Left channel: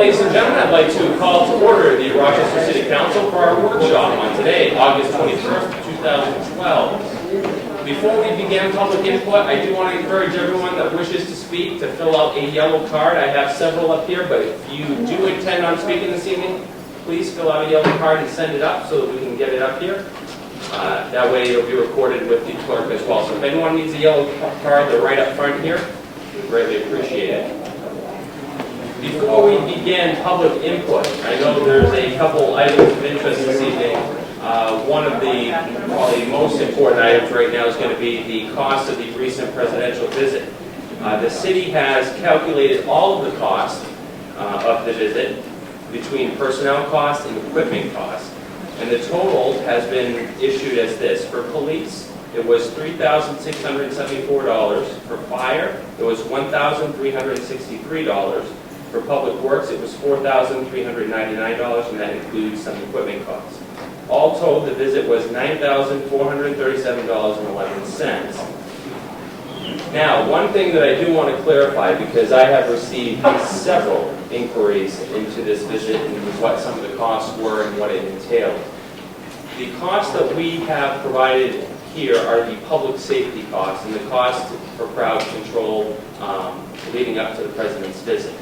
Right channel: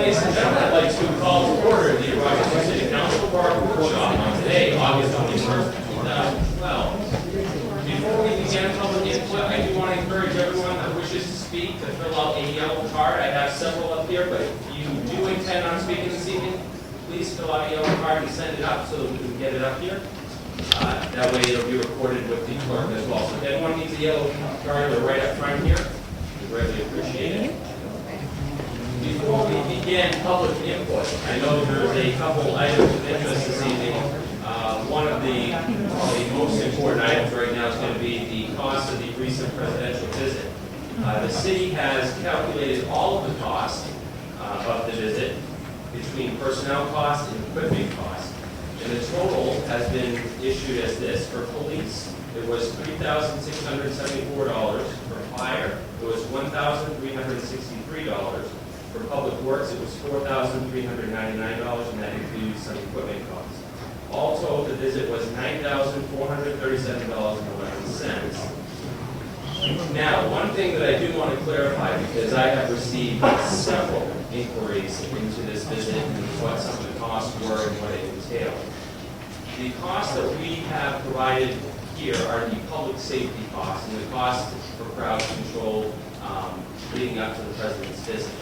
ladies and gentlemen, I'd like to call to order the Rochester City Council for our workshop on today, August 21st, 2012. Before we begin public input, I do want to encourage everyone that wishes to speak to fill out a yellow card. I have several up here, but if you do intend on speaking this evening, please fill out a yellow card and send it up so that we can get it up here. That way it'll be recorded with the clerk as well. So if anyone needs a yellow card, they're right up front here. We greatly appreciate it. Before we begin public input, I know there's a couple items of interest this evening. One of the probably most important items right now is going to be the cost of the recent presidential visit. The city has calculated all of the costs of the visit between personnel costs and equipment costs. And the total has been issued as this. For police, it was $3,674. For fire, it was $1,363. For public works, it was $4,399, and that includes some equipment costs. All told, the visit was $9,437.11. Now, one thing that I do want to clarify, because I have received several inquiries into this visit and what some of the costs were and what it entailed. The costs that we have provided here are the public safety costs and the costs for crowd control leading up to the president's visit.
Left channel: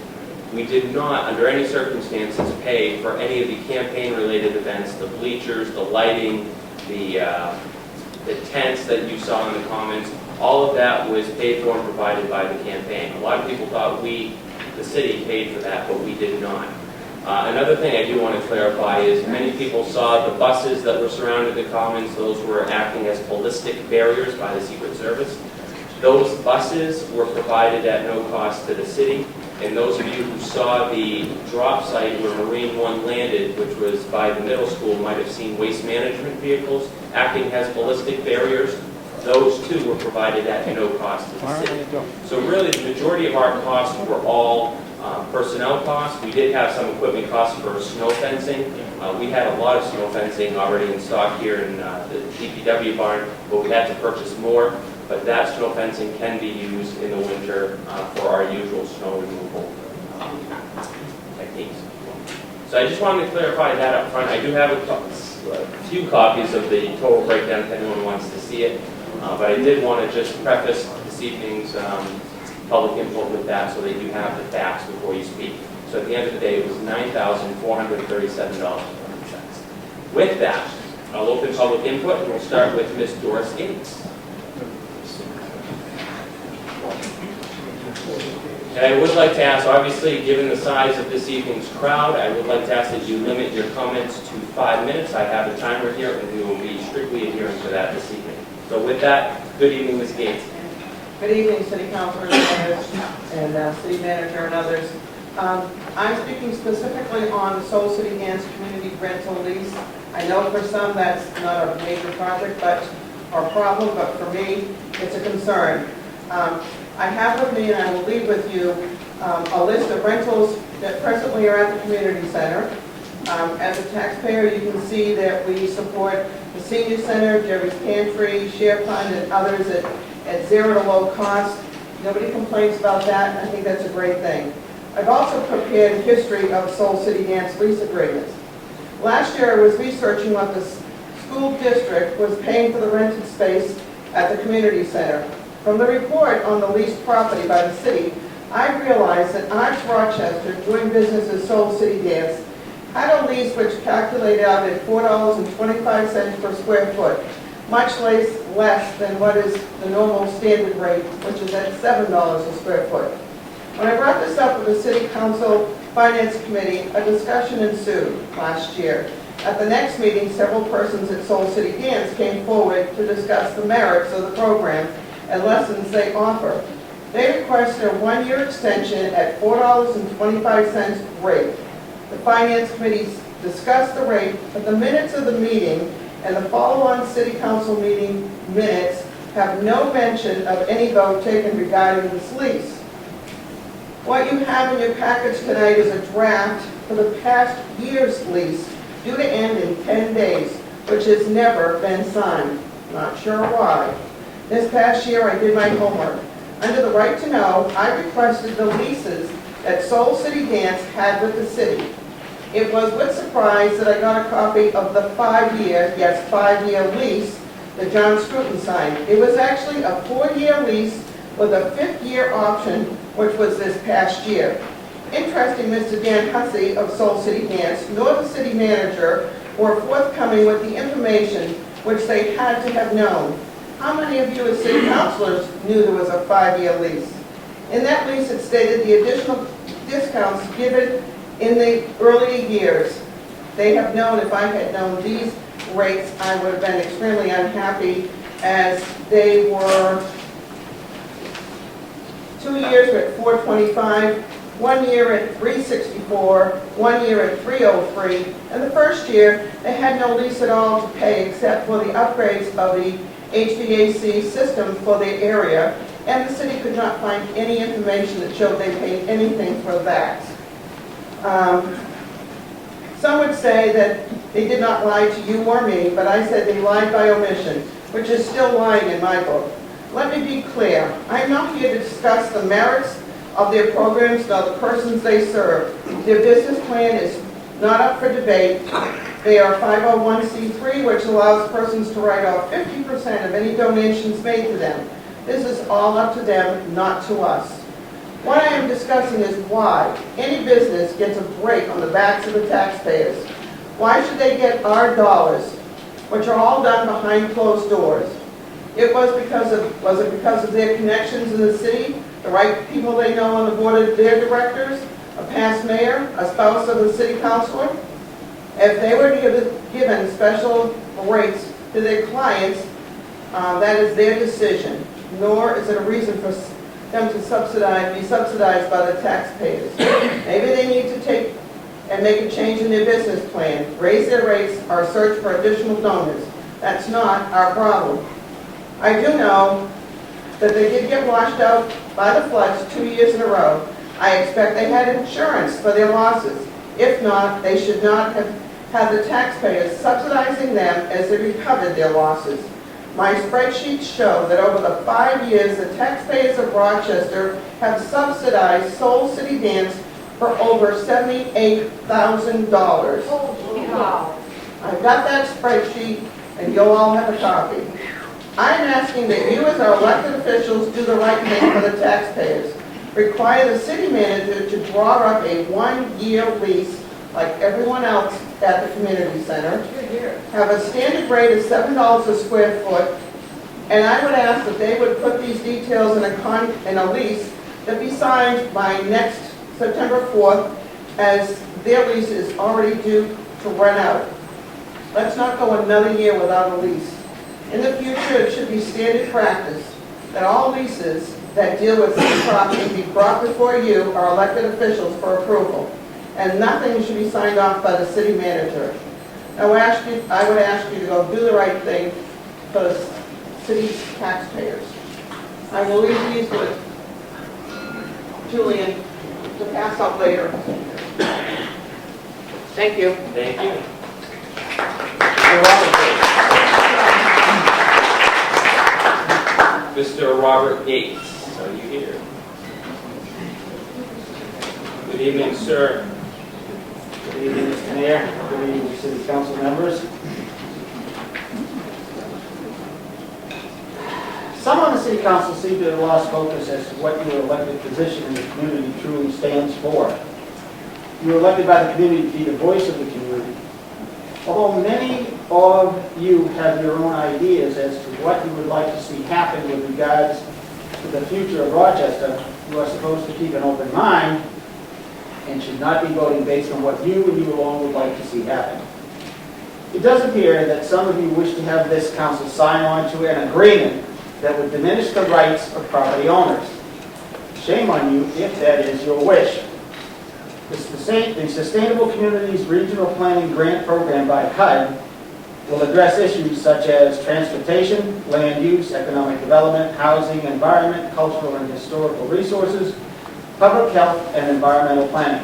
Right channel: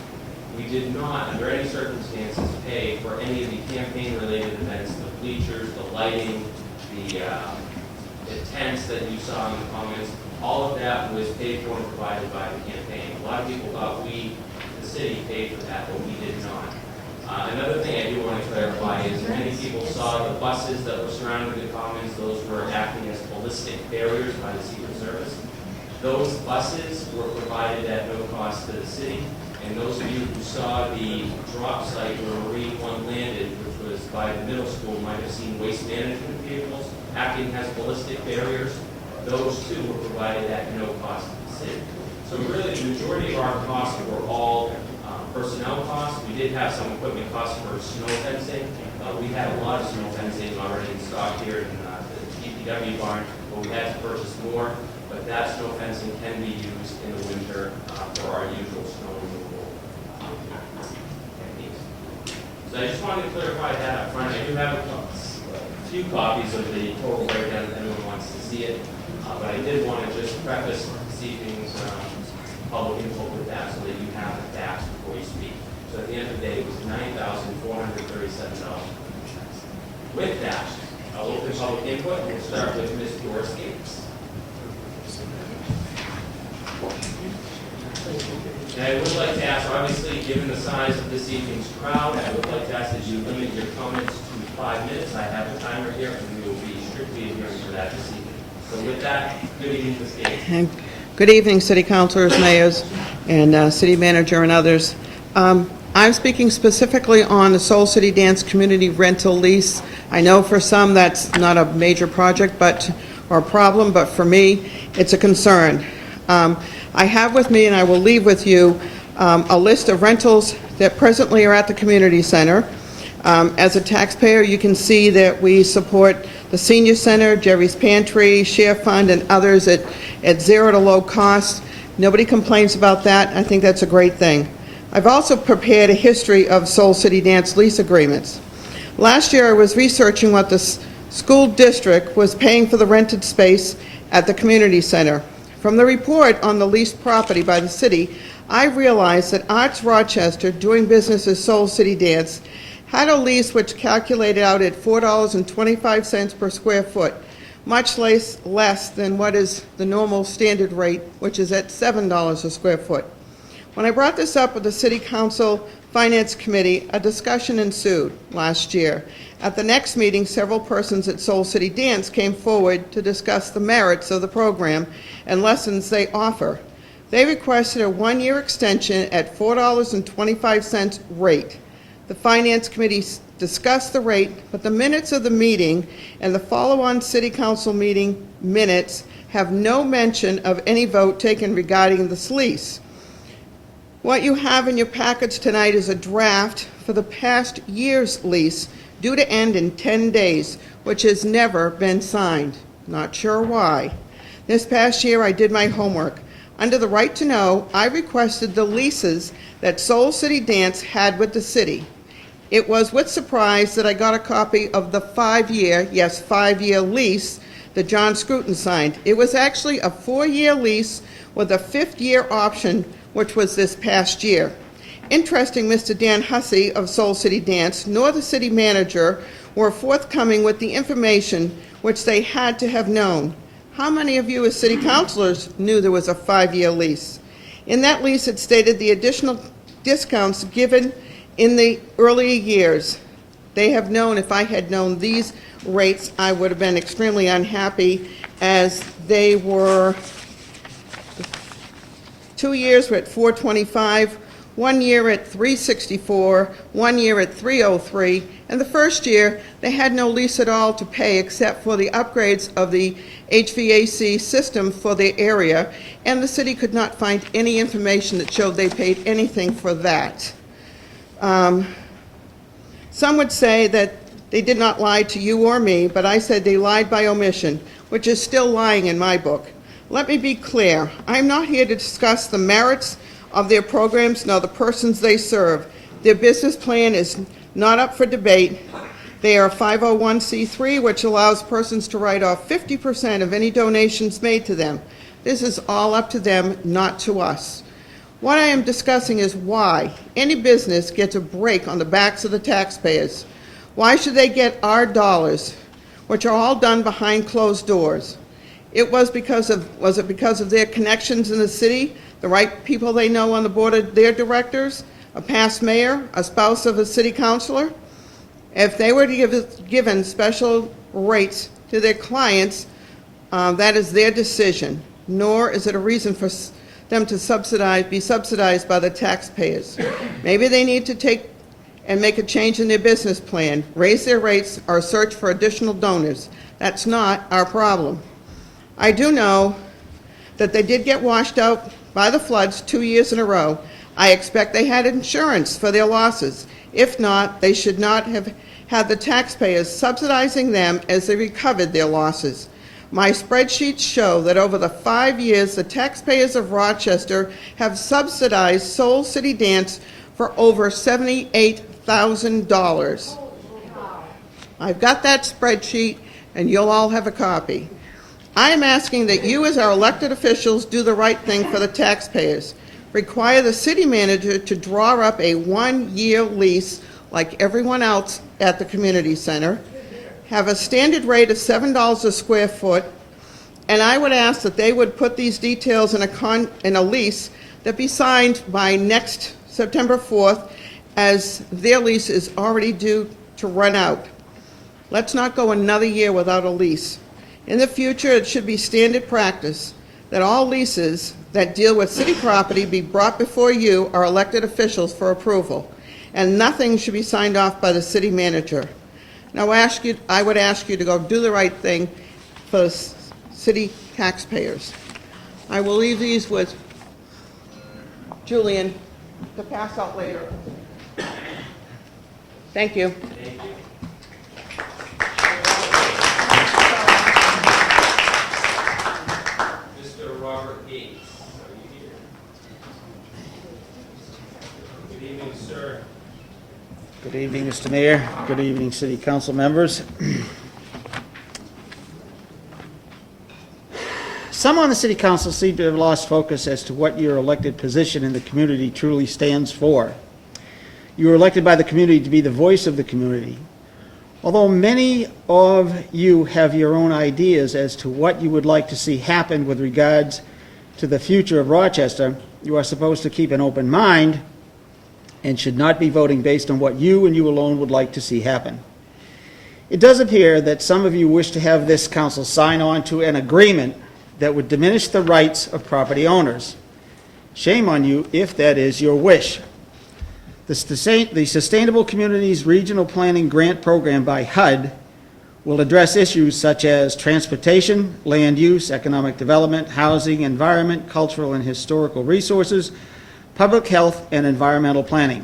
We did not, under any circumstances, pay for any of the campaign-related events, the bleachers, the lighting, the tents that you saw in the comments. All of that was paid for and provided by the campaign. A lot of people thought we, the city, paid for that, but we did not. Another thing I do want to clarify is many people saw the buses that were surrounding the commons. Those were acting as ballistic barriers by the Secret Service. Those buses were provided at no cost to the city. And those of you who saw the drop site where Marine One landed, which was by the middle school, might have seen waste management vehicles acting as ballistic barriers. Those too were provided at no cost to the city. So really the majority of our costs were all personnel costs. We did have some equipment costs for snow fencing. We had a lot of snow fencing already in stock here in the DPW barn, but we had to purchase more. But that snow fencing can be used in the winter for our usual snow removal techniques. So I just wanted to clarify that up front. I do have a few copies of the total breakdown if anyone wants to see it. But I did want to just preface this evening's public input with that so that you have the facts before you speak. So at the end of the day, it was $9,437. With that, I'll open public input and we'll start with Ms. Doris Gates. And I would like to ask, obviously, given the size of this evening's crowd, I would like to ask that you limit your comments to 5 minutes. I have a timer here, and we will be strictly adhering to that this evening. So with that, good evening, Ms. Gates. Good evening, City Councilors, Mayors, and City Manager and others. I'm speaking specifically on the Soul City Dance Community Rental Lease. I know for some that's not a major project or problem, but for me, it's a concern. I have with me, and I will leave with you, a list of rentals that presently are at the community center. As a taxpayer, you can see that we support the Senior Center, Jerry's Pantry, Share Fund, and others at zero to low cost. Nobody complains about that. I think that's a great thing. I've also prepared a history of Soul City Dance lease agreements. Last year, I was researching what the school district was paying for the rented space at the community center. From the report on the leased property by the city, I realized that Arts Rochester, doing business as Soul City Dance, had a lease which calculated out at $4.25 per square foot, much less than what is the normal standard rate, which is at $7 a square foot. When I brought this up with the City Council Finance Committee, a discussion ensued last year. At the next meeting, several persons at Soul City Dance came forward to discuss the merits of the program and lessons they offer. They requested a one-year extension at $4.25 rate. The Finance Committee discussed the rate, but the minutes of the meeting and the follow-on City Council meeting minutes have no mention of any vote taken regarding this lease. What you have in your package tonight is a draft for the past year's lease due to end in 10 days, which has never been signed. Not sure why. This past year, I did my homework. Under the right to know, I requested the leases that Soul City Dance had with the city. It was with surprise that I got a copy of the 5-year, yes, 5-year lease that John Scruton signed. It was actually a 4-year lease with a 5th-year option, which was this past year. Interesting, Mr. Dan Hussey of Soul City Dance, nor the city manager were forthcoming with the information which they had to have known. How many of you as city councilors knew there was a 5-year lease? In that lease, it stated the additional discounts given in the early years. They have known, if I had known these rates, I would have been extremely unhappy, as they were 2 years were at $425, 1 year at $364, 1 year at $303, and the first year they had no lease at all to pay except for the upgrades of the HVAC system for the area, and the city could not find any information that showed they paid anything for that. Some would say that they did not lie to you or me, but I said they lied by omission, which is still lying in my book. Let me be clear. I'm not here to discuss the merits of their programs nor the persons they serve. Their business plan is not up for debate. They are a 501c3, which allows persons to write off 50% of any donations made to them. This is all up to them, not to us. What I am discussing is why any business gets a break on the backs of the taxpayers. Why should they get our dollars, which are all done behind closed doors? Was it because of their connections in the city, the right people they know on the board of their directors, a past mayor, a spouse of a city councilor? If they were given special rates to their clients, that is their decision, nor is it a reason for them to be subsidized by the taxpayers. Maybe they need to take and make a change in their business plan, raise their rates, or search for additional donors. That's not our problem. I do know that they did get washed out by the floods 2 years in a row. I expect they had insurance for their losses. If not, they should not have had the taxpayers subsidizing them as they recovered their losses. My spreadsheets show that over the 5 years, the taxpayers of Rochester have subsidized Soul City Dance for over $78,000. Wow. I've got that spreadsheet, and you'll all have a copy. I'm asking that you, as our elected officials, do the right thing for the taxpayers. Require the city manager to draw up a 1-year lease like everyone else at the community center. Have a standard rate of $7 a square foot, and I would ask that they would put these details in a lease that be signed by next September 4th, as their lease is already due to run out. Let's not go another year without a lease. In the future, it should be standard practice that all leases that deal with city property be brought before you, our elected officials, for approval, and nothing should be signed off by the city manager. Now, I would ask you to go do the right thing for the city taxpayers. I will leave these with Julian to pass out later. Thank you. Thank you. Mr. Robert Gates, are you here? Good evening, sir. Good evening, Mr. Mayor. Good evening, City Council members. Some on the City Council seem to have lost focus as to what your elected position in the community truly stands for. You were elected by the community to be the voice of the community. Although many of you have your own ideas as to what you would like to see happen with regards to the future of Rochester, you are supposed to keep an open mind and should not be voting based on what you and you alone would like to see happen. It does appear that some of you wish to have this council sign on to an agreement that would diminish the rights of property owners. Shame on you if that is your wish. The Sustainable Communities Regional Planning Grant Program by HUD will address issues such as transportation, land use, economic development, housing, environment, cultural and historical resources, public health, and environmental planning.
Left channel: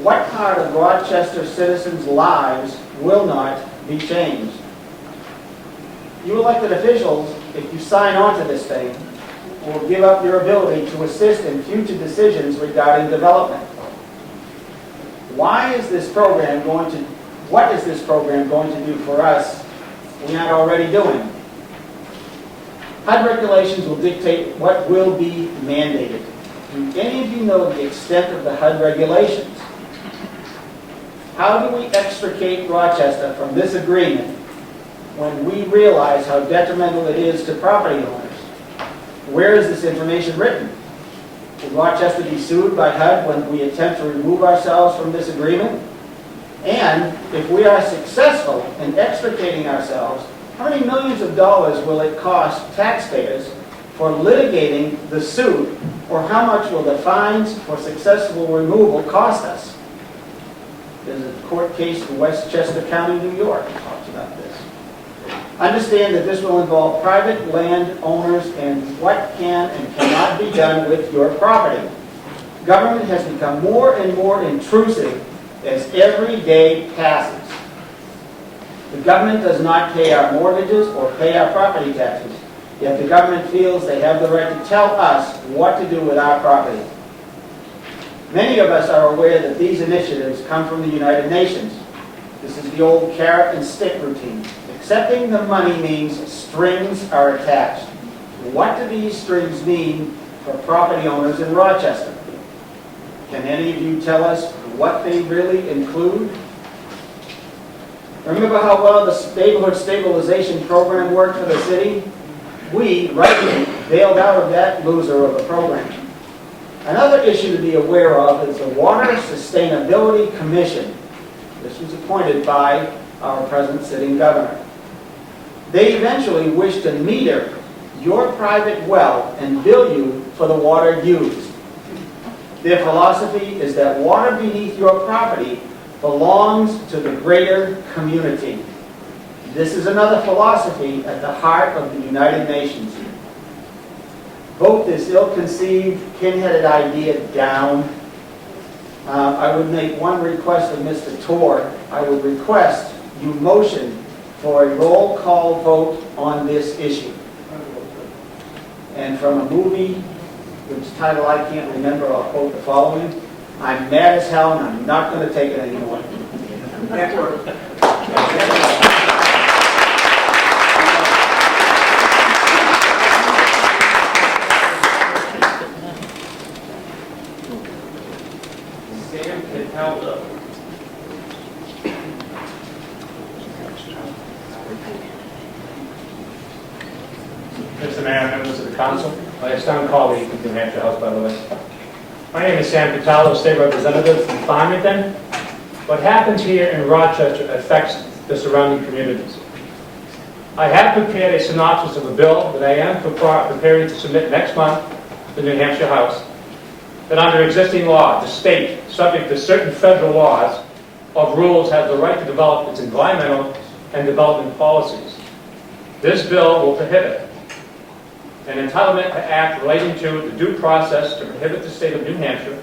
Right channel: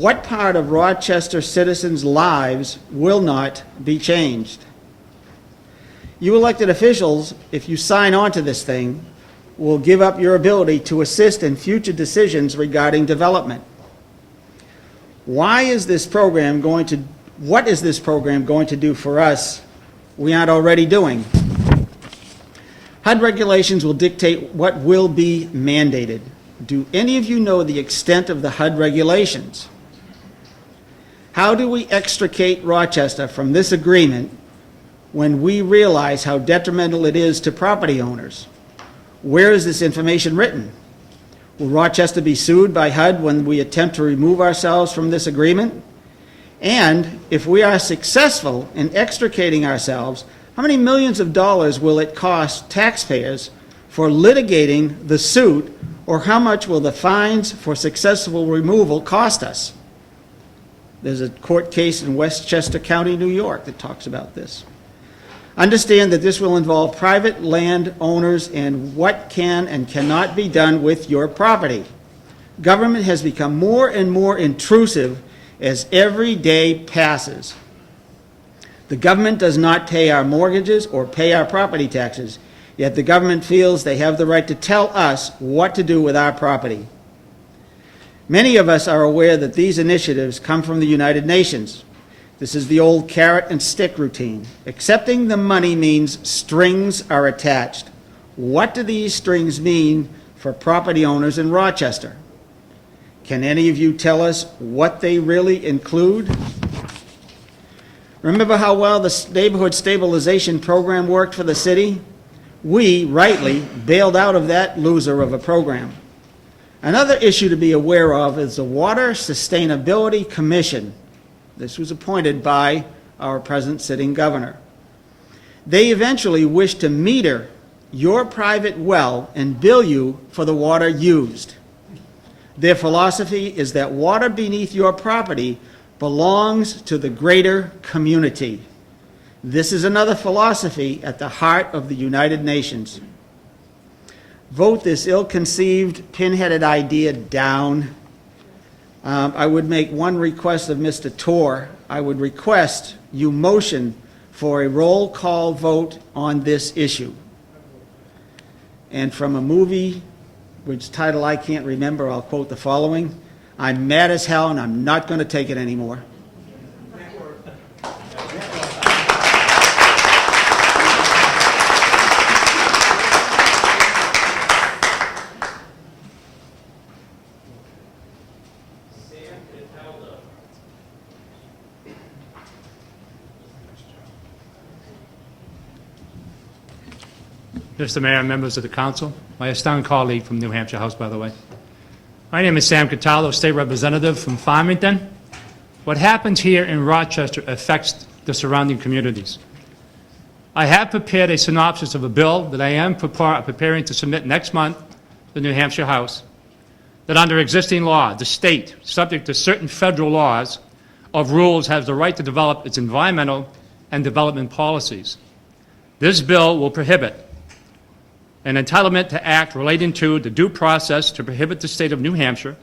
What part of Rochester citizens' lives will not be changed? You elected officials, if you sign on to this thing, will give up your ability to assist in future decisions regarding development. What is this program going to do for us we aren't already doing? HUD regulations will dictate what will be mandated. Do any of you know the extent of the HUD regulations? How do we extricate Rochester from this agreement when we realize how detrimental it is to property owners? Where is this information written? Will Rochester be sued by HUD when we attempt to remove ourselves from this agreement? And if we are successful in extricating ourselves, how many millions of dollars will it cost taxpayers for litigating the suit, or how much will the fines for successful removal cost us? There's a court case in Westchester County, New York that talks about this. Understand that this will involve private land owners and what can and cannot be done with your property. Government has become more and more intrusive as every day passes. The government does not pay our mortgages or pay our property taxes, yet the government feels they have the right to tell us what to do with our property. Many of us are aware that these initiatives come from the United Nations. This is the old carrot and stick routine. Accepting the money means strings are attached. What do these strings mean for property owners in Rochester? Can any of you tell us what they really include? Remember how well the neighborhood stabilization program worked for the city? We, rightly, bailed out of that loser of a program. Another issue to be aware of is the Water Sustainability Commission. This was appointed by our present sitting governor. They eventually wish to meter your private well and bill you for the water used. Their philosophy is that water beneath your property belongs to the greater community. This is another philosophy at the heart of the United Nations. Vote this ill-conceived, pin-headed idea down. I would make one request of Mr. Torr. I would request you motion for a roll call vote on this issue. And from a movie, which title I can't remember, I'll quote the following: I'm mad as hell and I'm not going to take it anymore. Mr. Mayor, members of the council, my esteemed colleague from New Hampshire House, by the way. My name is Sam Cataldo, State Representative from Farmington. What happens here in Rochester affects the surrounding communities. I have prepared a synopsis of a bill that I am preparing to submit next month to the New Hampshire House, that under existing law, the state, subject to certain federal laws of rules, has the right to develop its environmental and development policies. This bill will prohibit an entitlement to act relating to the due process to prohibit the state of New Hampshire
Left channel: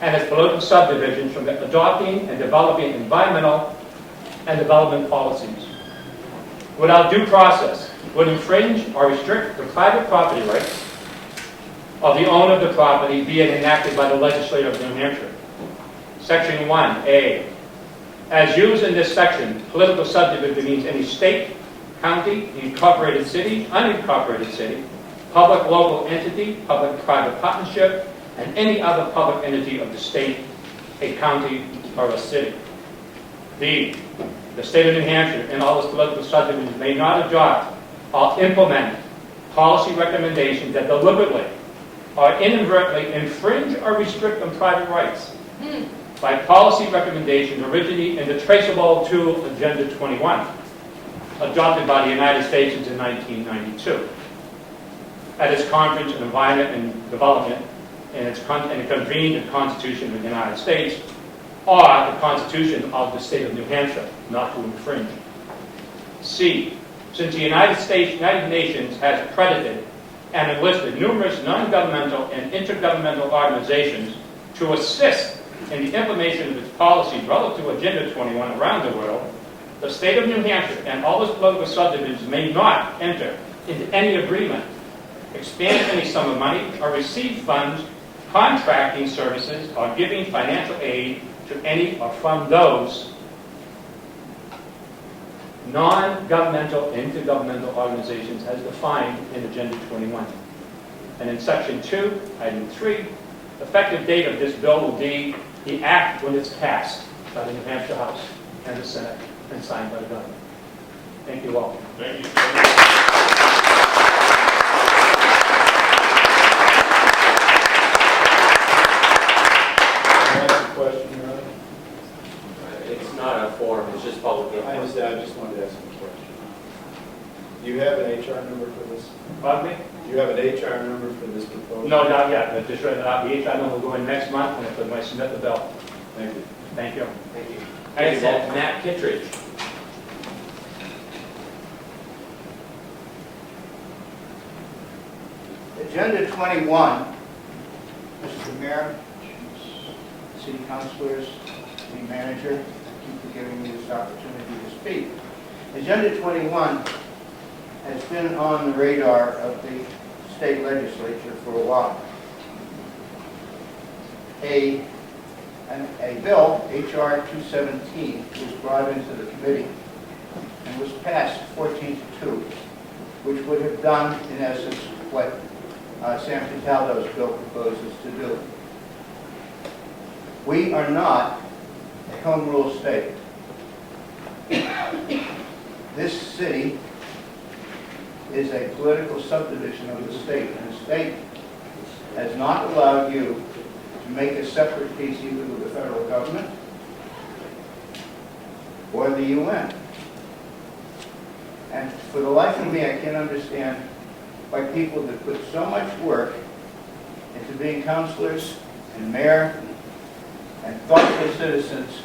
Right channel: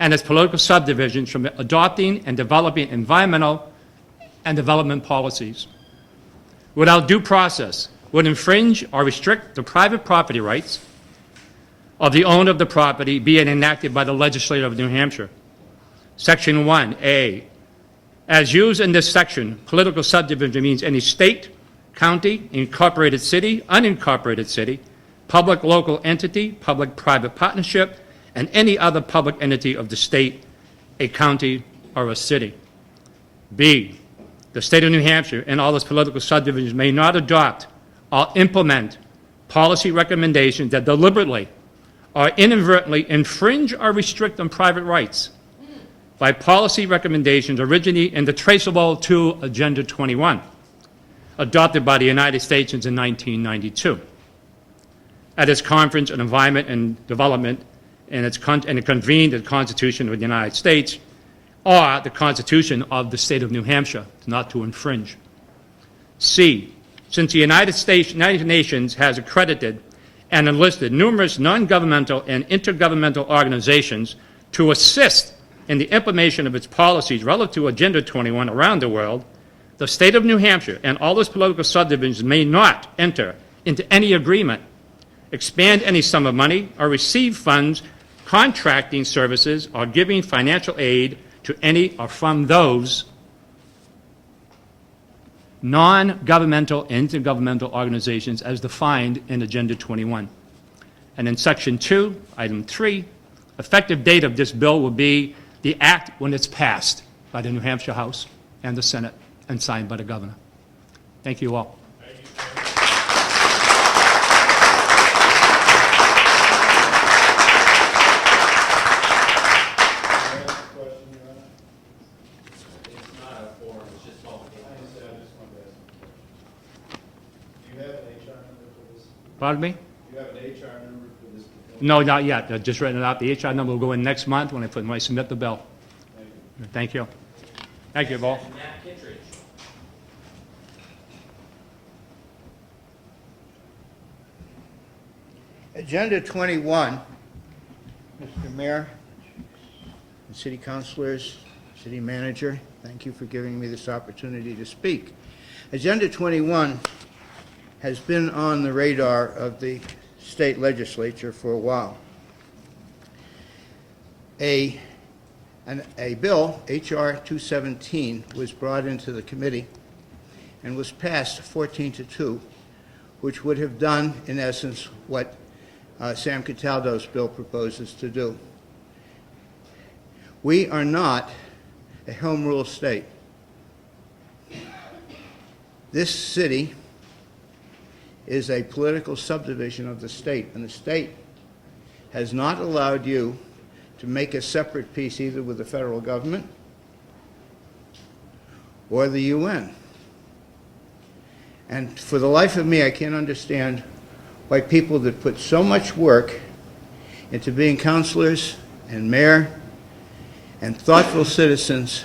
and its political subdivisions from adopting and developing environmental and development policies. Without due process, would infringe or restrict the private property rights of the owner of the property, be it enacted by the legislature of New Hampshire. Section 1A. As used in this section, political subdivision means any state, county, incorporated city, unincorporated city, public local entity, public-private partnership, and any other public entity of the state, a county, or a city. B, the state of New Hampshire and all its political subdivisions may not adopt or implement policy recommendations that deliberately or inadvertently infringe or restrict on private rights by policy recommendations originating and traceable to Agenda 21, adopted by the United States in 1992. At its Conference on Environment and Development, and it convened the Constitution of the United States, or the Constitution of the State of New Hampshire, not to infringe. C, since the United Nations has accredited and enlisted numerous non-governmental and intergovernmental organizations to assist in the implementation of its policies relative to Agenda 21 around the world, the state of New Hampshire and all its political subdivisions may not enter into any agreement expand any sum of money, or receive funds contracting services or giving financial aid to any or from those non-governmental, intergovernmental organizations as defined in Agenda 21. And in Section 2, Item 3, effective date of this bill will be the act when it's passed by the New Hampshire House and the Senate and signed by the governor. Thank you all. Thank you. It's not a forum, it's just public. I understand, I just wanted to ask a question. Do you have an HR number for this? Pardon me? Do you have an HR number for this proposal? No, not yet. I just read it out. The HR number will go in next month when I submit the bill. Thank you. Thank you. Thank you. Thank you, Next, Bob. Matt Kittredge. Agenda 21, Mr. Mayor, city councilors, city manager, thank you for giving me this opportunity to speak. Agenda 21 has been on the radar of the state legislature for a while. A bill, H.R. 217, was brought into the committee and was passed 14-2, which would have done, in essence, what Sam Cataldo's bill proposes to do. We are not a home rule state. This city is a political subdivision of the state, and the state has not allowed you to make a separate peace either with the federal government or the UN. And for the life of me, I can't understand why people that put so much work into being councilors and mayor and thoughtful citizens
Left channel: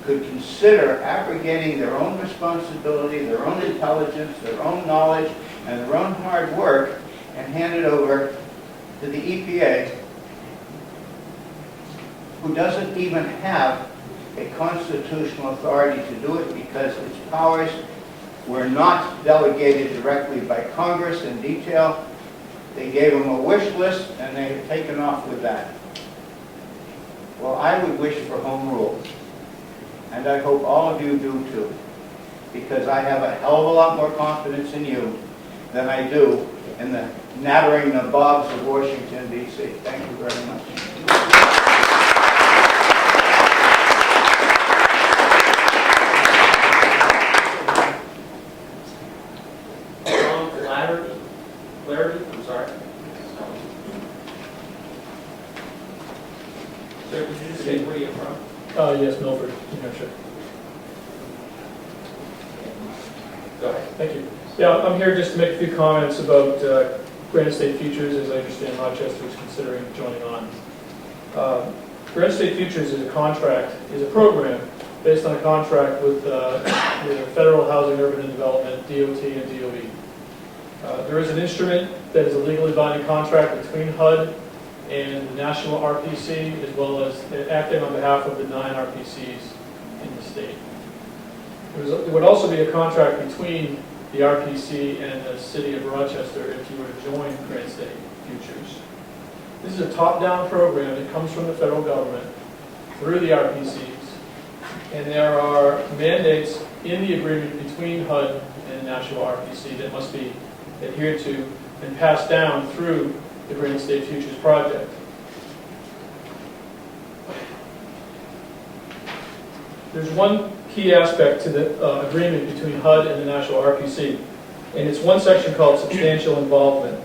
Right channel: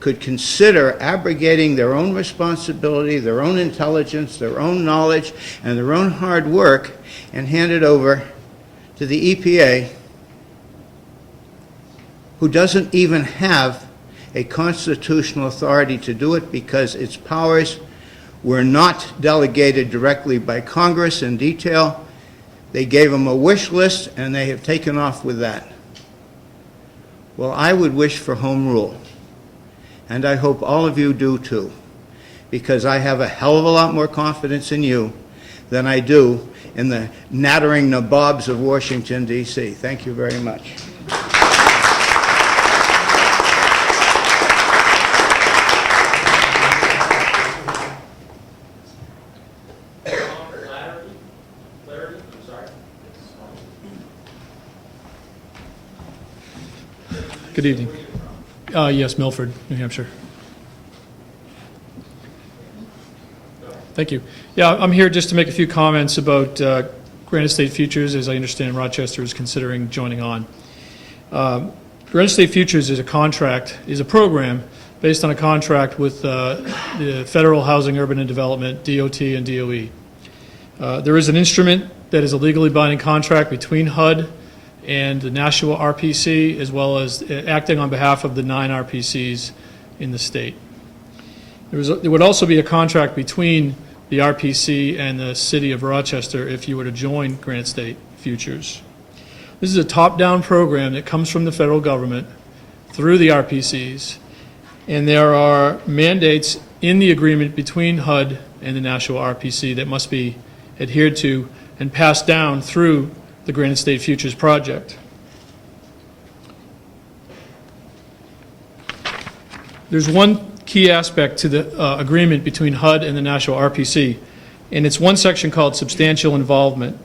could consider abrogating their own responsibility, their own intelligence, their own knowledge, and their own hard work and hand it over to the EPA, who doesn't even have a constitutional authority to do it because its powers were not delegated directly by Congress in detail. They gave them a wish list and they have taken off with that. Well, I would wish for home rule, and I hope all of you do too, because I have a hell of a lot more confidence in you than I do in the nattering nabobs of Washington, D.C. Thank you very much. Good evening. Where are you from? Yes, Milford, New Hampshire. Go ahead. Thank you. Yeah, I'm here just to make a few comments about Granite State Futures. As I understand, Rochester is considering joining on. Granite State Futures is a program based on a contract with the Federal Housing, Urban and Development, DOT and DOE. There is an instrument that is a legally binding contract between HUD and the national RPC, as well as acting on behalf of the 9 RPCs in the state. There would also be a contract between the RPC and the city of Rochester if you were to join Granite State Futures. This is a top-down program that comes from the federal government through the RPCs, and there are mandates in the agreement between HUD and the national RPC that must be adhered to and passed down through the Granite State Futures project. There's one key aspect to the agreement between HUD and the national RPC, and it's one section called substantial involvement.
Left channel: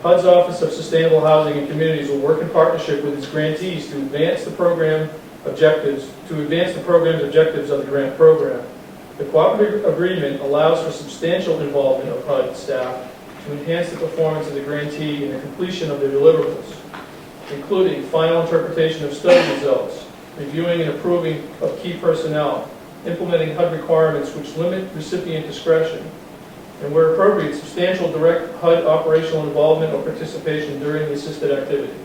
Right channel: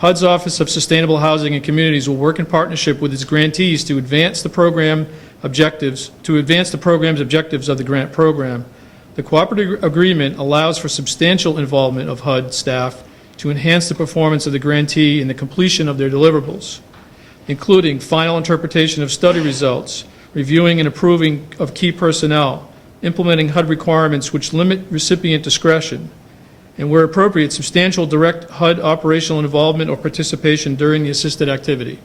HUD's Office of Sustainable Housing and Communities will work in partnership with its grantees to advance the program's objectives of the grant program. The cooperative agreement allows for substantial involvement of HUD staff to enhance the performance of the grantee in the completion of their deliverables, including final interpretation of study results, reviewing and approving of key personnel, implementing HUD requirements which limit recipient discretion, and where appropriate, substantial direct HUD operational involvement or participation during the assisted activity.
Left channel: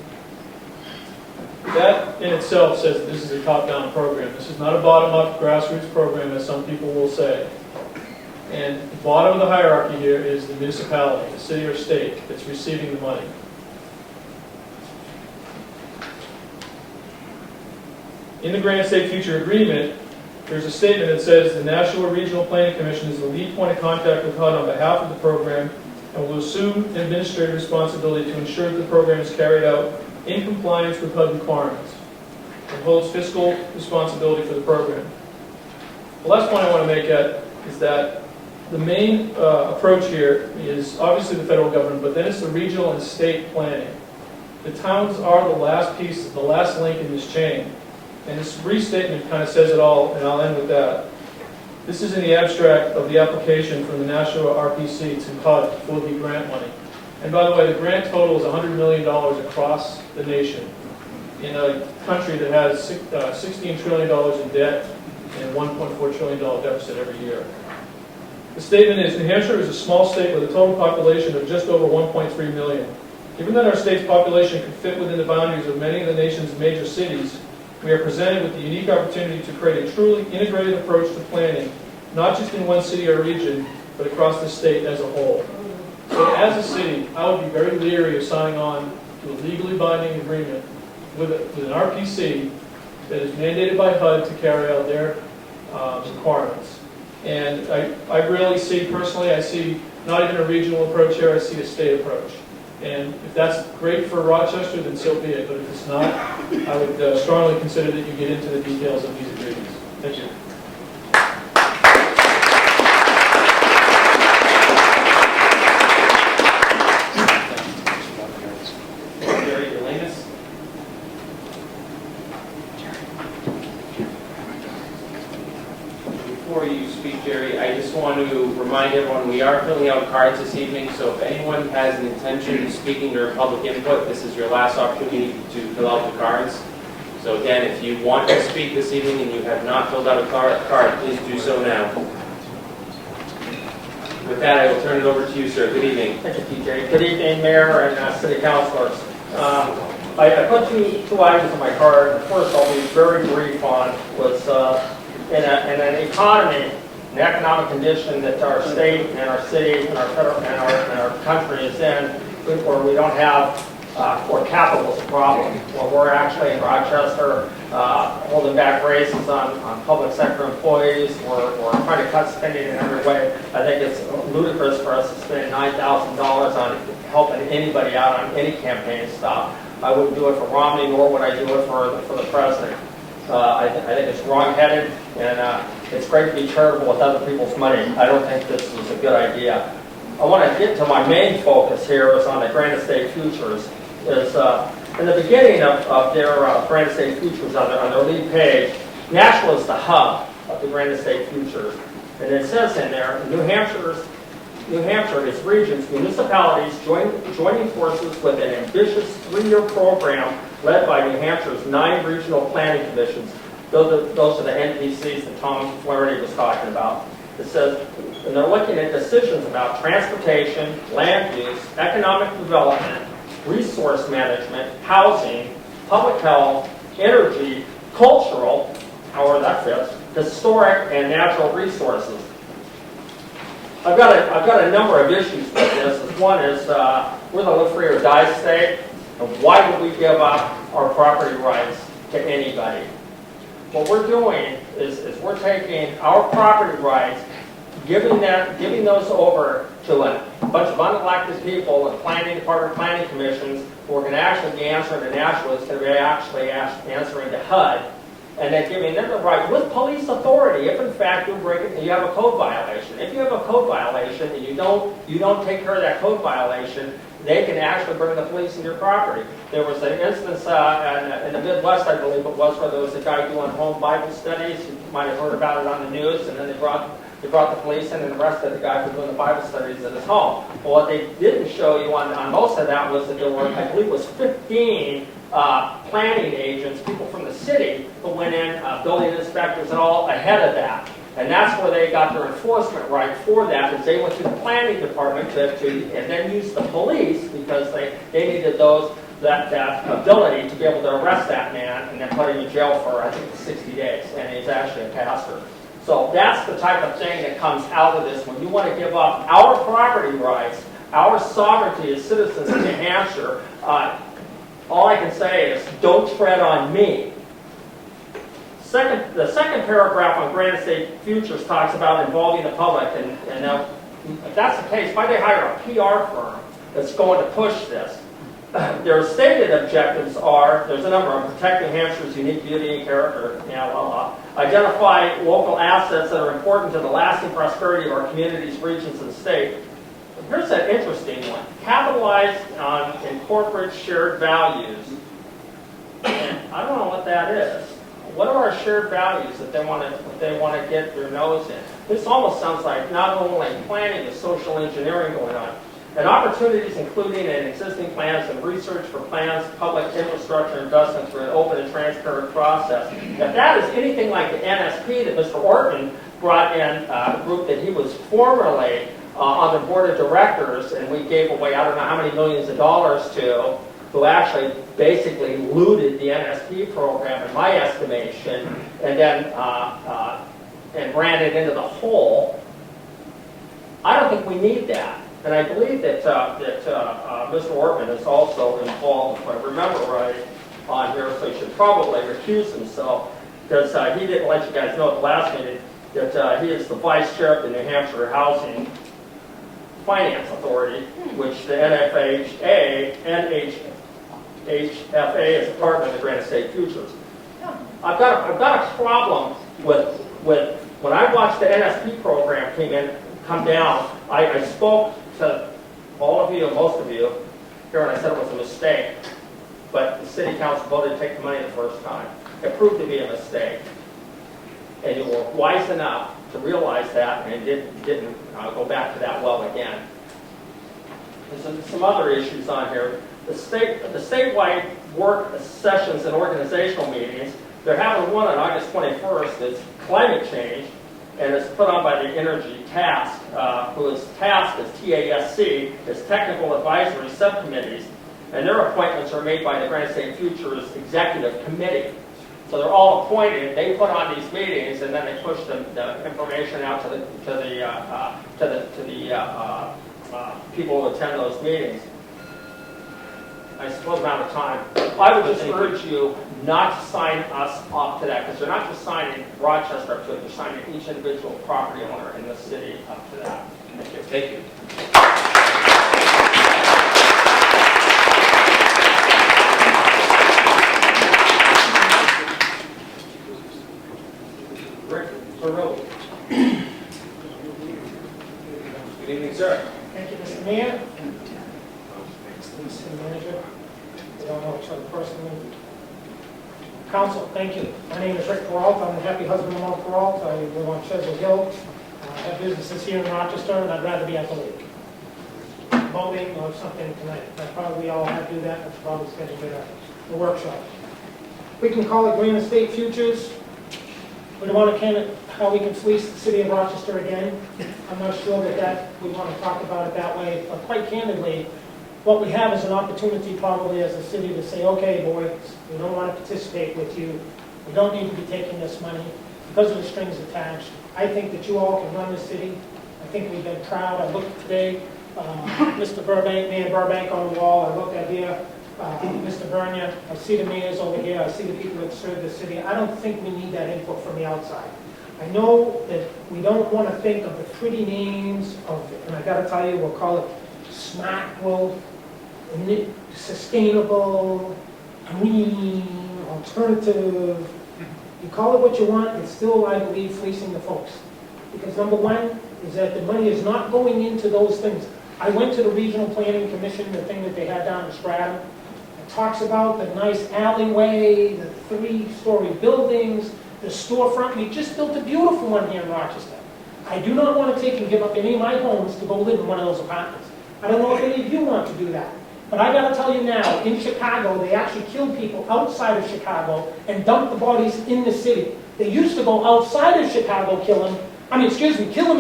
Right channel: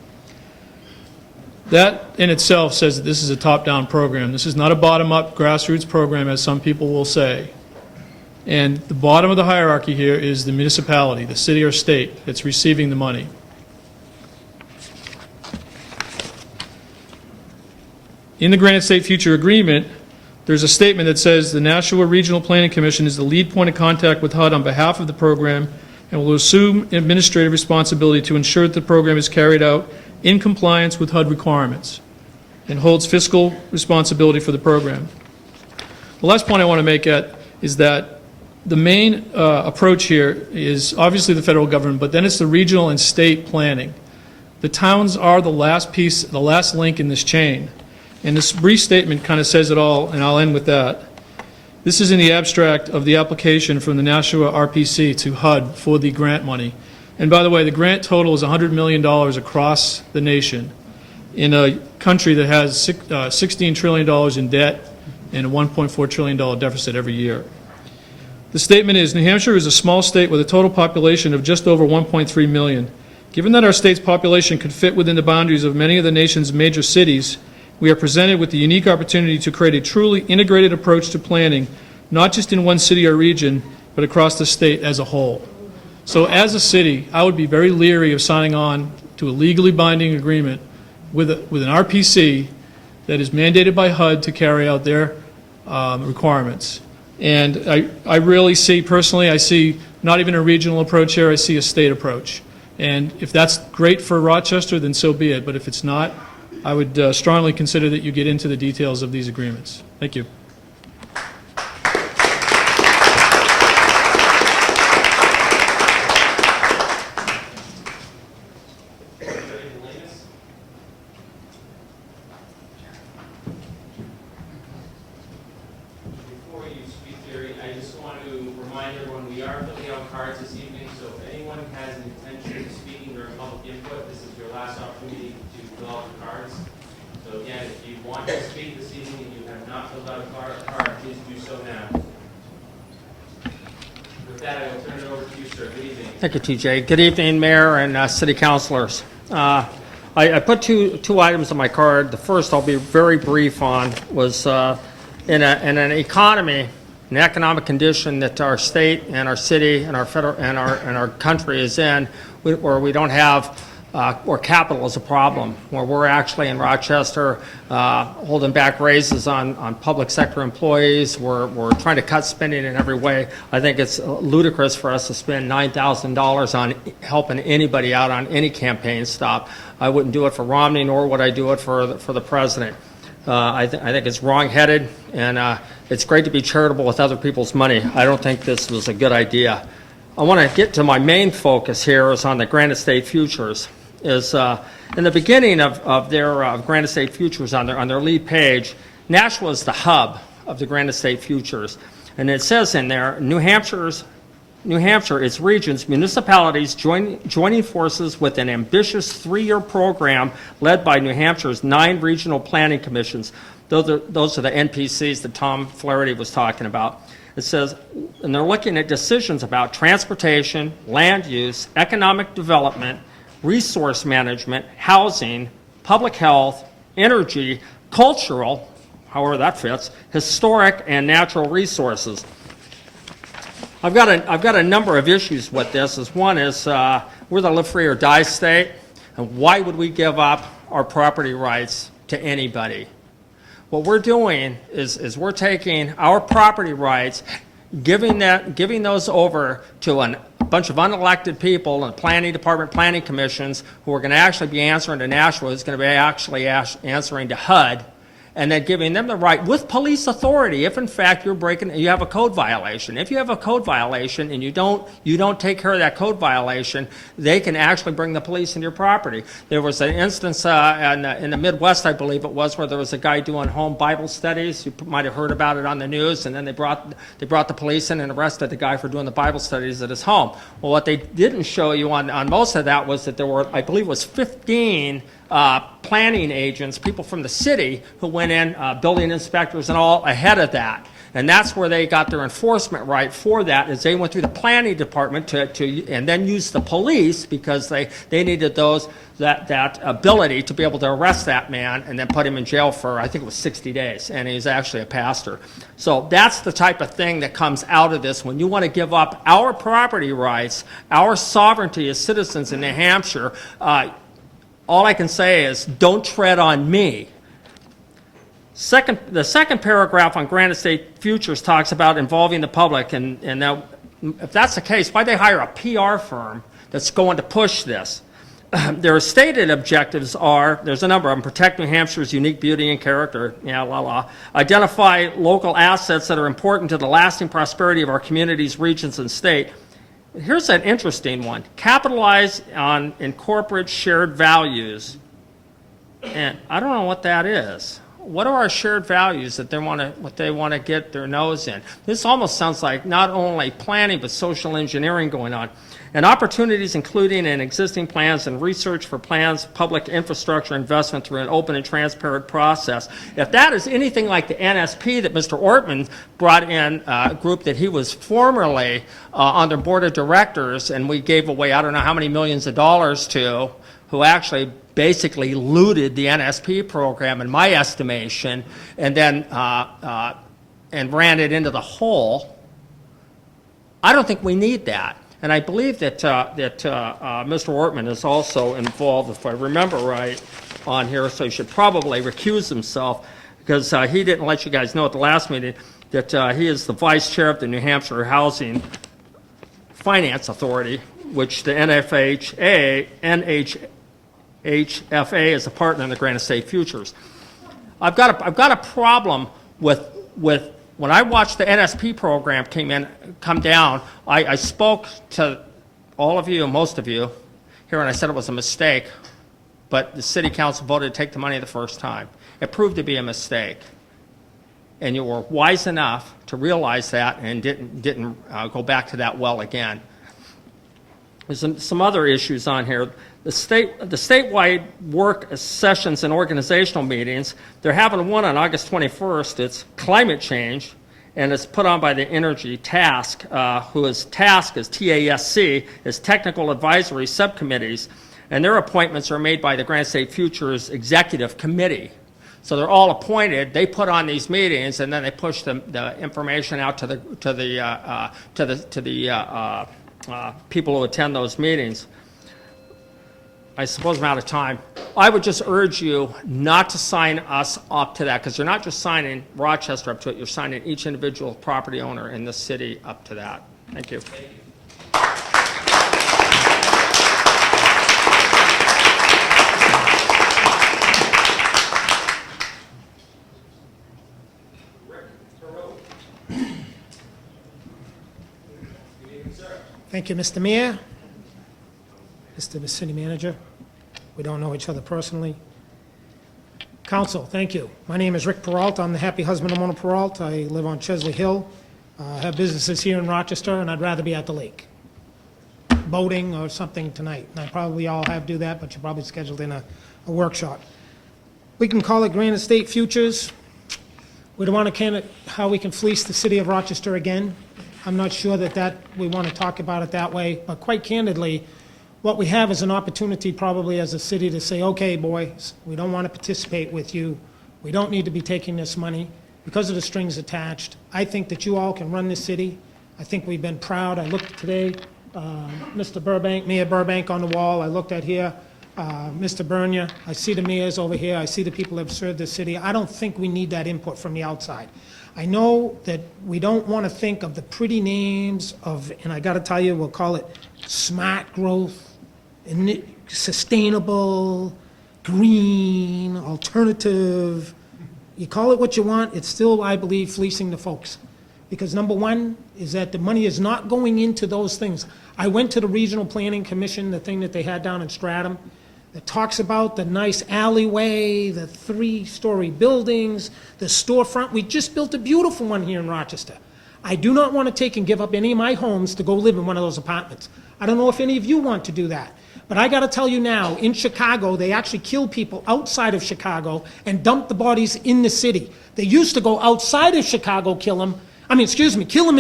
That in itself says that this is a top-down program. This is not a bottom-up grassroots program, as some people will say. And the bottom of the hierarchy here is the municipality, the city or state that's receiving the money. In the Granite State Future Agreement, there's a statement that says the National or Regional Planning Commission is the lead point of contact with HUD on behalf of the program and will assume administrative responsibility to ensure that the program is carried out in compliance with HUD requirements and holds fiscal responsibility for the program. The last point I want to make is that the main approach here is obviously the federal government, but then it's the regional and state planning. The towns are the last piece, the last link in this chain. And this brief statement kind of says it all, and I'll end with that. This is in the abstract of the application from the National RPC to HUD for the grant money. And by the way, the grant total is $100 million across the nation in a country that has $16 trillion in debt and a $1.4 trillion deficit every year. The statement is, New Hampshire is a small state with a total population of just over 1.3 million. Given that our state's population could fit within the boundaries of many of the nation's major cities, we are presented with the unique opportunity to create a truly integrated approach to planning, not just in one city or region, but across the state as a whole. So as a city, I would be very leery of signing on to a legally binding agreement with an RPC that is mandated by HUD to carry out their requirements. And I really see, personally, I see not even a regional approach here, I see a state approach. And if that's great for Rochester, then so be it. But if it's not, I would strongly consider that you get into the details of these agreements. Thank you. Before you speak, Jerry, I just want to remind everyone we are filling out cards this evening, so if anyone has an intention of speaking or public input, this is your last opportunity to fill out the cards. So again, if you want to speak this evening and you have not filled out a card, please do so now. With that, I will turn it over to you, sir. Good evening. Thank you, TJ. Good evening, Mayor and city councilors. I put two items on my card. The first I'll be very brief on was in an economy, an economic condition that our state and our city and our federal and our country is in, where we don't have, where capital is a problem, where we're actually in Rochester holding back raises on public sector employees. We're trying to cut spending in every way. I think it's ludicrous for us to spend $9,000 on helping anybody out on any campaign stop. I wouldn't do it for Romney, nor would I do it for the president. I think it's wrong-headed, and it's great to be charitable with other people's money. I don't think this was a good idea. I want to get to my main focus here is on the Granite State Futures. Is in the beginning of their Granite State Futures on their lead page, Nashville is the hub of the Granite State Futures, and it says in there, New Hampshire, its regions, municipalities joining forces with an ambitious 3-year program led by New Hampshire's 9 regional planning commissions. Those are the NPCs that Tom Flaherty was talking about. It says, and they're looking at decisions about transportation, land use, economic development, resource management, housing, public health, energy, cultural, however that fits, historic, and natural resources. I've got a number of issues with this. One is we're the live free or die state. Why would we give up our property rights to anybody? What we're doing is we're taking our property rights, giving those over to a bunch of unelected people and planning department, planning commissions who are going to actually be answering to Nashville, is going to be actually answering to HUD, and then giving them the right with police authority if in fact you have a code violation. If you have a code violation and you don't take care of that code violation, they can actually bring the police in your property. There was an instance in the Midwest, I believe it was, where there was a guy doing home Bible studies. You might have heard about it on the news, and then they brought the police in and arrested the guy for doing the Bible studies at his home. Well, what they didn't show you on most of that was that there were, I believe it was 15 planning agents, people from the city who went in, building inspectors and all ahead of that. And that's where they got their enforcement right for that, is they went through the planning department to and then used the police because they needed those that ability to be able to arrest that man and then put him in jail for, I think it was 60 days, and he's actually a pastor. So that's the type of thing that comes out of this when you want to give up our property rights, our sovereignty as citizens in New Hampshire. All I can say is, don't tread on me. The second paragraph on Granite State Futures talks about involving the public, and now, if that's the case, why they hire a PR firm that's going to push this? Their stated objectives are, there's a number of them: protect New Hampshire's unique beauty and character, identify local assets that are important to the lasting prosperity of our communities, regions, and state. Here's an interesting one: capitalize on incorporate shared values. And I don't know what that is. What are our shared values that they want to get their nose in? This almost sounds like not only planning but social engineering going on. And opportunities including in existing plans and research for plans, public infrastructure investment through an open and transparent process. If that is anything like the NSP that Mr. Ortman brought in, a group that he was formerly on their board of directors, and we gave away I don't know how many millions of dollars to, who actually basically looted the NSP program, in my estimation, and then and ran it into the hole. I don't think we need that. And I believe that Mr. Ortman is also involved, if I remember right, on here, so he should probably recuse himself, because he didn't let you guys know at the last meeting that he is the vice chair of the New Hampshire Housing Finance Authority, which the NHFA is a partner in the Granite State Futures. I've got a problem with when I watched the NSP program come down. I spoke to all of you, most of you here, and I said it was a mistake, but the city council voted to take the money the first time. It proved to be a mistake, and you were wise enough to realize that and didn't go back to that well again. There's some other issues on here. The statewide work sessions and organizational meetings, they're having one on August 21st. It's climate change, and it's put on by the Energy Task, whose task is TASC, is Technical Advisory Subcommittees, and their appointments are made by the Granite State Futures Executive Committee. So they're all appointed. They put on these meetings, and then they push the information out to the people who attend those meetings. I suppose I'm out of time. I would just urge you not to sign us up to that, because you're not just signing Rochester up to it, you're signing each individual property owner in the city up to that. Thank you. Thank you. Rick Perot. Good evening, sir. Thank you, Mr. Mayor, Mr. the City Manager. We don't know each other personally. Council, thank you. My name is Rick Peralt. I'm the happy husband of Mona Peralt. I live on Chesley Hill. I have businesses here in Rochester, and I'd rather be at the lake. Boating or something tonight. I probably all have to do that, but you're probably scheduled in a workshop. We can call it Granite State Futures. We don't want to how we can fleece the city of Rochester again. I'm not sure that we want to talk about it that way, but quite candidly, what we have is an opportunity probably as a city to say, okay, boys, we don't want to participate with you. We don't need to be taking this money because of the strings attached. I think that you all can run this city. I think we've been proud. I looked today, Mr. Burbank, Mayor Burbank on the wall. I looked at here, Mr. Bernier. I see the mayors over here. I see the people that have served the city. I don't think we need that input from the outside. I know that we don't want to think of the pretty names of, and I got to tell you, we'll call it smart growth, sustainable, green, alternative. You call it what you want, it's still, I believe, fleecing the folks. Because number one is that the money is not going into those things. I went to the Regional Planning Commission, the thing that they had down in Stratham, that talks about the nice alleyway, the 3-story buildings, the storefront. We just built a beautiful one here in Rochester. I do not want to take and give up any of my homes to go live in one of those apartments. I don't know if any of you want to do that. But I got to tell you now, in Chicago, they actually kill people outside of Chicago and dump the bodies in the city. They used to go outside of Chicago, kill them in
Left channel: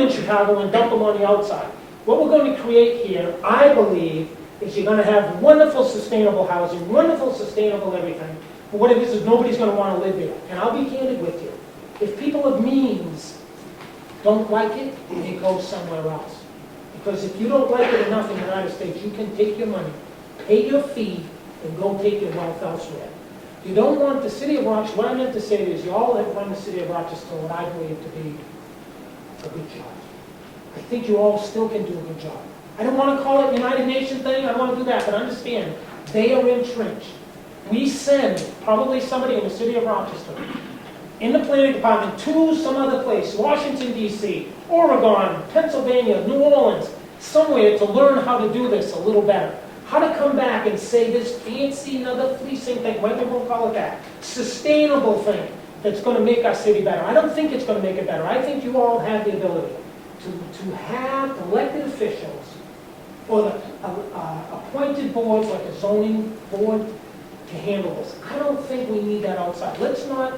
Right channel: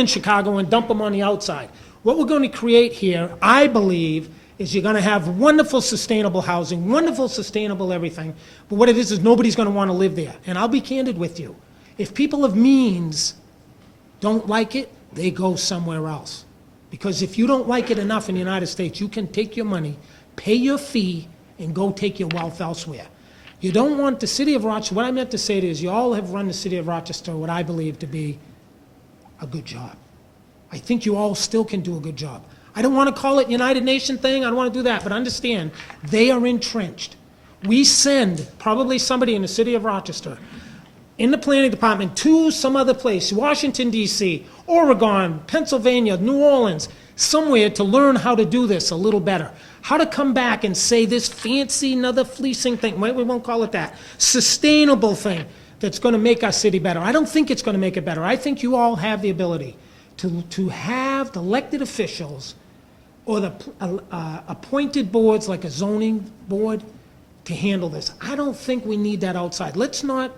Chicago and dump them on the outside. What we're going to create here, I believe, is you're gonna have wonderful sustainable housing, wonderful sustainable everything, but what it is nobody's gonna wanna live there. And I'll be candid with you. If people of means don't like it, they go somewhere else. Because if you don't like it enough in the United States, you can take your money, pay your fee, and go take your wealth elsewhere. You don't want the city of Rochester, what I meant to say is you all have run the city of Rochester what I believe to be a good job. I think you all still can do a good job. I don't want to call it United Nation thing, I don't want to do that, but understand, they are entrenched. We send probably somebody in the city of Rochester, in the planning department, to some other place, Washington DC, Oregon, Pennsylvania, New Orleans, somewhere to learn how to do this a little better. How to come back and say this fancy another fleecing thing, we won't call it that, sustainable thing that's going to make our city better. I don't think it's going to make it better. I think you all have the ability to have the elected officials or the appointed boards like a zoning board to handle this. I don't think we need that outside. Let's not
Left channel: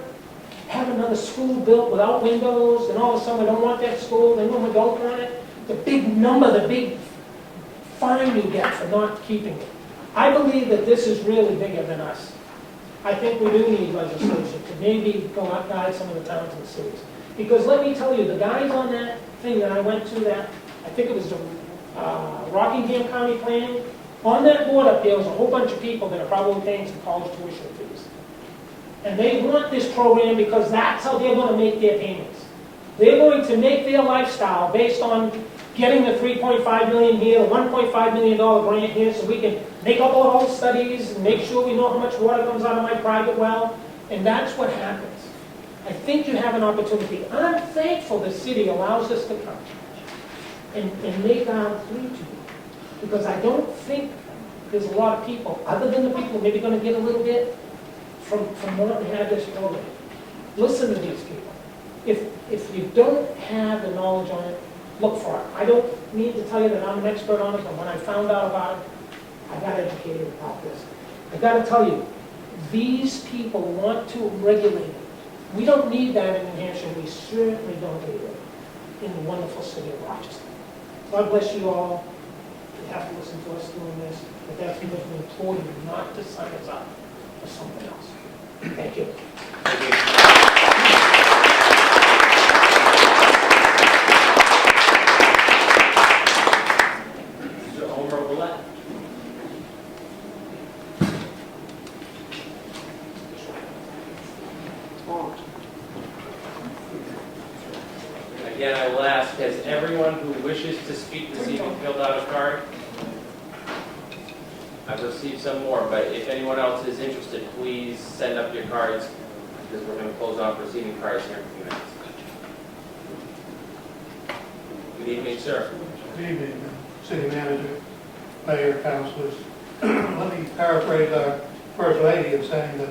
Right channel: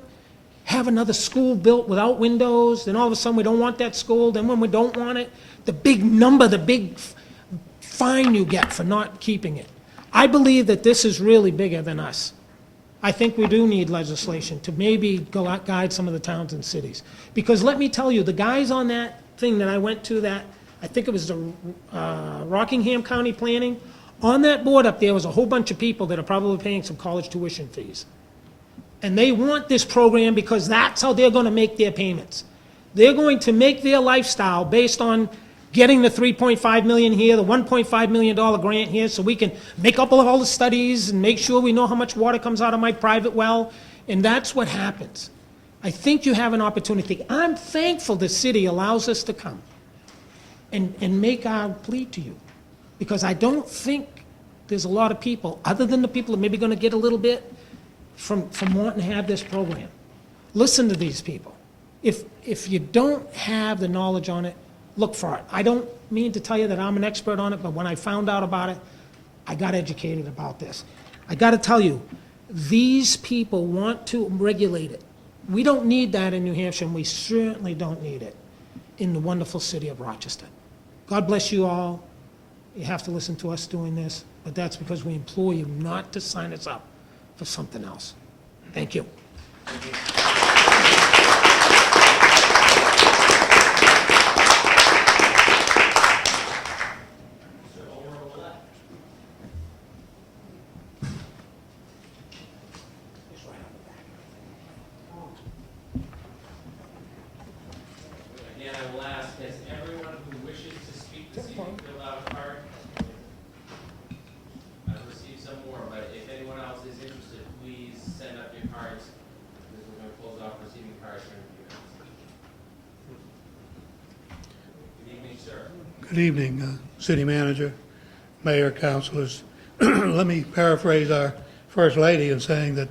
have another school built without windows, and all of a sudden we don't want that school, then when we don't want it, the big number, the big fine you get for not keeping it. I believe that this is really bigger than us. I think we do need legislation to maybe go out, guide some of the towns and cities. Because let me tell you, the guys on that thing that I went to, that I think it was the Rockingham County Planning, on that board up there was a whole bunch of people that are probably paying some college tuition fees. And they want this program because that's how they're going to make their payments. They're going to make their lifestyle based on getting the $3.5 million here, the $1.5 million grant here, so we can make up all the studies and make sure we know how much water comes out of my private well, and that's what happens. I think you have an opportunity. I'm thankful the city allows us to come and make our plea to you, because I don't think there's a lot of people, other than the people who are maybe going to get a little bit from wanting to have this program. Listen to these people. If you don't have the knowledge on it, look for it. I don't need to tell you that I'm an expert on it, but when I found out about it, I got educated about this. I got to tell you, these people want to regulate it. We don't need that in New Hampshire, and we certainly don't need it in the wonderful city of Rochester. God bless you all. You have to listen to us doing this, but that's because we implore you not to sign us up for something else. Thank you. Again, I will ask, has everyone who wishes to speak this evening filled out a card? I've received some more, but if anyone else is interested, please send up your cards, because we're going to close off receiving cards here in a few minutes. Good evening, sir. Good evening, City Manager, Mayor, Councilors. Let me paraphrase our First Lady in saying that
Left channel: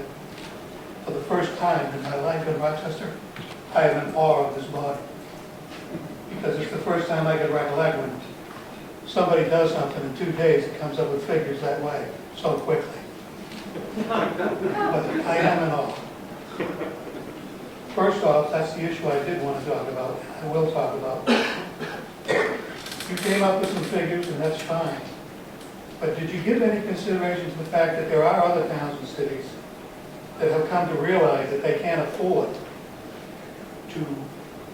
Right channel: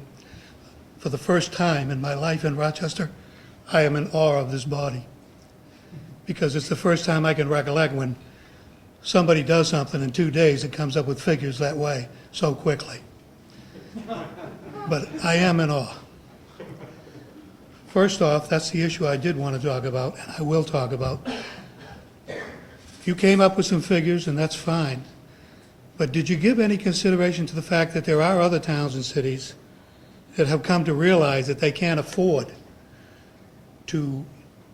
for the first time in my life in Rochester, I am in awe of this body. Because it's the first time I can recollect when somebody does something in 2 days and comes up with figures that way so quickly. But I am in awe. First off, that's the issue I did want to talk about, and I will talk about. You came up with some figures, and that's fine. But did you give any consideration to the fact that there are other towns and cities that have come to realize that they can't afford to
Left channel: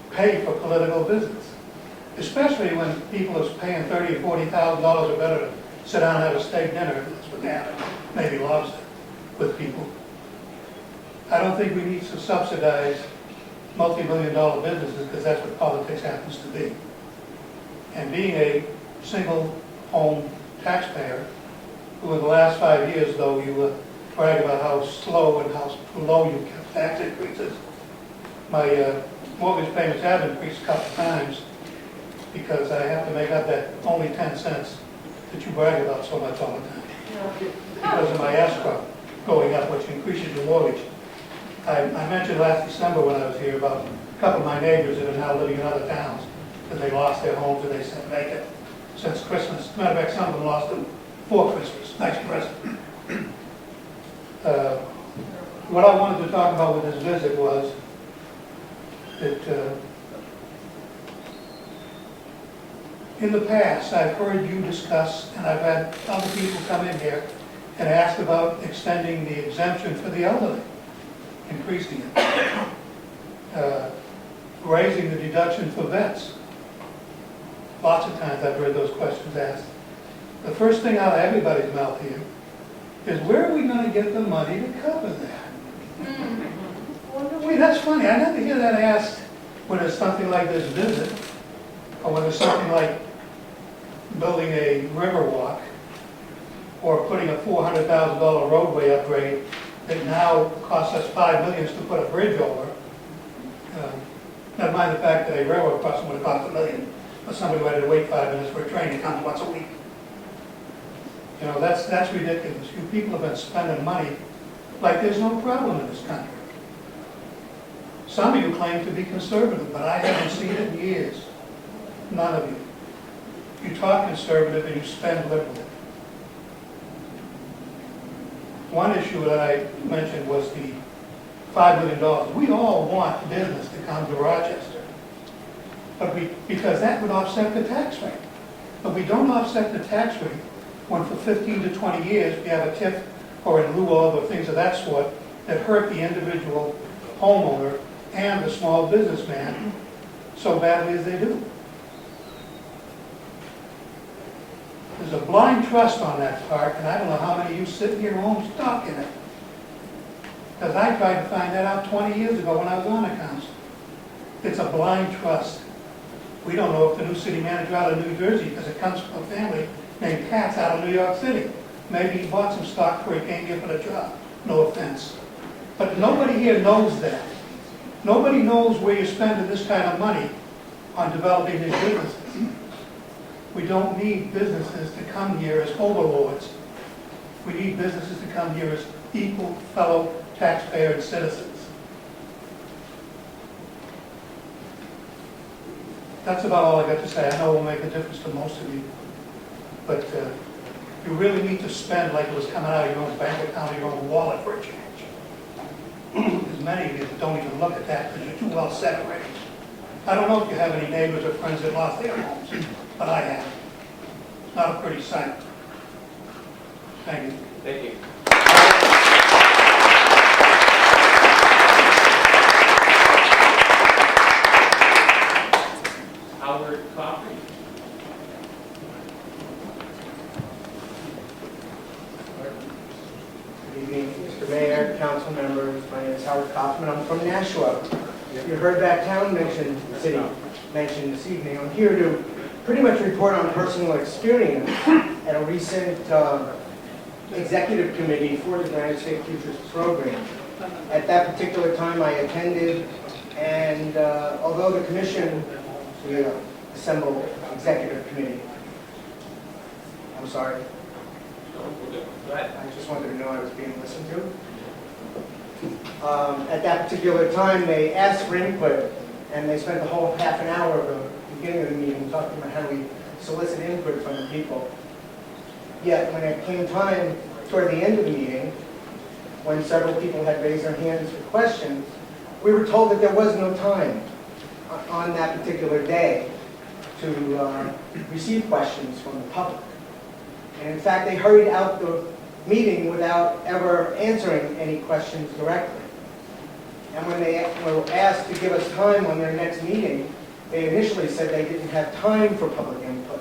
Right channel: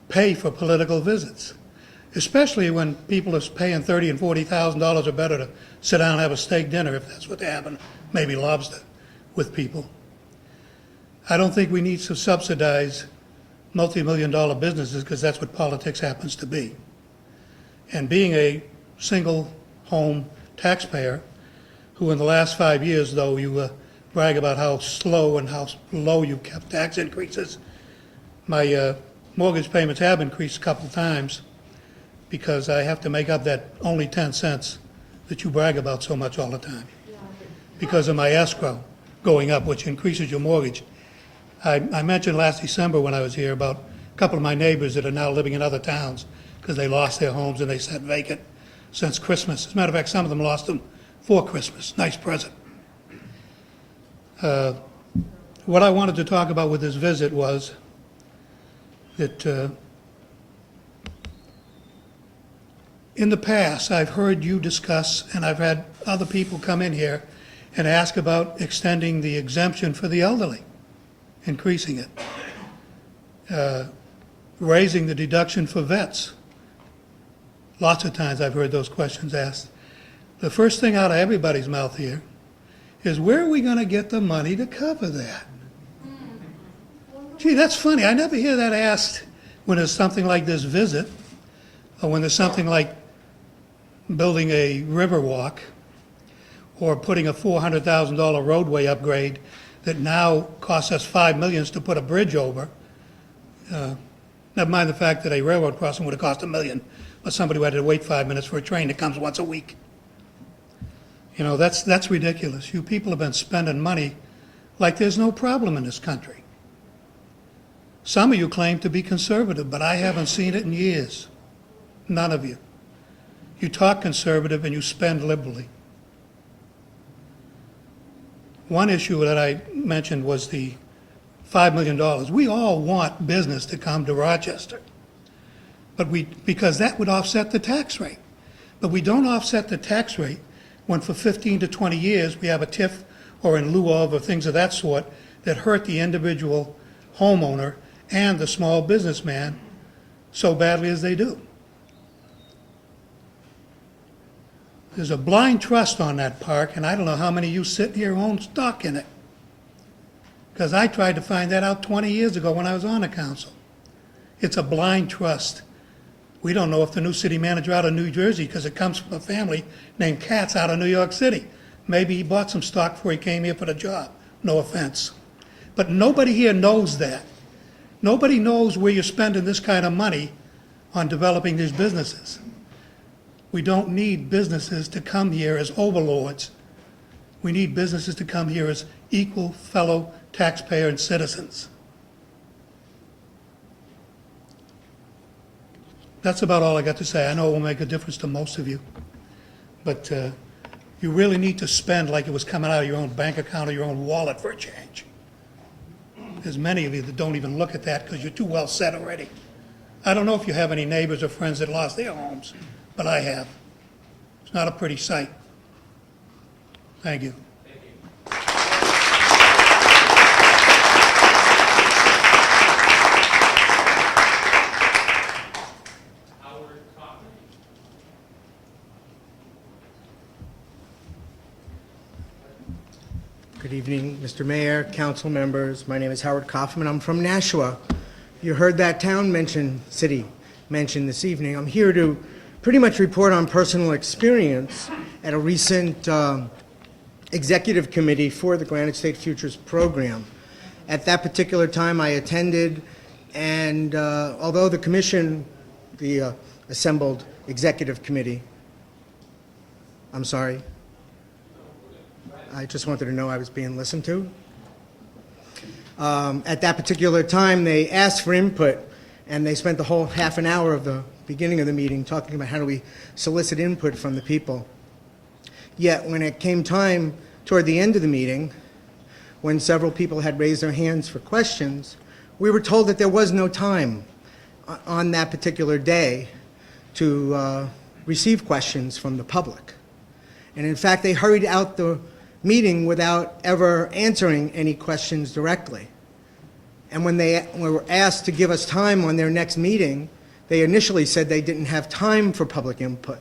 pay for political visits? Especially when people are paying $30,000 and $40,000 or better to sit down and have a steak dinner, if that's what they happen, maybe lobster, with people. I don't think we need to subsidize multi-million-dollar businesses, because that's what politics happens to be. And being a single home taxpayer, who in the last 5 years, though you brag about how slow and how low you kept tax increases, my mortgage payments have increased a couple of times, because I have to make up that only 10 cents that you brag about so much all the time, because of my escrow going up, which increases your mortgage. I mentioned last December when I was here about a couple of my neighbors that are now living in other towns because they lost their homes and they sat vacant since Christmas. As a matter of fact, some of them lost them for Christmas. Nice present. What I wanted to talk about with this visit was that in the past, I've heard you discuss, and I've had other people come in here and ask about extending the exemption for the elderly, increasing it. Raising the deduction for vets. Lots of times I've heard those questions asked. The first thing out of everybody's mouth here is, where are we going to get the money to cover that? Gee, that's funny. I never hear that asked when there's something like this visit, or when there's something like building a river walk, or putting a $400,000 roadway upgrade that now costs us $5 million to put a bridge over. Never mind the fact that a railroad crossing would have cost $1 million, or somebody who had to wait 5 minutes for a train that comes once a week. You know, that's ridiculous. You people have been spending money like there's no problem in this country. Some of you claim to be conservative, but I haven't seen it in years. None of you. You talk conservative and you spend liberally. One issue that I mentioned was the $5 million. We all want business to come to Rochester, but because that would offset the tax rate. But we don't offset the tax rate when for 15 to 20 years we have a TIF or in lieu of or things of that sort that hurt the individual homeowner and the small businessman so badly as they do. There's a blind trust on that part, and I don't know how many of you sit here who own stock in it. Because I tried to find that out 20 years ago when I was on the council. It's a blind trust. We don't know if the new city manager out of New Jersey, because it comes from a family named Katz out of New York City. Maybe he bought some stock before he came here for the job. No offense. But nobody here knows that. Nobody knows where you're spending this kind of money on developing these businesses. We don't need businesses to come here as overlords. We need businesses to come here as equal fellow taxpayer and citizens. That's about all I got to say. I know it will make a difference to most of you, but you really need to spend like it was coming out of your own bank account or your own wallet for a change. There's many of you that don't even look at that because you're too well set already. I don't know if you have any neighbors or friends that lost their homes, but I have. It's not a pretty sight. Thank you. Thank you. Howard Coffey. Good evening, Mr. Mayor, council members. My name is Howard Kaufman. I'm from Nashua. You heard that town city mentioned this evening. I'm here to pretty much report on personal experience at a recent executive committee for the Granite State Futures program. At that particular time, I attended, and although the commission, the assembled executive committee, I'm sorry, I just wanted to know I was being listened to. At that particular time, they asked for input, and they spent the whole half an hour of the beginning of the meeting talking about how do we solicit input from the people. Yet, when it came time toward the end of the meeting, when several people had raised their hands for questions, we were told that there was no time on that particular day to receive questions from the public. And in fact, they hurried out the meeting without ever answering any questions directly. And when they were asked to give us time on their next meeting, they initially said they didn't have time for public input.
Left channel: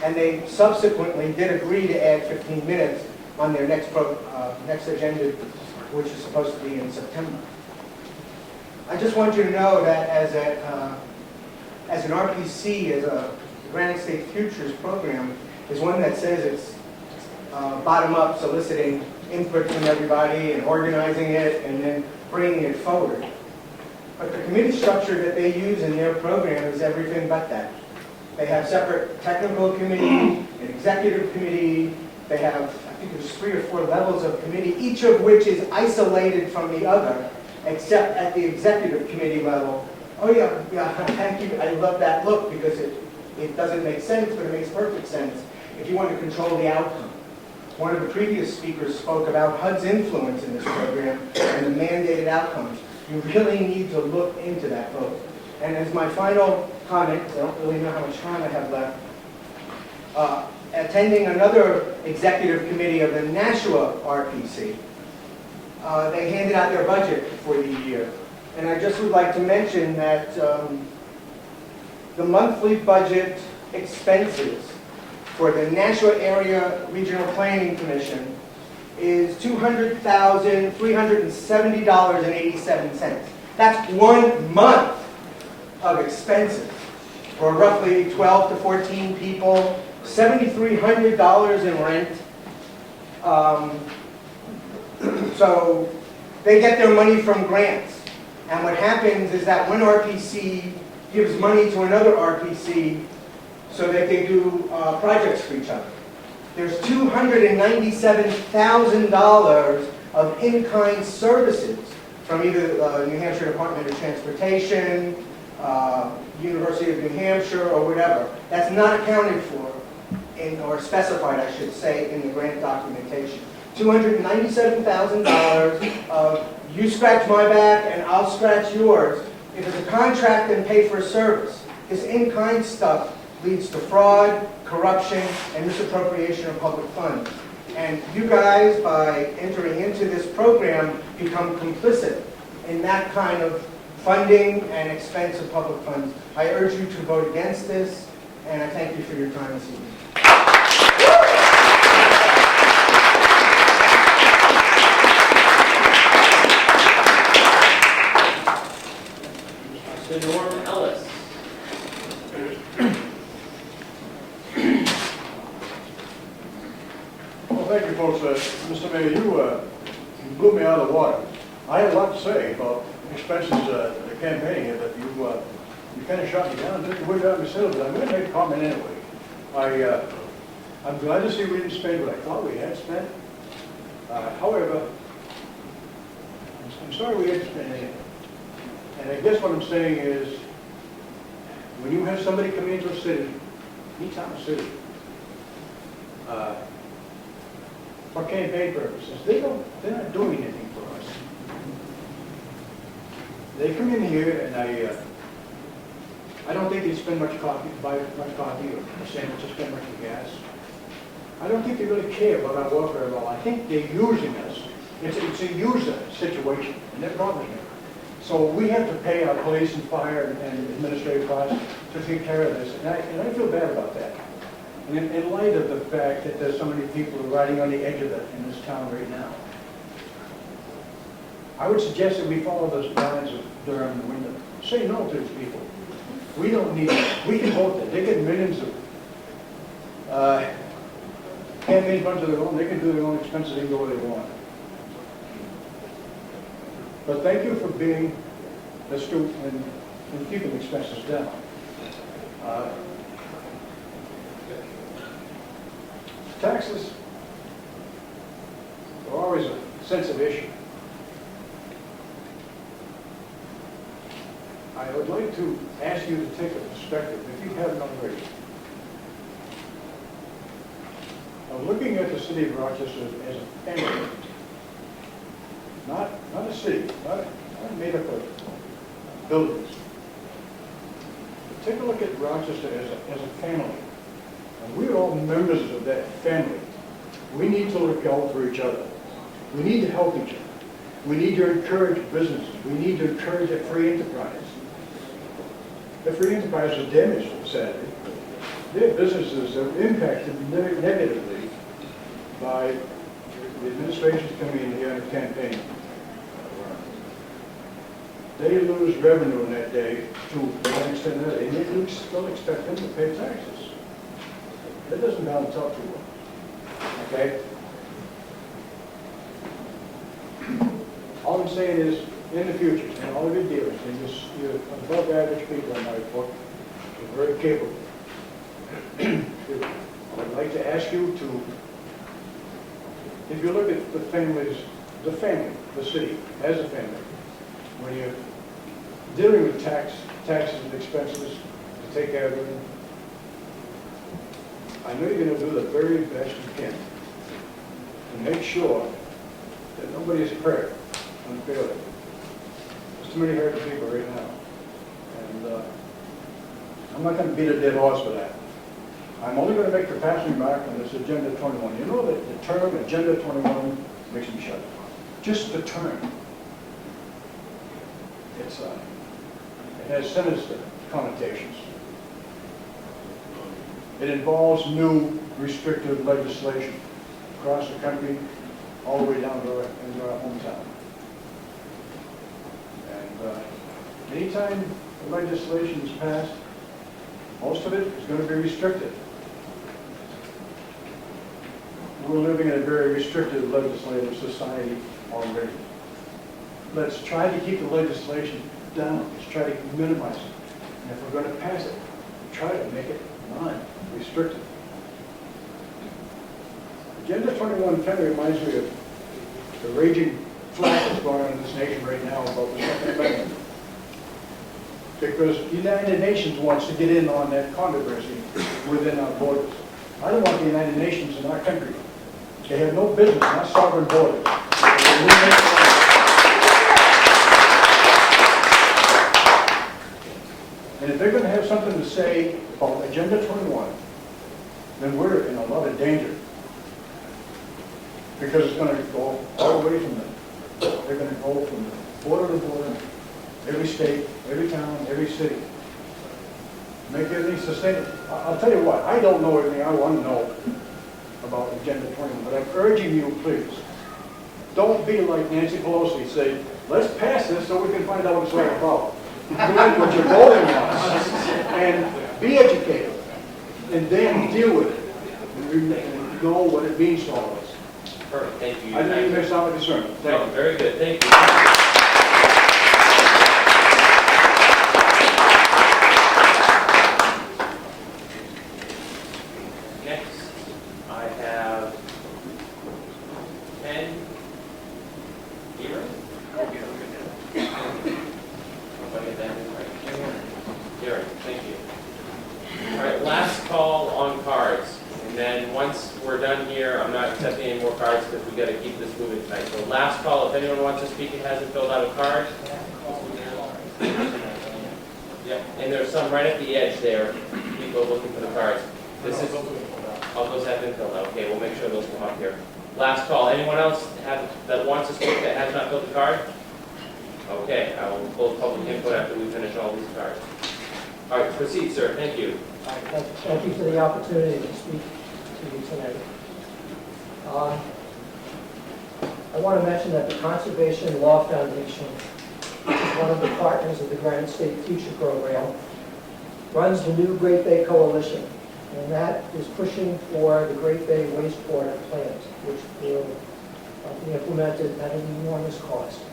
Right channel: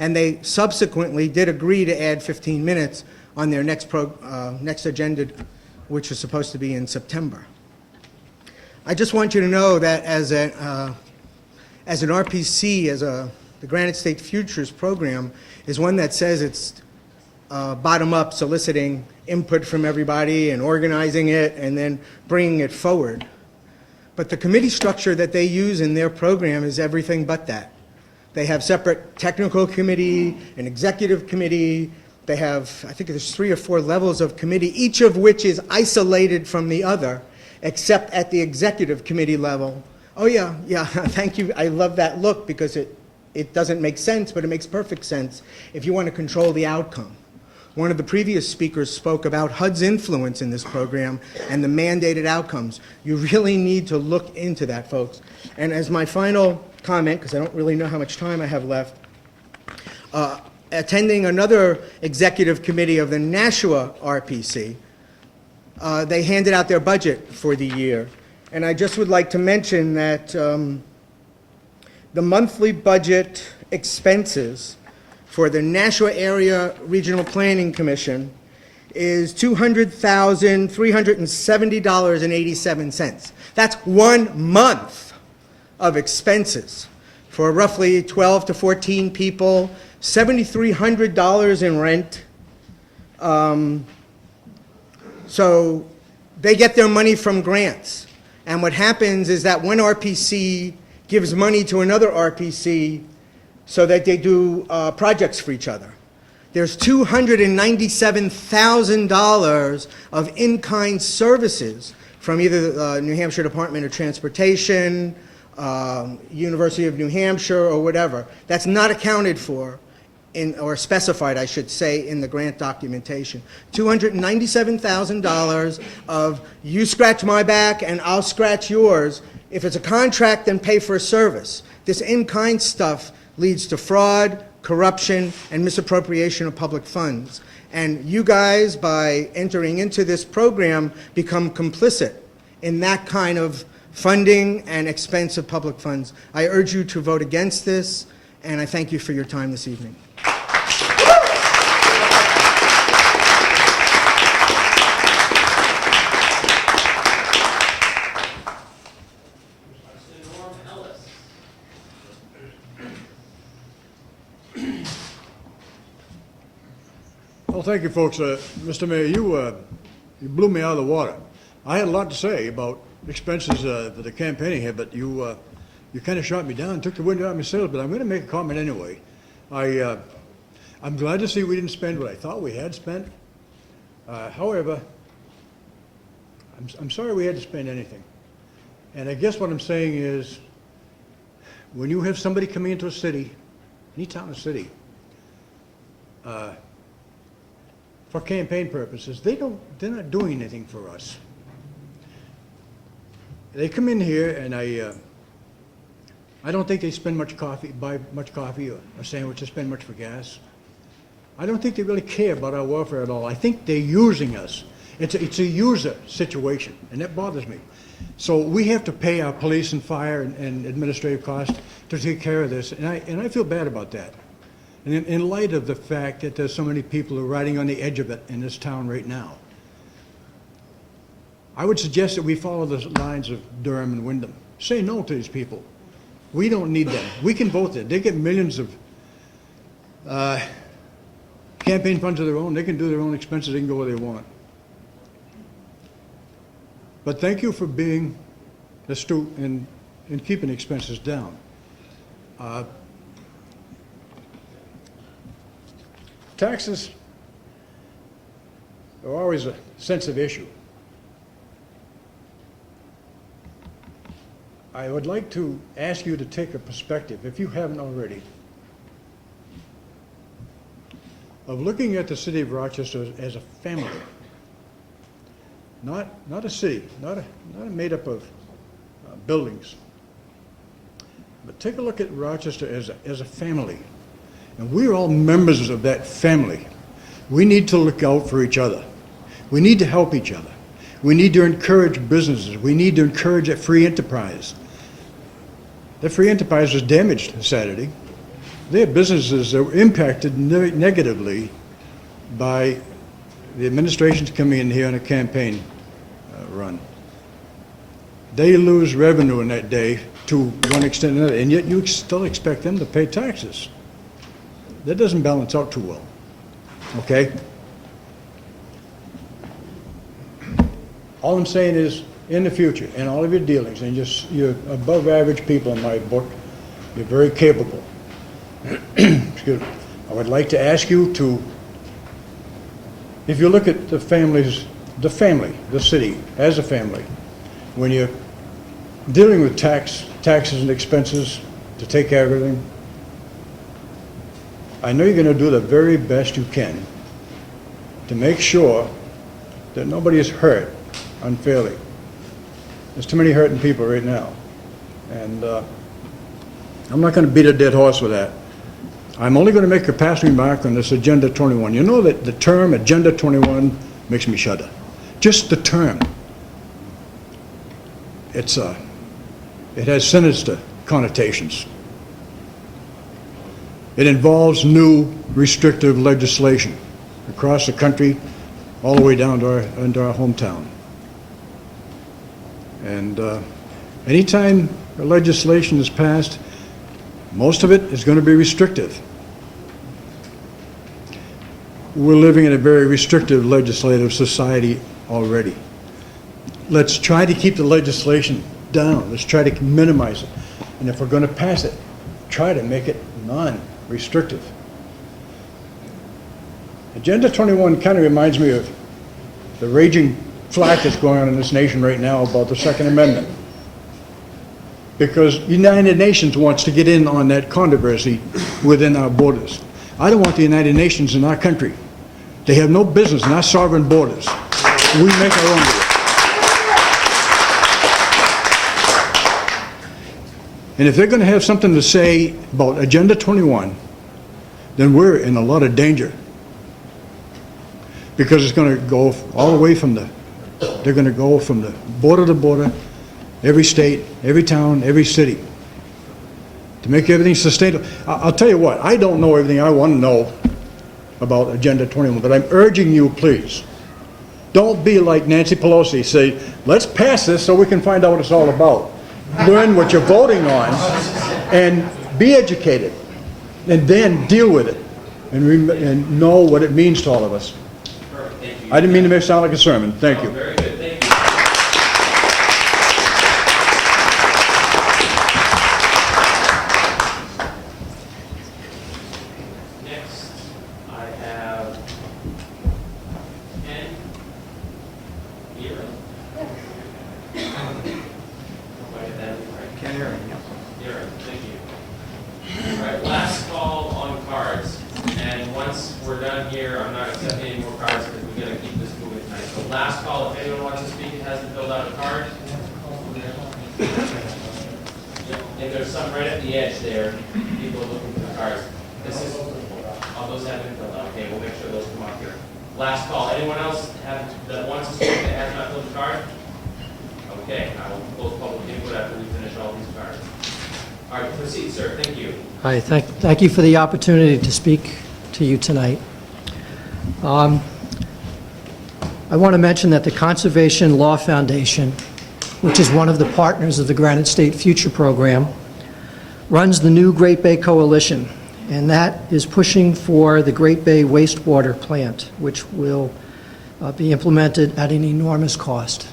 And they subsequently did agree to add 15 minutes on their next agenda, which is supposed to be in September. I just want you to know that as an RPC, the Granite State Futures program is one that says it's bottom-up, soliciting input from everybody and organizing it and then bringing it forward. But the committee structure that they use in their program is everything but that. They have separate technical committee, an executive committee. They have, I think there's 3 or 4 levels of committee, each of which is isolated from the other, except at the executive committee level. Oh yeah, thank you. I love that look because it doesn't make sense, but it makes perfect sense if you want to control the outcome. One of the previous speakers spoke about HUD's influence in this program and the mandated outcomes. You really need to look into that, folks. And as my final comment, because I don't really know how much time I have left, attending another executive committee of the Nashua RPC, they handed out their budget for the year. And I just would like to mention that the monthly budget expenses for the Nashua Area Regional Planning Commission is $200,370.87. That's 1 month of expenses for roughly 12 to 14 people, $7,300 in rent. So they get their money from grants. And what happens is that one RPC gives money to another RPC so that they do projects for each other. There's $297,000 of in-kind services from either the New Hampshire Department of Transportation, University of New Hampshire, or whatever. That's not accounted for, or specified, I should say, in the grant documentation. $297,000 of you scratch my back and I'll scratch yours. If it's a contract, then pay for a service. This in-kind stuff leads to fraud, corruption, and misappropriation of public funds. And you guys, by entering into this program, become complicit in that kind of funding and expense of public funds. I urge you to vote against this, and I thank you for your time this evening. Well, thank you, folks. Mr. Mayor, you blew me out of the water. I had a lot to say about expenses to the campaigning here, but you kind of shot me down and took the wind out of my sails, but I'm going to make a comment anyway. I'm glad to see we didn't spend what I thought we had spent. However, I'm sorry we had to spend anything. And I guess what I'm saying is, when you have somebody coming into a city, any town or city, for campaign purposes, they're not doing anything for us. They come in here and I don't think they spend buy much coffee or a sandwich, or spend much for gas. I don't think they really care about our welfare at all. I think they're using us. It's a user situation, and that bothers me. So we have to pay our police and fire and administrative costs to take care of this, and I feel bad about that. And in light of the fact that there's so many people who are riding on the edge of it in this town right now, I would suggest that we follow the lines of Durham and Wyndham. Say no to these people. We don't need them. We can vote them. They get millions of campaign funds of their own. They can do their own expenses. They can go where they want. But thank you for being astute and keeping expenses down. Taxes are always a sensitive issue. I would like to ask you to take a perspective, if you haven't already, of looking at the city of Rochester as a family. Not a city, not made up of buildings. But take a look at Rochester as a family. And we're all members of that family. We need to look out for each other. We need to help each other. We need to encourage businesses. We need to encourage that free enterprise. The free enterprise was damaged on Saturday. Their businesses are impacted negatively by the administration's coming in here on a campaign run. They lose revenue in that day to one extent or another, and yet you still expect them to pay taxes. That doesn't balance out too well, okay? All I'm saying is, in the future, in all of your dealings, and you're above average people in my book, you're very capable. Excuse me. I would like to ask you to, if you look at the family, the city, as a family, when you're dealing with taxes and expenses to take care of everything, I know you're going to do the very best you can to make sure that nobody is hurt unfairly. There's too many hurting people right now. And I'm not going to beat a dead horse with that. I'm only going to make a passing remark on this Agenda 21. You know that the term Agenda 21 makes me shudder. Just the term. It has sinister connotations. It involves new restrictive legislation across the country, all the way down to into our hometown. And anytime legislation is passed, most of it is going to be restrictive. We're living in a very restrictive legislative society already. Let's try to keep the legislation down. Let's try to minimize it. And if we're going to pass it, try to make it non-restrictive. Agenda 21 kind of reminds me of the raging flack that's going on in this nation right now about the Second Amendment. Because the United Nations wants to get in on that controversy within our borders. I don't want the United Nations in our country. They have no business in our sovereign borders. We make our own. And if they're going to have something to say about Agenda 21, then we're in a lot of danger. Because it's going to go all the way from they're going to go from the border to border, every state, every town, every city, to make everything sustainable. I'll tell you what, I don't know everything I want to know about Agenda 21, but I'm urging you, please, don't be like Nancy Pelosi, say, let's pass this so we can find out what it's all about. Learn what you're voting on and be educated, and then deal with it and know what it means to all of us. Perfect, thank you. I didn't mean to make it sound like a sermon. Thank you. Very good, thank you. Next, I have Ken Erie. Erie, thank you. All right, last call on cards. And once we're done here, I'm not accepting any more cards because we got to keep this moving tonight. So last call, if anyone wants to speak and hasn't filled out a card. Yep, and there's some right at the edge there, people looking for the cards. This is, oh, those have been filled out. Okay, we'll make sure those come up here. Last call, anyone else that wants to speak that has not filled a card? Okay, I will close public input after we finish all these cards. All right, proceed, sir. Thank you. Hi, thank you for the opportunity to speak to you tonight. I want to mention that the Conservation Law Foundation, which is one of the partners of the Granite State Future program, runs the new Great Bay Coalition, and that is pushing for the Great Bay wastewater plant, which will be implemented at an enormous cost.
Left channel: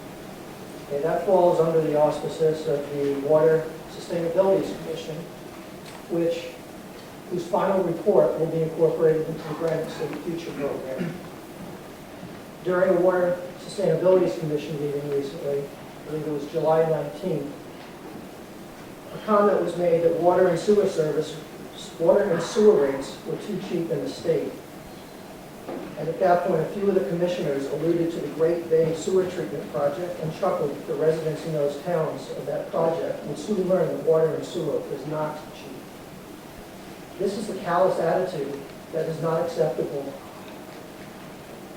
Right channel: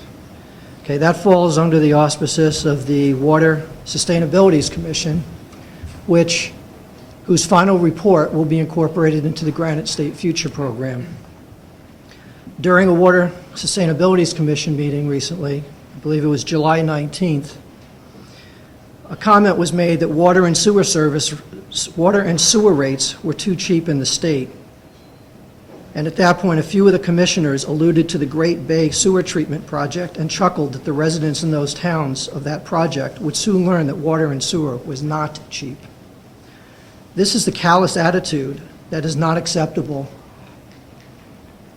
Okay, that falls under the auspices of the Water Sustainability Commission, whose final report will be incorporated into the Granite State Future program. During a Water Sustainability Commission meeting recently, I believe it was July 19th, a comment was made that water and sewer rates were too cheap in the state. And at that point, a few of the commissioners alluded to the Great Bay Sewer Treatment Project and chuckled that the residents in those towns of that project would soon learn that water and sewer was not cheap. This is the callous attitude that is not acceptable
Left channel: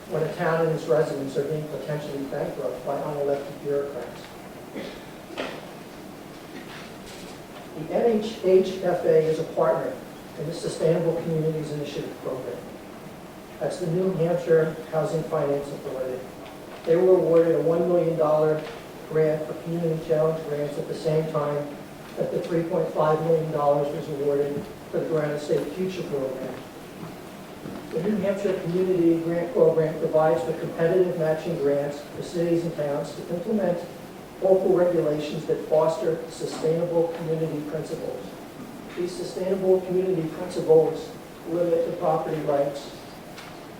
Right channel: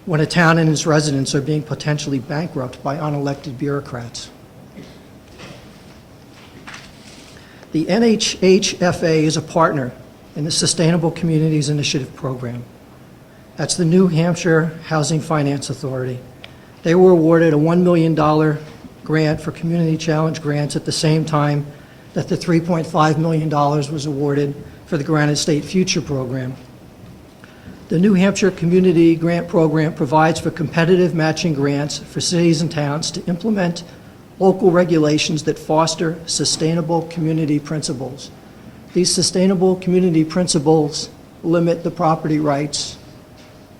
when a town and its residents are being potentially bankrupt by unelected bureaucrats. The NHHFA is a partner in the Sustainable Communities Initiative program. That's the New Hampshire Housing Finance Authority. They were awarded a $1 million grant for community challenge grants at the same time that the $3.5 million was awarded for the Granite State Future program. The New Hampshire Community Grant Program provides for competitive matching grants for cities and towns to implement local regulations that foster sustainable community principles. These sustainable community principles limit the property rights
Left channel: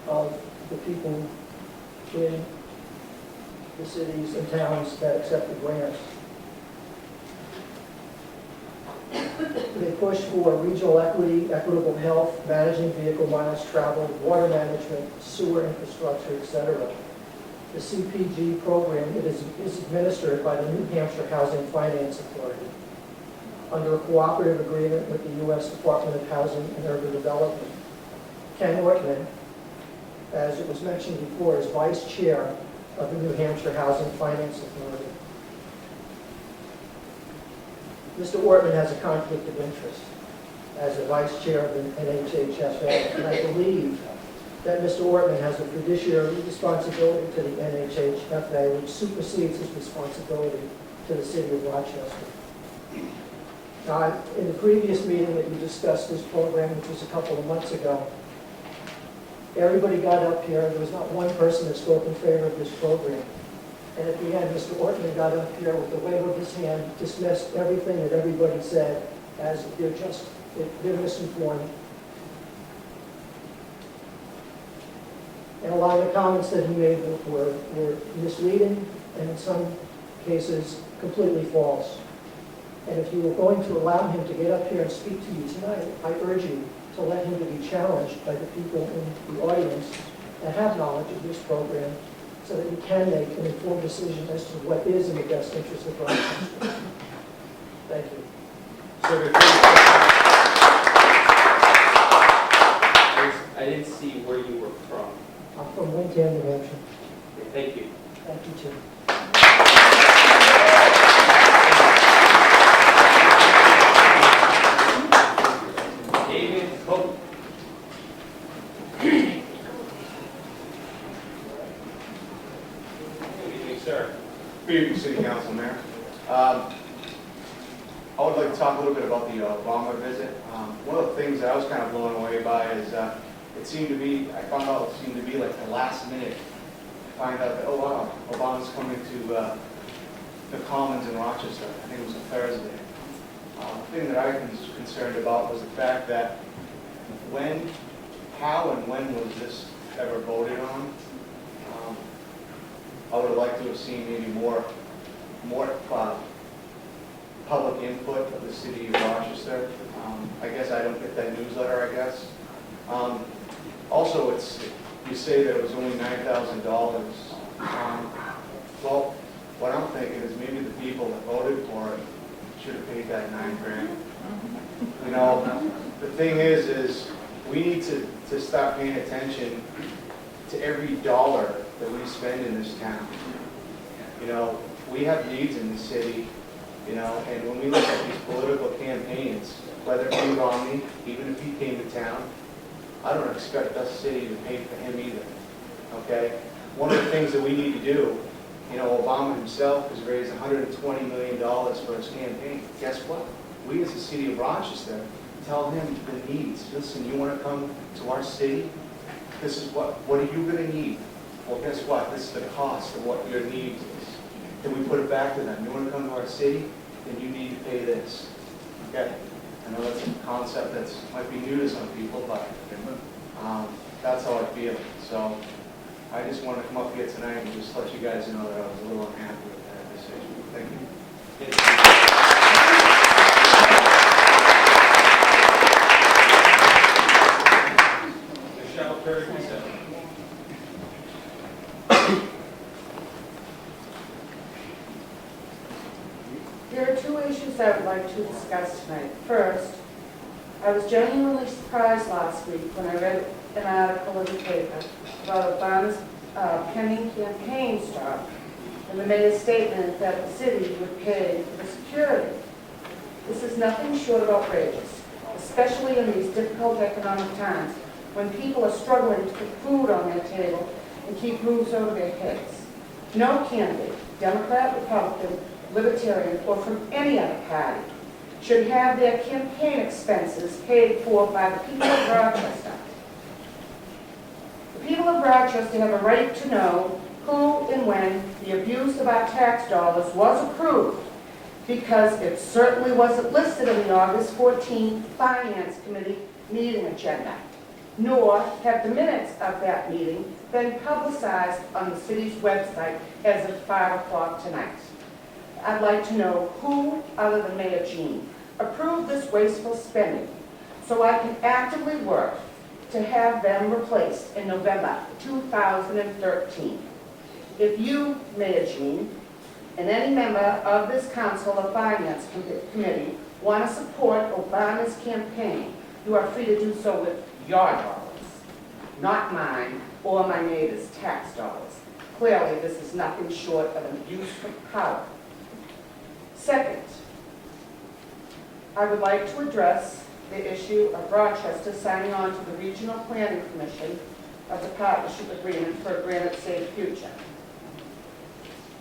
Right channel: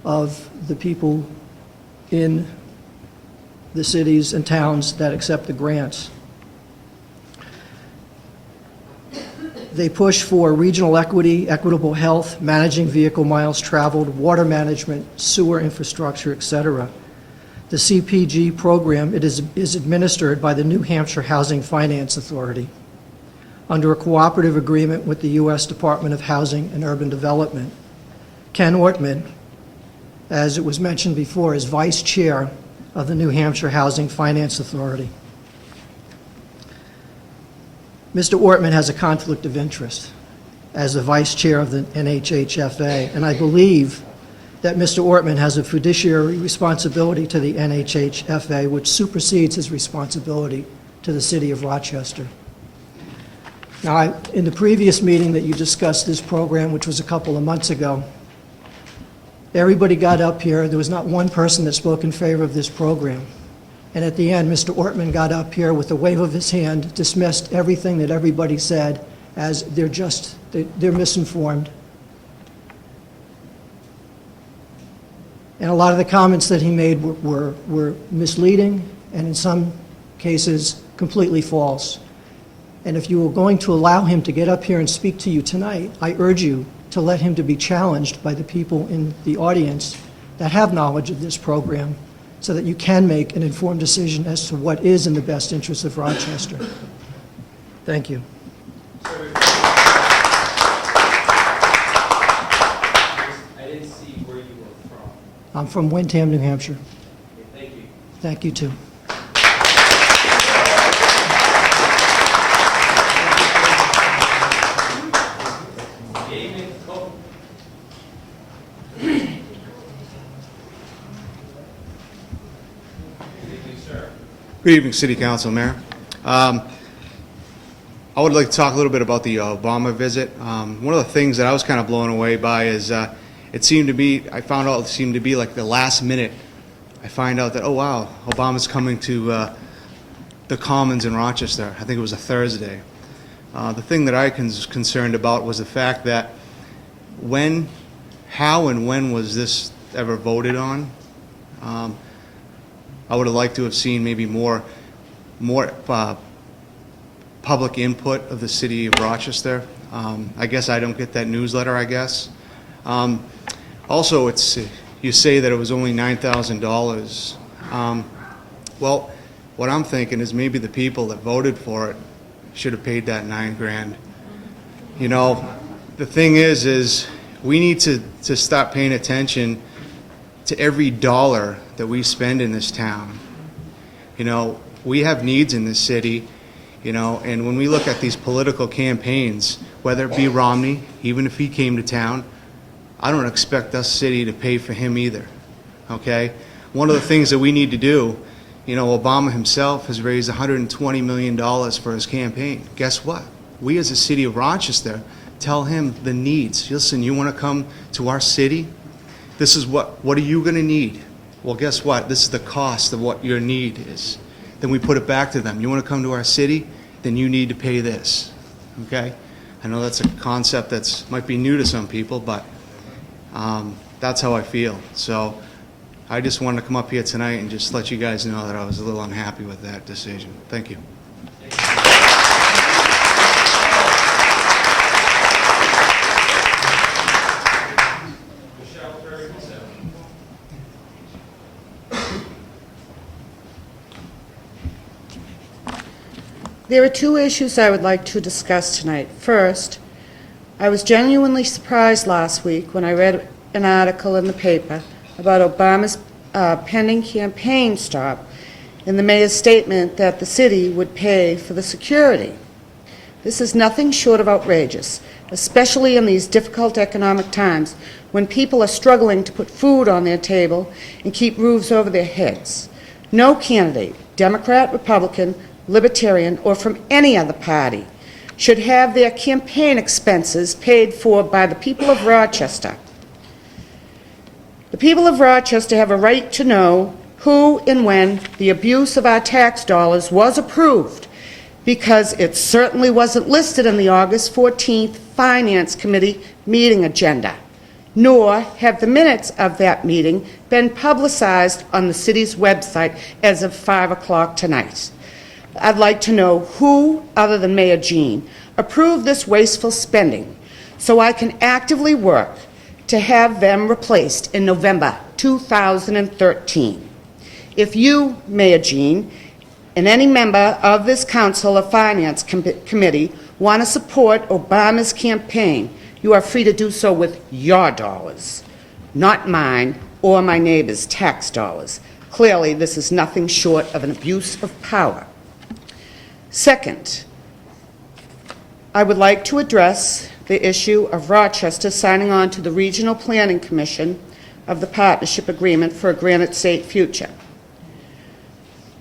of the people in the cities and towns that accept the grants. They push for regional equity, equitable health, managing vehicle miles traveled, water management, sewer infrastructure, etc. The CPG program, it is administered by the New Hampshire Housing Finance Authority. under a cooperative agreement with the U.S. Department of Housing and Urban Development. Ken Ortman, as it was mentioned before, is Vice Chair of the New Hampshire Housing Finance Authority. Mr. Ortman has a conflict of interest as the Vice Chair of the NHHFA, and I believe that Mr. Ortman has a fiduciary responsibility to the NHHFA, which supersedes his responsibility to the City of Rochester. Now, in the previous meeting that you discussed this program, which was a couple of months ago, everybody got up here, and there was not one person that spoke in favor of this program. And at the end, Mr. Ortman got up here with a wave of his hand, dismissed everything that everybody said as they're misinformed. And a lot of the comments that he made were misleading and in some cases completely false. And if you were going to allow him to get up here and speak to you tonight, I urge you to let him to be challenged by the people in the audience that have knowledge of this program so that you can make an informed decision as to what is in the best interest of Rochester. Thank you. I didn't see where you were from. I'm from Windham, New Hampshire. Thank you. Thank you, too. Good evening, City Council, Mayor. I would like to talk a little bit about the Obama visit. One of the things that I was kind of blown away by is I found out it seemed to be like the last minute. I find out that, oh wow, Obama's coming to the Commons in Rochester. I think it was a Thursday. The thing that I was concerned about was the fact that how and when was this ever voted on? I would have liked to have seen maybe more public input of the city of Rochester. I guess I don't get that newsletter, I guess. Also, you say that it was only $9,000. Well, what I'm thinking is maybe the people that voted for it should have paid that $9 grand. You know, the thing is we need to stop paying attention to every dollar that we spend in this town. You know, we have needs in this city, you know, and when we look at these political campaigns, whether it be Romney, even if he came to town, I don't expect us city to pay for him either, okay? One of the things that we need to do, you know, Obama himself has raised $120 million for his campaign. Guess what? We as a city of Rochester tell him the needs. Listen, you want to come to our city? This is what are you going to need? Well, guess what? This is the cost of what your need is. Then we put it back to them. You want to come to our city? Then you need to pay this, okay? I know that's a concept that might be new to some people, but that's how I feel. So I just wanted to come up here tonight and just let you guys know that I was a little unhappy with that decision. Thank you. There are two issues I would like to discuss tonight. First, I was genuinely surprised last week when I read an article in the paper about Obama's pending campaign stop and the mayor's statement that the city would pay for the security. This is nothing short of outrageous, especially in these difficult economic times when people are struggling to put food on their table and keep roofs over their heads. No candidate, Democrat, Republican, Libertarian, or from any other party, should have their campaign expenses paid for by the people of Rochester. The people of Rochester have a right to know who and when the abuse of our tax dollars was approved, because it certainly wasn't listed in the August 14th Finance Committee meeting agenda, nor have the minutes of that meeting been publicized on the city's website as of 5 o'clock tonight. I'd like to know who, other than Mayor Jean, approved this wasteful spending so I can actively work to have them replaced in November 2013. If you, Mayor Jean, and any member of this Council or Finance Committee want to support Obama's campaign, you are free to do so with your dollars, not mine or my neighbor's tax dollars. Clearly, this is nothing short of an abuse of power. Second, I would like to address the issue of Rochester signing on to the Regional Planning Commission of the Partnership Agreement for a Granite State Future.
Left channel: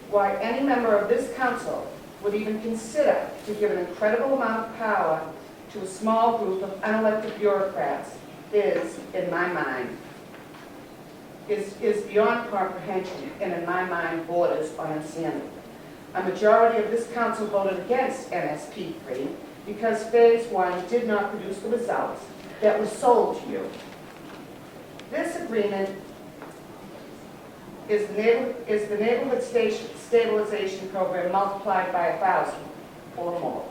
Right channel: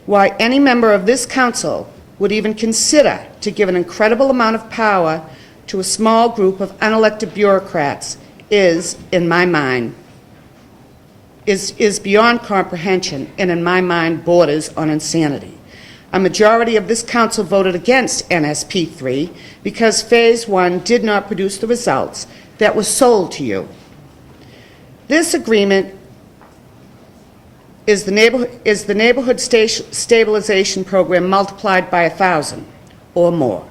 Why any member of this council would even consider to give an incredible amount of power to a small group of unelected bureaucrats is, in my mind, is beyond comprehension, and in my mind borders on insanity. A majority of this council voted against NSP 3 because Phase 1 did not produce the results that were sold to you. This agreement is the neighborhood stabilization program multiplied by 1,000 or more.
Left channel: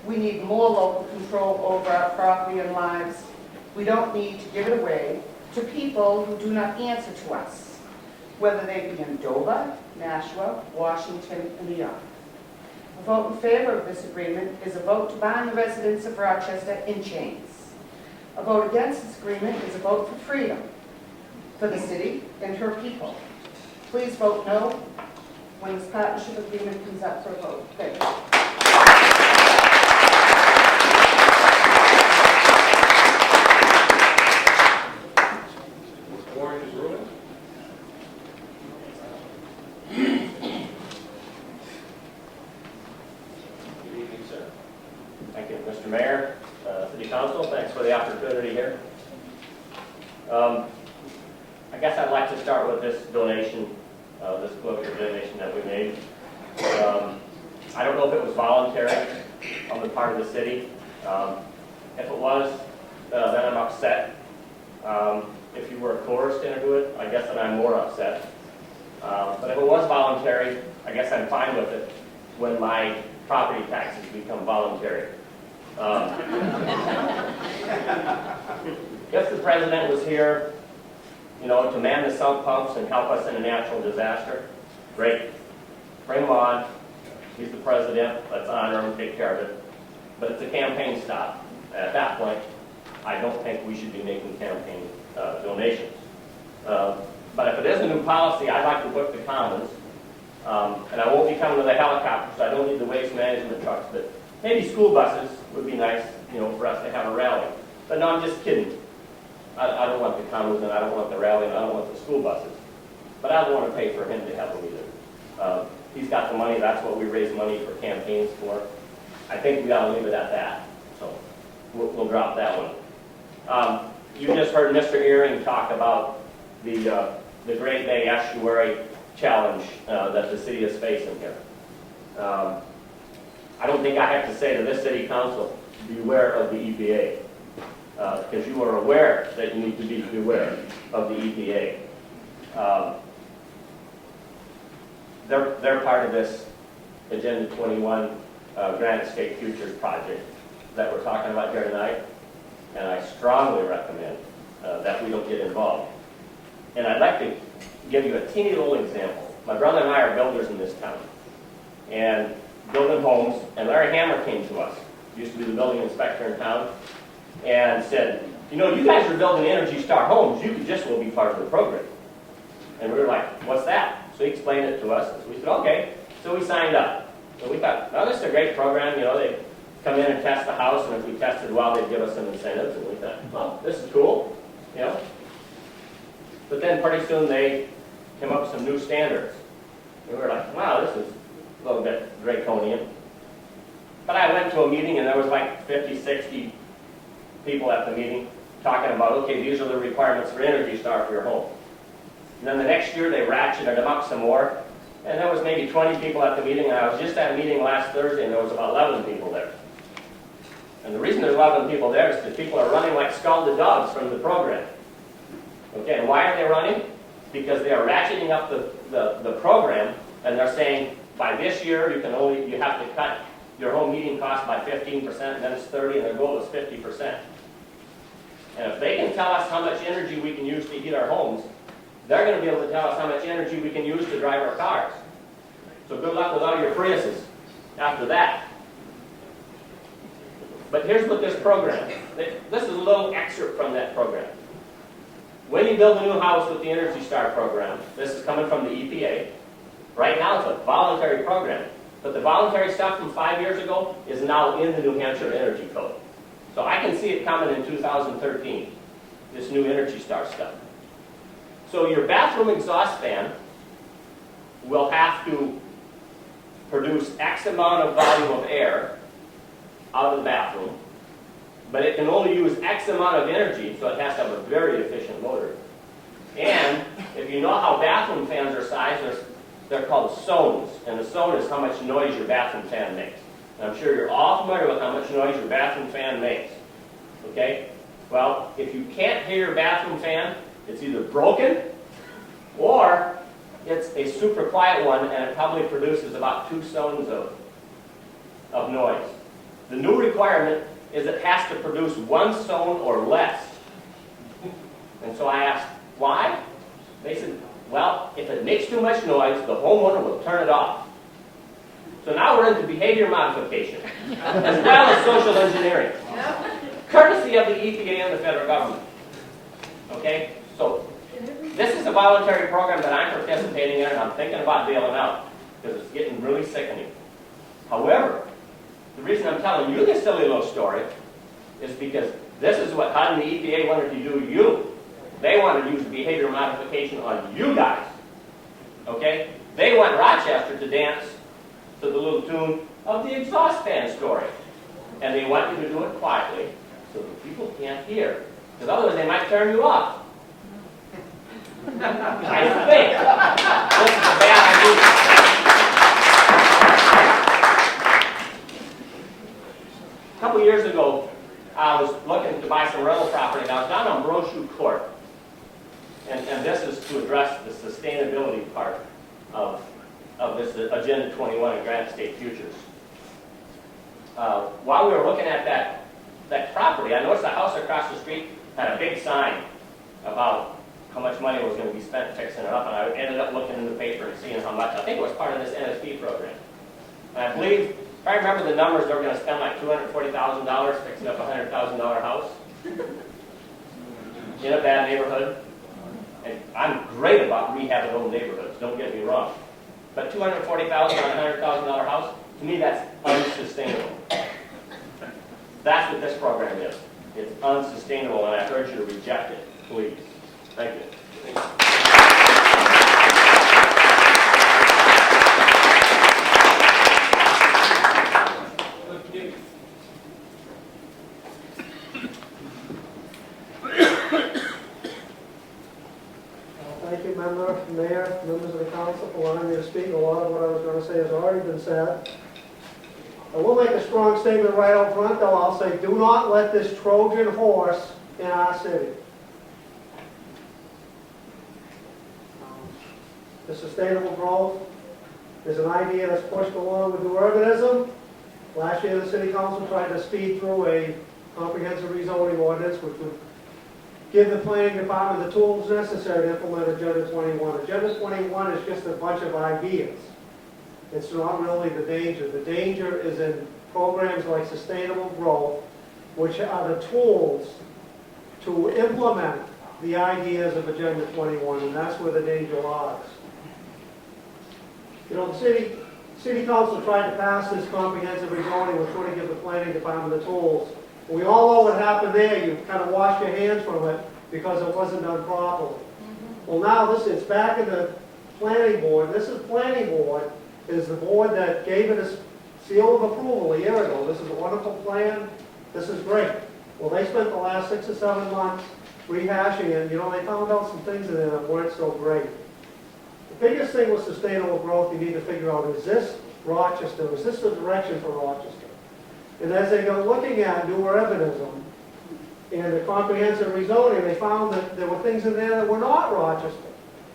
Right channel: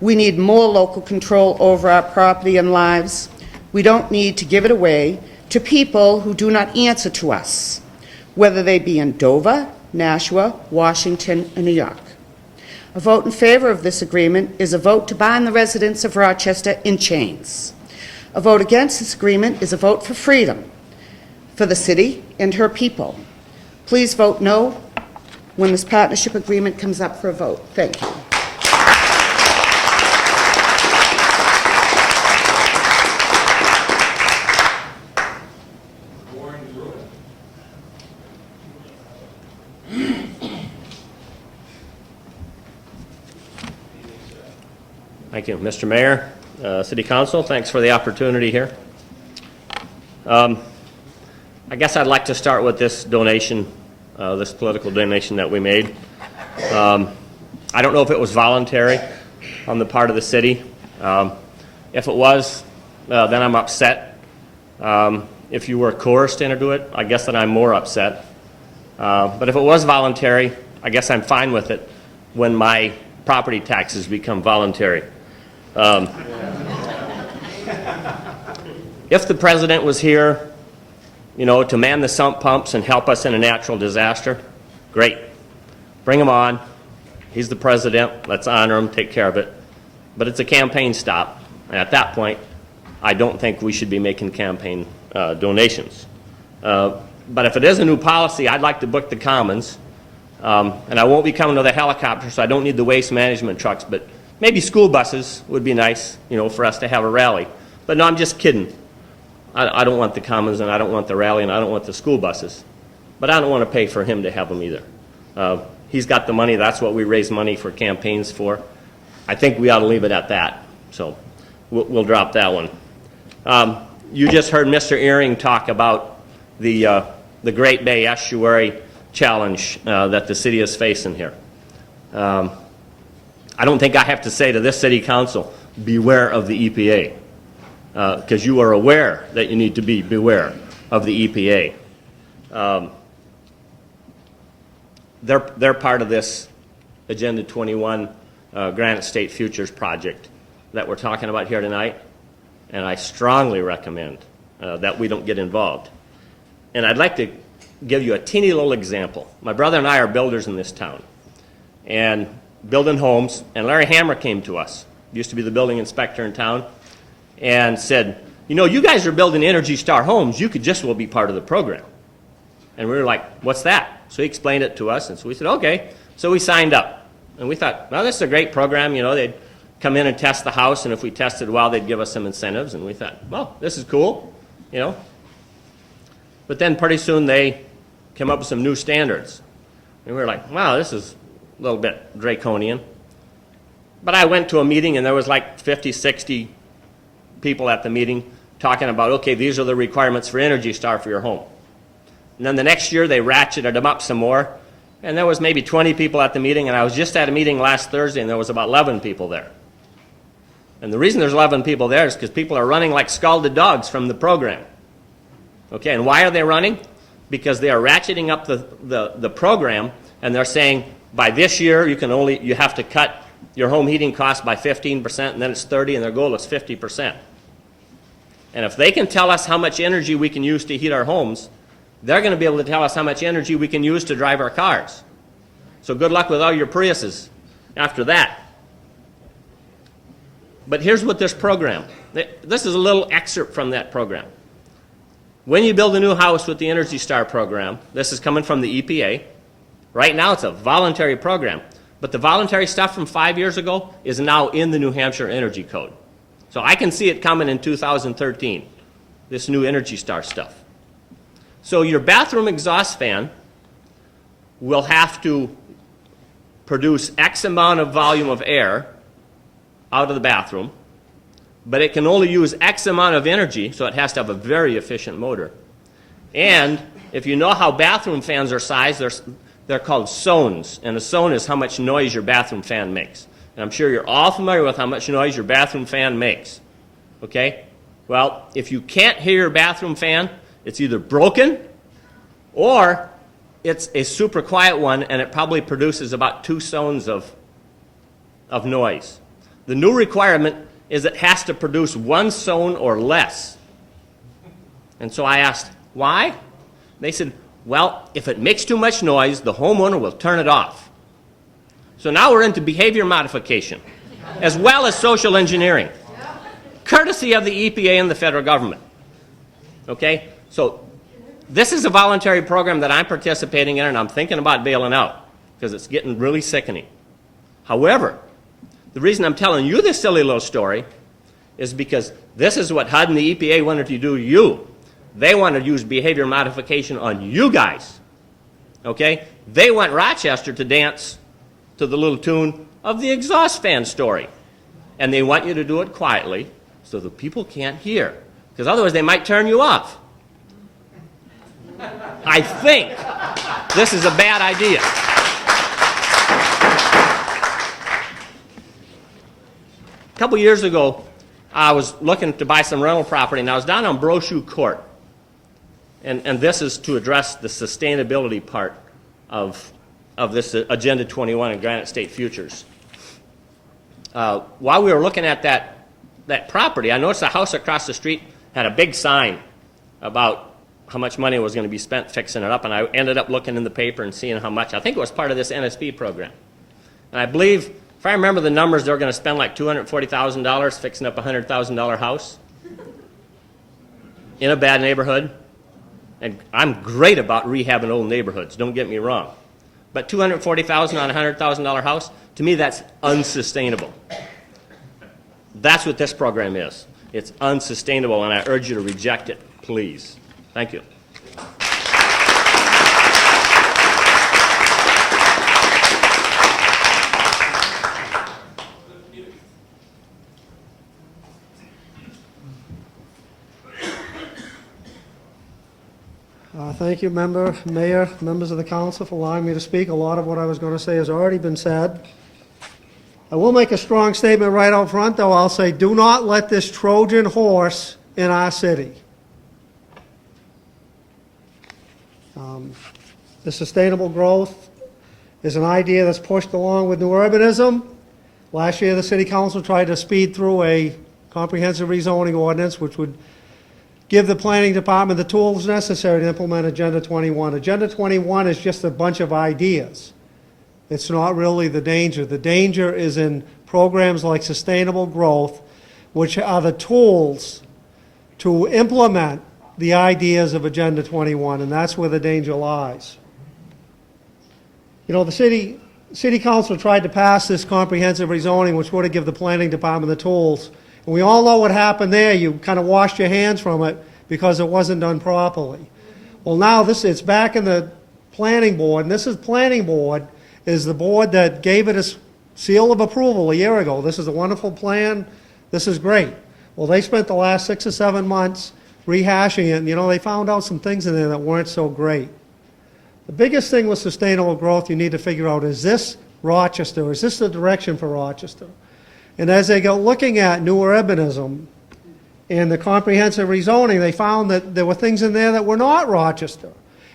We need more local control over our property and lives. We don't need to give it away to people who do not answer to us, whether they be in Dover, Nashua, Washington, and New York. A vote in favor of this agreement is a vote to bind the residents of Rochester in chains. A vote against this agreement is a vote for freedom for the city and her people. Please vote no when this partnership agreement comes up for a vote. Thank you. Thank you, Mr. Mayor, City Council. Thanks for the opportunity here. I guess I'd like to start with this donation, this political donation that we made. I don't know if it was voluntary on the part of the city. If it was, then I'm upset. If you were coerced into it, I guess that I'm more upset. But if it was voluntary, I guess I'm fine with it when my property taxes become voluntary. If the president was here, you know, to man the sump pumps and help us in a natural disaster, great. Bring him on. He's the president. Let's honor him, take care of it. But it's a campaign stop. And at that point, I don't think we should be making campaign donations. But if it is a new policy, I'd like to book the Commons. And I won't be coming to the helicopter, so I don't need the waste management trucks, but maybe school buses would be nice, you know, for us to have a rally. But no, I'm just kidding. I don't want the Commons, and I don't want the rally, and I don't want the school buses. But I don't want to pay for him to have them either. He's got the money. That's what we raise money for campaigns for. I think we ought to leave it at that. So we'll drop that one. You just heard Mr. Earring talk about the Great Bay Estuary challenge that the city is facing here. I don't think I have to say to this city council, beware of the EPA, because you are aware that you need to beware of the EPA. They're part of this Agenda 21 Granite State Futures project that we're talking about here tonight, and I strongly recommend that we don't get involved. And I'd like to give you a teeny little example. My brother and I are builders in this town, and building homes, and Larry Hammer came to us, used to be the building inspector in town, and said, you know, you guys are building Energy Star homes, you could just well be part of the program. And we were like, what's that? So he explained it to us, and so we said, okay. So we signed up, and we thought, well, this is a great program, you know, they'd come in and test the house, and if we tested well, they'd give us some incentives, and we thought, well, this is cool, you know. But then pretty soon they came up with some new standards, and we were like, wow, this is a little bit draconian. But I went to a meeting and there was like 50, 60 people at the meeting talking about, okay, these are the requirements for Energy Star for your home. And then the next year they ratcheted them up some more, and there was maybe 20 people at the meeting, and I was just at a meeting last Thursday and there was about 11 people there. And the reason there's 11 people there is because people are running like scalded dogs from the program. Okay, and why are they running? Because they are ratcheting up the program, and they're saying, by this year, you have to cut your home heating costs by 15%, and then it's 30%, and their goal is 50%. And if they can tell us how much energy we can use to heat our homes, they're going to be able to tell us how much energy we can use to drive our cars. So good luck with all your Priuses after that. But here's what this program, this is a little excerpt from that program. When you build a new house with the Energy Star program, this is coming from the EPA. Right now it's a voluntary program, but the voluntary stuff from 5 years ago is now in the New Hampshire Energy Code. So I can see it coming in 2013, this new Energy Star stuff. So your bathroom exhaust fan will have to produce X amount of volume of air out of the bathroom, but it can only use X amount of energy, so it has to have a very efficient motor. And if you know how bathroom fans are sized, they're called zones, and a zone is how much noise your bathroom fan makes. And I'm sure you're all familiar with how much noise your bathroom fan makes. Okay? Well, if you can't hear your bathroom fan, it's either broken or it's a super quiet one, and it probably produces about 2 zones of noise. The new requirement is it has to produce 1 zone or less. And so I asked, why? They said, well, if it makes too much noise, the homeowner will turn it off. So now we're into behavior modification, as well as social engineering, courtesy of the EPA and the federal government. Okay? So this is a voluntary program that I'm participating in, and I'm thinking about bailing out because it's getting really sickening. However, the reason I'm telling you this silly little story is because this is what HUD and the EPA wanted to do to you. They want to use behavior modification on you guys. Okay? They want Rochester to dance to the little tune of the exhaust fan story. And they want you to do it quietly so the people can't hear. Because otherwise they might turn you off. I think this is a bad idea. A couple years ago, I was looking to buy some rental property, and I was down on Brochu Court. And this is to address the sustainability part of this Agenda 21 and Granite State Futures. While we were looking at that property, I noticed the house across the street had a big sign about how much money was going to be spent fixing it up, and I ended up looking in the paper and seeing how much. I think it was part of this NSP program. And I believe, if I remember the numbers, they were going to spend like $240,000 fixing up a $100,000 house in a bad neighborhood. And I'm great about rehabbing old neighborhoods, don't get me wrong. But $240,000 on a $100,000 house, to me that's unsustainable. That's what this program is. It's unsustainable, and I urge you to reject it, please. Thank you. Thank you, Mayor, members of the council, for allowing me to speak. A lot of what I was going to say has already been said. I will make a strong statement right out front, though. I'll say, do not let this Trojan horse in our city. The sustainable growth is an idea that's pushed along with new urbanism. Last year, the City Council tried to speed through a comprehensive rezoning ordinance, which would give the planning department the tools necessary to implement Agenda 21. Agenda 21 is just a bunch of ideas. It's not really the danger. The danger is in programs like sustainable growth, which are the tools to implement the ideas of Agenda 21, and that's where the danger lies. You know, the City Council tried to pass this comprehensive rezoning, which would have given the planning department the tools. And we all know what happened there. You kind of washed your hands from it because it wasn't done properly. Well, now it's back in the planning board, and this is planning board is the board that gave it a seal of approval a year ago. This is a wonderful plan. This is great. Well, they spent the last 6 or 7 months rehashing it, and you know, they found out some things in there that weren't so great. The biggest thing with sustainable growth you need to figure out, is this Rochester? Is this the direction for Rochester? And as they go looking at new urbanism and the comprehensive rezoning, they found that there were things in there that were not Rochester.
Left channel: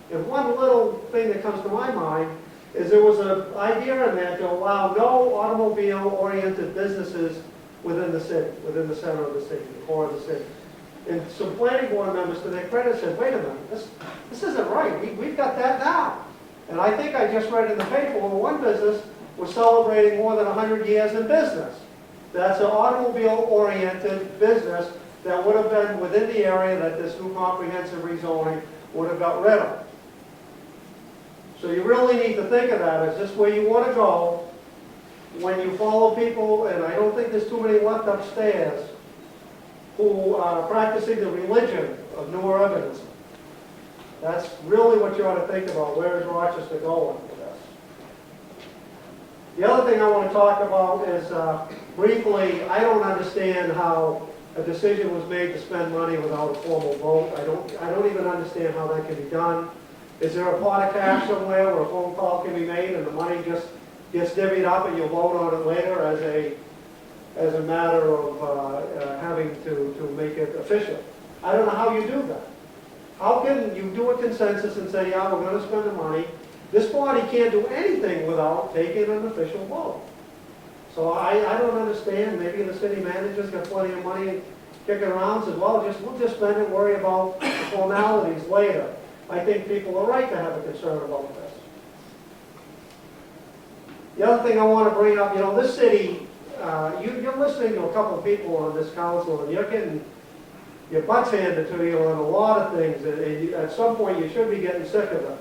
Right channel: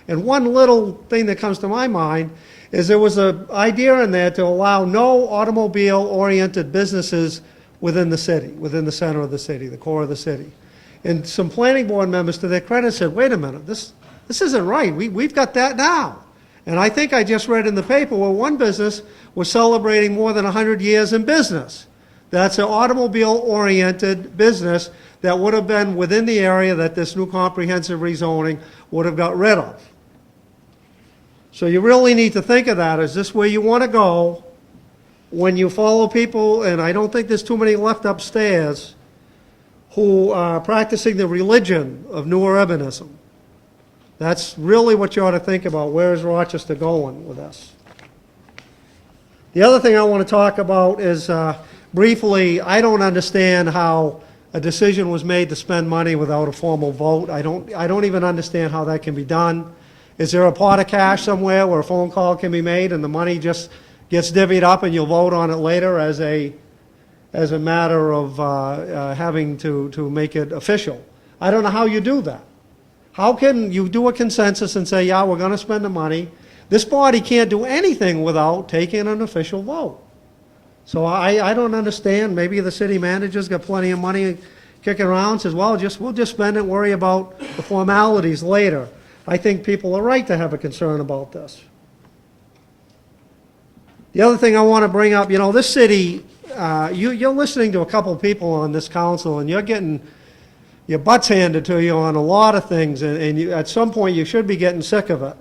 And one little thing that comes to my mind is there was an idea in there to allow no automobile-oriented businesses within the city, within the center of the city, the core of the city. And some planning board members, to their credit, said, wait a minute, this isn't right. We've got that now. And I think I just read in the paper where one business was celebrating more than 100 years in business. That's an automobile-oriented business that would have been within the area that this new comprehensive rezoning would have got rid of. So you really need to think of that. Is this where you want to go when you follow people, and I don't think there's too many left upstairs, who are practicing the religion of new urbanism? That's really what you ought to think about. Where is Rochester going with this? The other thing I want to talk about is, briefly, I don't understand how a decision was made to spend money without a formal vote. I don't even understand how that can be done. Is there a pot of cash somewhere where a phone call can be made and the money just gets divvied up and you'll vote on it later as a matter of having to make it official? I don't know how you do that. How can you do a consensus and say, yeah, we're going to spend the money? This body can't do anything without taking an official vote. So I don't understand. Maybe the city manager's got plenty of money kicking around, says, well, we'll just spend it, worry about the formalities later. I think people are right to have a concern about this. The other thing I want to bring up, this city, you're listening to a couple of people on this council, and you're getting your butts handed to you on a lot of things, and at some point you should be getting sick of it.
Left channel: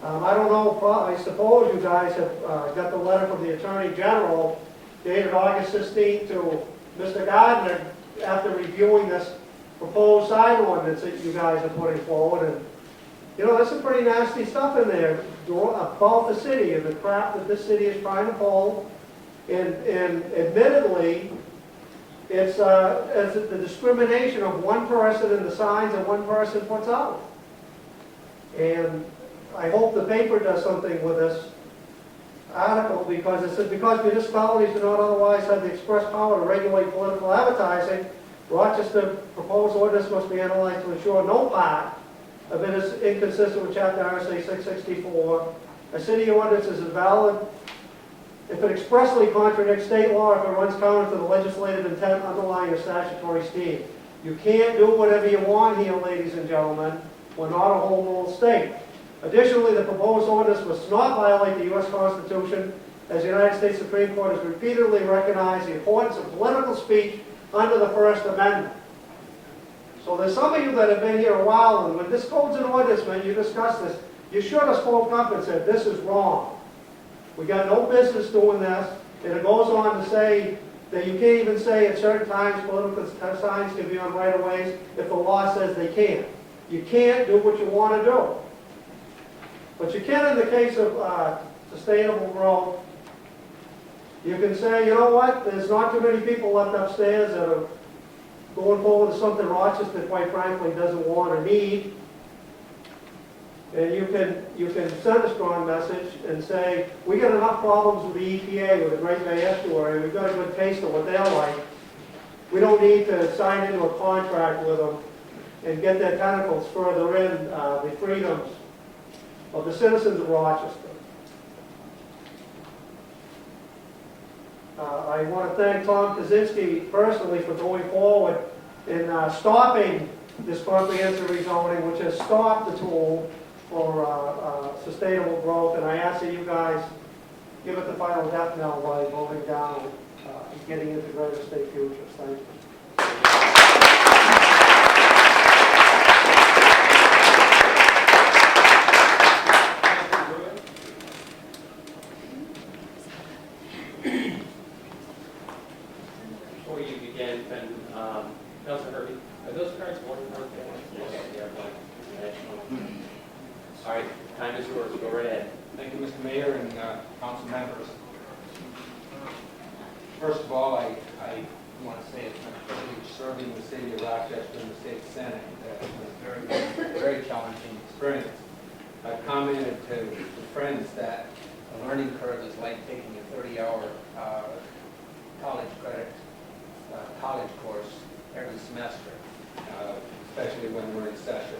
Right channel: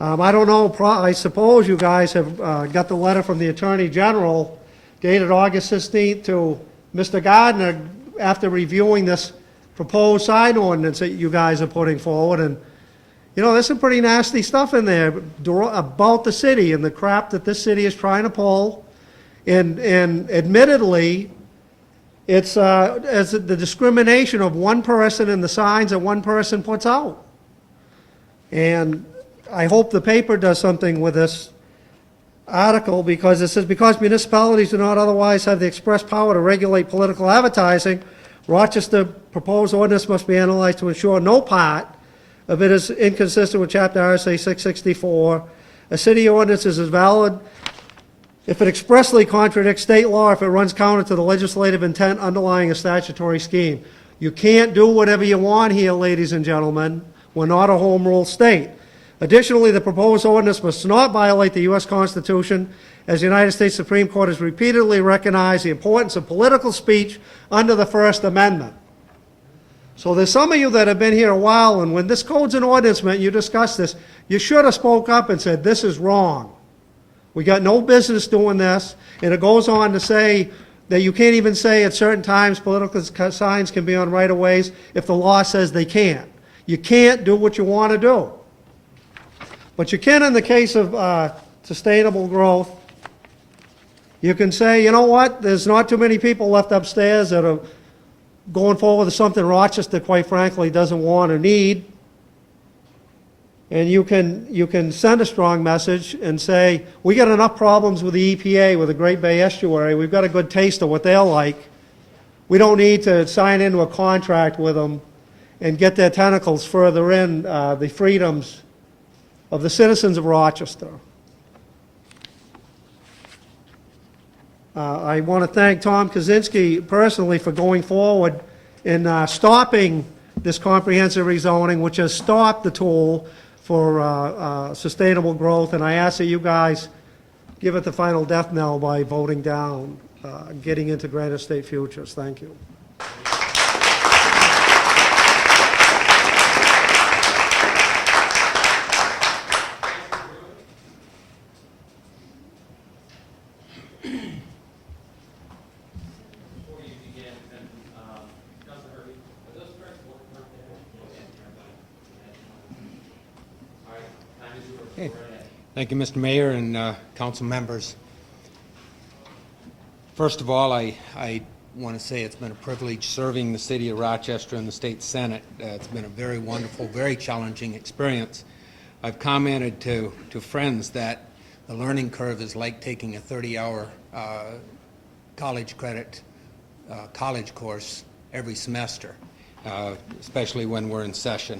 I don't know, I suppose you guys have got the letter from the Attorney General dated August 16th to Mr. Gardner after reviewing this proposed sign ordinance that you guys are putting forward. And, there's some pretty nasty stuff in there about the city and the crap that this city is trying to pull. And admittedly, it's as the discrimination of one person in the signs that one person puts out. And I hope the paper does something with this article, because it says, because municipalities do not otherwise have the express power to regulate political advertising, Rochester proposed ordinance must be analyzed to ensure no part of it is inconsistent with Chapter RSA 664. A city ordinance is as valid if it expressly contradicts state law, if it runs counter to the legislative intent underlying a statutory scheme. You can't do whatever you want here, ladies and gentlemen. We're not a home rule state. Additionally, the proposed ordinance must not violate the U.S. Constitution, as the United States Supreme Court has repeatedly recognized the importance of political speech under the First Amendment. So there's some of you that have been here a while, and when this code's an ordinance, you discussed this, you should have spoke up and said, this is wrong. We got no business doing this. And it goes on to say that you can't even say at certain times political signs can be on right-of-ways if the law says they can't. You can't do what you want to do. But you can in the case of sustainable growth. You can say, you know what, there's not too many people left upstairs that are going forward with something Rochester, quite frankly, doesn't want or need. And you can send a strong message and say, we got enough problems with the EPA, with the Great Bay Estuary. We've got a good taste of what they'll like. We don't need to sign into a contract with them and get their tentacles further in the freedoms of the citizens of Rochester. I want to thank Tom Kaczynski personally for going forward in stopping this comprehensive rezoning, which has stopped the tool for sustainable growth. And I ask that you guys give it the final death knell by voting down getting into Granite State Futures. Thank you. Thank you, Mr. Mayor and council members. First of all, I want to say it's been a privilege serving the city of Rochester and the state senate. It's been a very wonderful, very challenging experience. I've commented to friends that the learning curve is like taking a 30-hour college credit college course every semester, especially when we're in session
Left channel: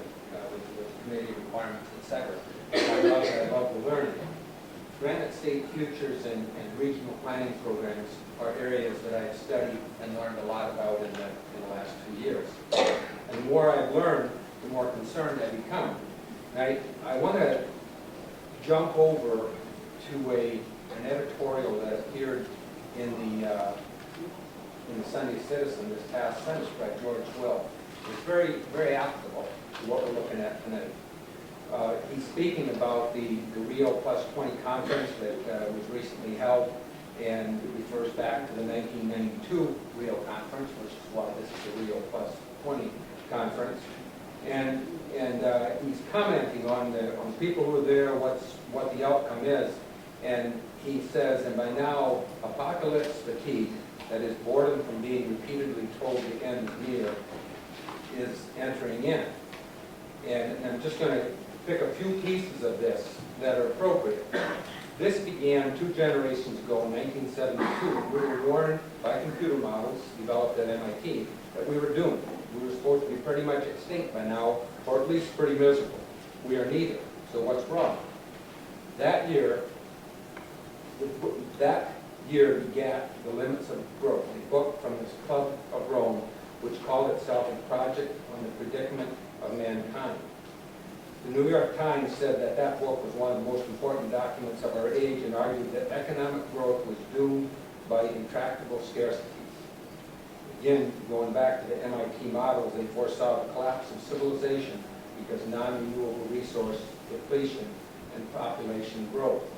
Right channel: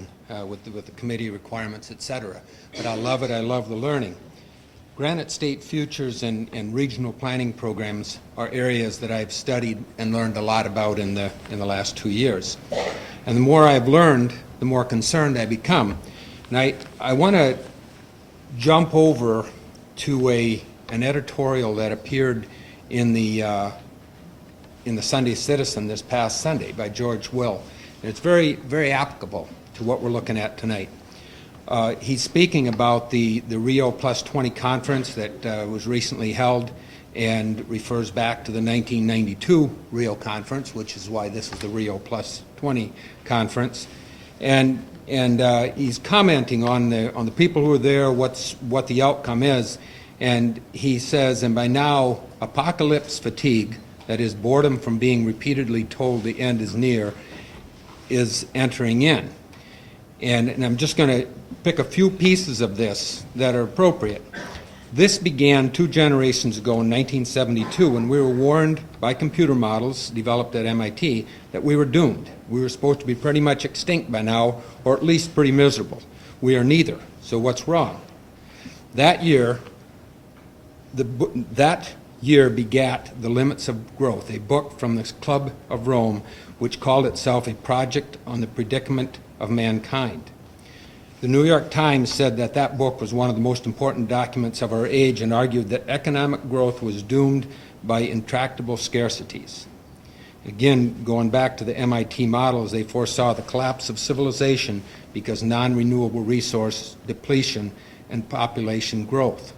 with the committee requirements, etc. But I love it. I love the learning. Granite State Futures and regional planning programs are areas that I've studied and learned a lot about in the last 2 years. And the more I've learned, the more concerned I become. And I want to jump over to an editorial that appeared in the Sunday Citizen this past Sunday by George Will. And it's very, very applicable to what we're looking at tonight. He's speaking about the Rio Plus 20 conference that was recently held and refers back to the 1992 Rio conference, which is why this is the Rio Plus 20 conference. And he's commenting on the people who are there, what the outcome is. And he says, and by now, apocalypse fatigue, that is boredom from being repeatedly told the end is near, is entering in. And I'm just going to pick a few pieces of this that are appropriate. This began 2 generations ago in 1972 when we were warned by computer models developed at MIT that we were doomed. We were supposed to be pretty much extinct by now, or at least pretty miserable. We are neither. So what's wrong? That year begat The Limits of Growth, a book from the Club of Rome which called itself a project on the predicament of mankind. The New York Times said that that book was one of the most important documents of our age and argued that economic growth was doomed by intractable scarcities. Again, going back to the MIT models, they foresaw the collapse of civilization because non-renewable resource depletion and population growth.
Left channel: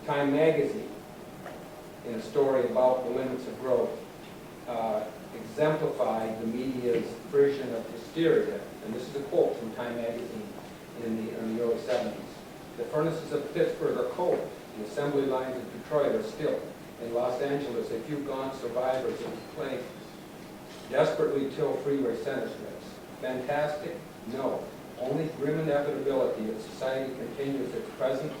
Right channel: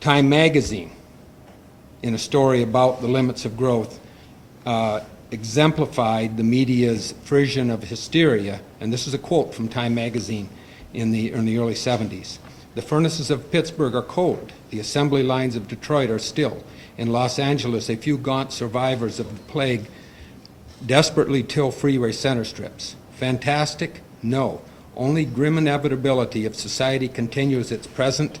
Time magazine, in a story about the limits of growth, exemplified the media's version of hysteria, and this is a quote from Time magazine in the early 70s. The furnaces of Pittsburgh are cold. The assembly lines of Detroit are still. In Los Angeles, a few gaunt survivors of the plague desperately till freeway center strips. Fantastic? No. Only grim inevitability if society continues its present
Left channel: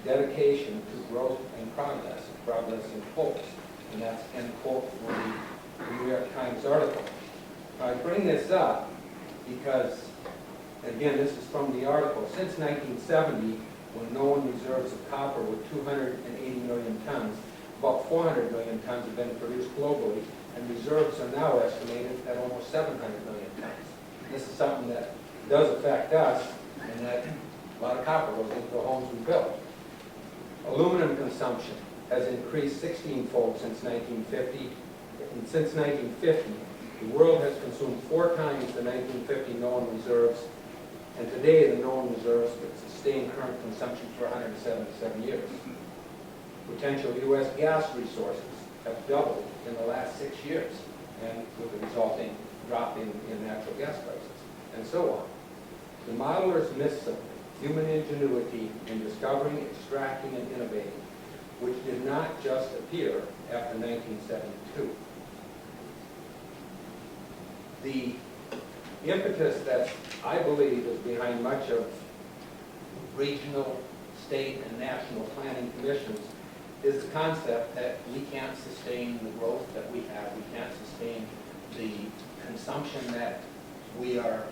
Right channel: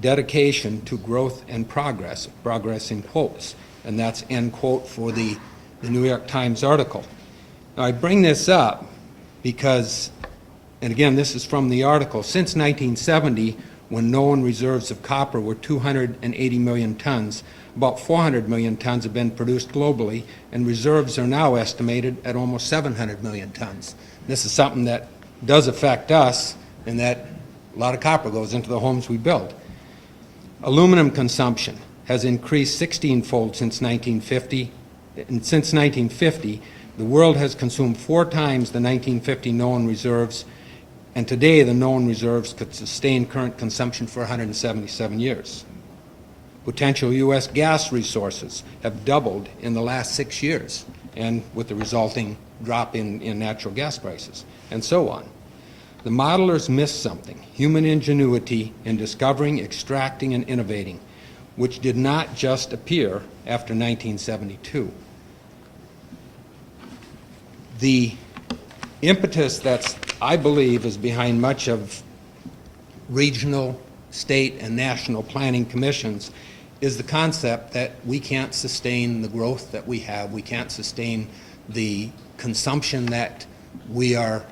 dedication to growth and progress. Progress in quotes. And that's end quote for the New York Times article. Now, I bring this up because, and again, this is from the article, since 1970, when known reserves of copper were 280 million tons, about 400 million tons have been produced globally, and reserves are now estimated at almost 700 million tons. This is something that does affect us, and that a lot of copper goes into the homes we build. Aluminum consumption has increased 16-fold since 1950. And since 1950, the world has consumed 4 times the 1950 known reserves, and today the known reserves could sustain current consumption for 177 years. Potential U.S. gas resources have doubled in the last 6 years, and with the resulting drop in natural gas prices, and so on. The modelers missed something, human ingenuity in discovering, extracting, and innovating, which did not just appear after 1972. The impetus that I believe is behind much of regional, state, and national planning commissions is the concept that we can't sustain the growth that we have. We can't sustain the consumption that we are,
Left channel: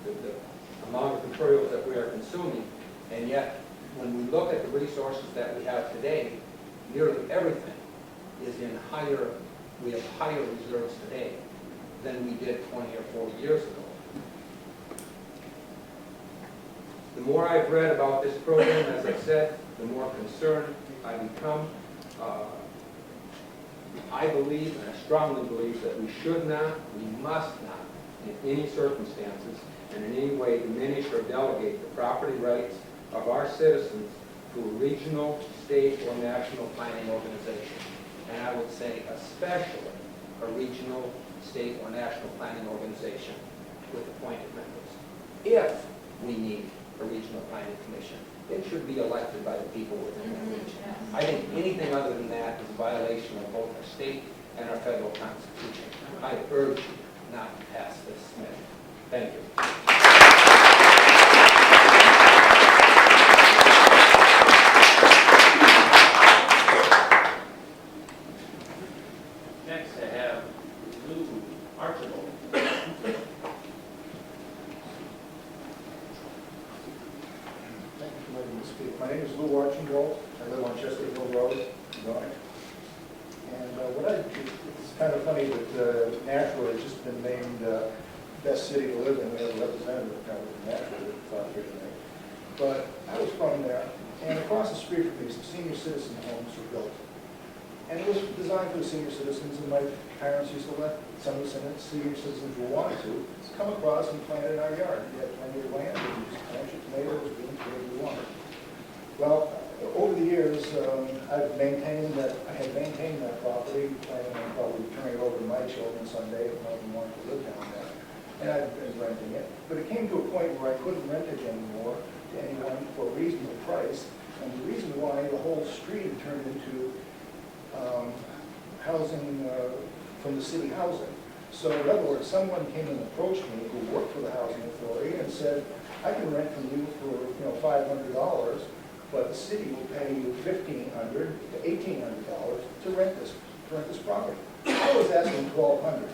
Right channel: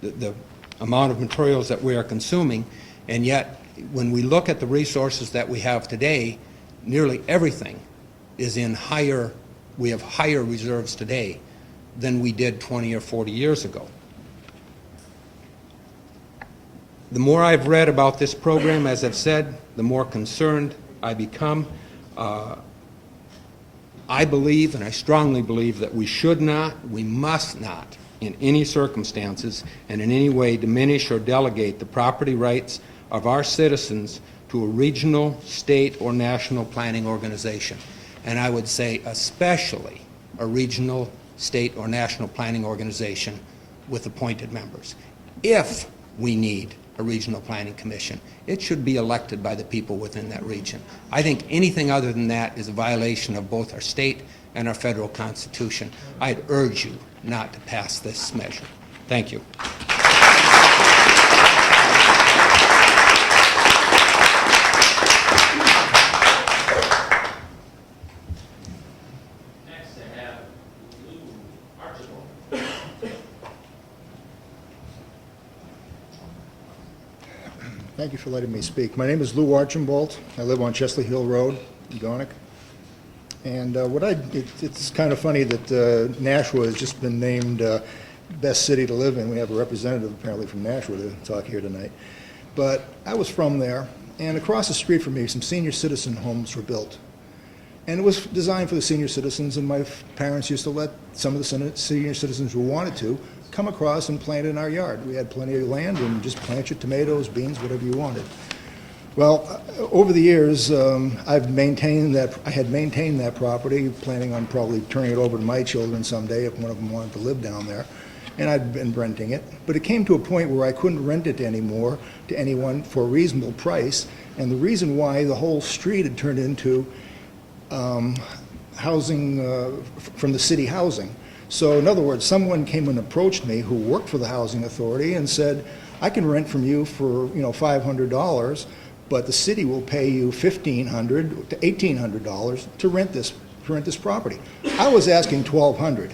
the amount of materials that we are consuming, and yet when we look at the resources that we have today, nearly everything is in we have higher reserves today than we did 20 or 40 years ago. The more I've read about this program, as I've said, the more concerned I become. I believe, and I strongly believe, that we should not, we must not, in any circumstances and in any way diminish or delegate the property rights of our citizens to a regional, state, or national planning organization. And I would say especially a regional, state, or national planning organization with appointed members. If we need a regional planning commission, it should be elected by the people within that region. I think anything other than that is a violation of both our state and our federal constitution. I'd urge you not to pass this measure. Thank you. Thank you for letting me speak. My name is Lou Archambault. I live on Chesley Hill Road in Gonick. And it's kind of funny that Nashua has just been named best city to live in. We have a representative apparently from Nashua to talk here tonight. but I was from there, and across the street from me, some senior citizen homes were built. And it was designed for the senior citizens, and my parents used to let some of the senior citizens who wanted to come across and plant in our yard. We had plenty of land, and just plant your tomatoes, beans, whatever you wanted. Well, over the years, I had maintained that property, planning on probably turning it over to my children someday if one of them wanted to live down there. And I'd been renting it. But it came to a point where I couldn't rent it anymore to anyone for a reasonable price. And the reason why the whole street had turned into housing from the city housing. So in other words, someone came and approached me who worked for the housing authority and said, I can rent from you for $500, but the city will pay you $1,500 to $1,800 to rent this property. I was asking $1,200,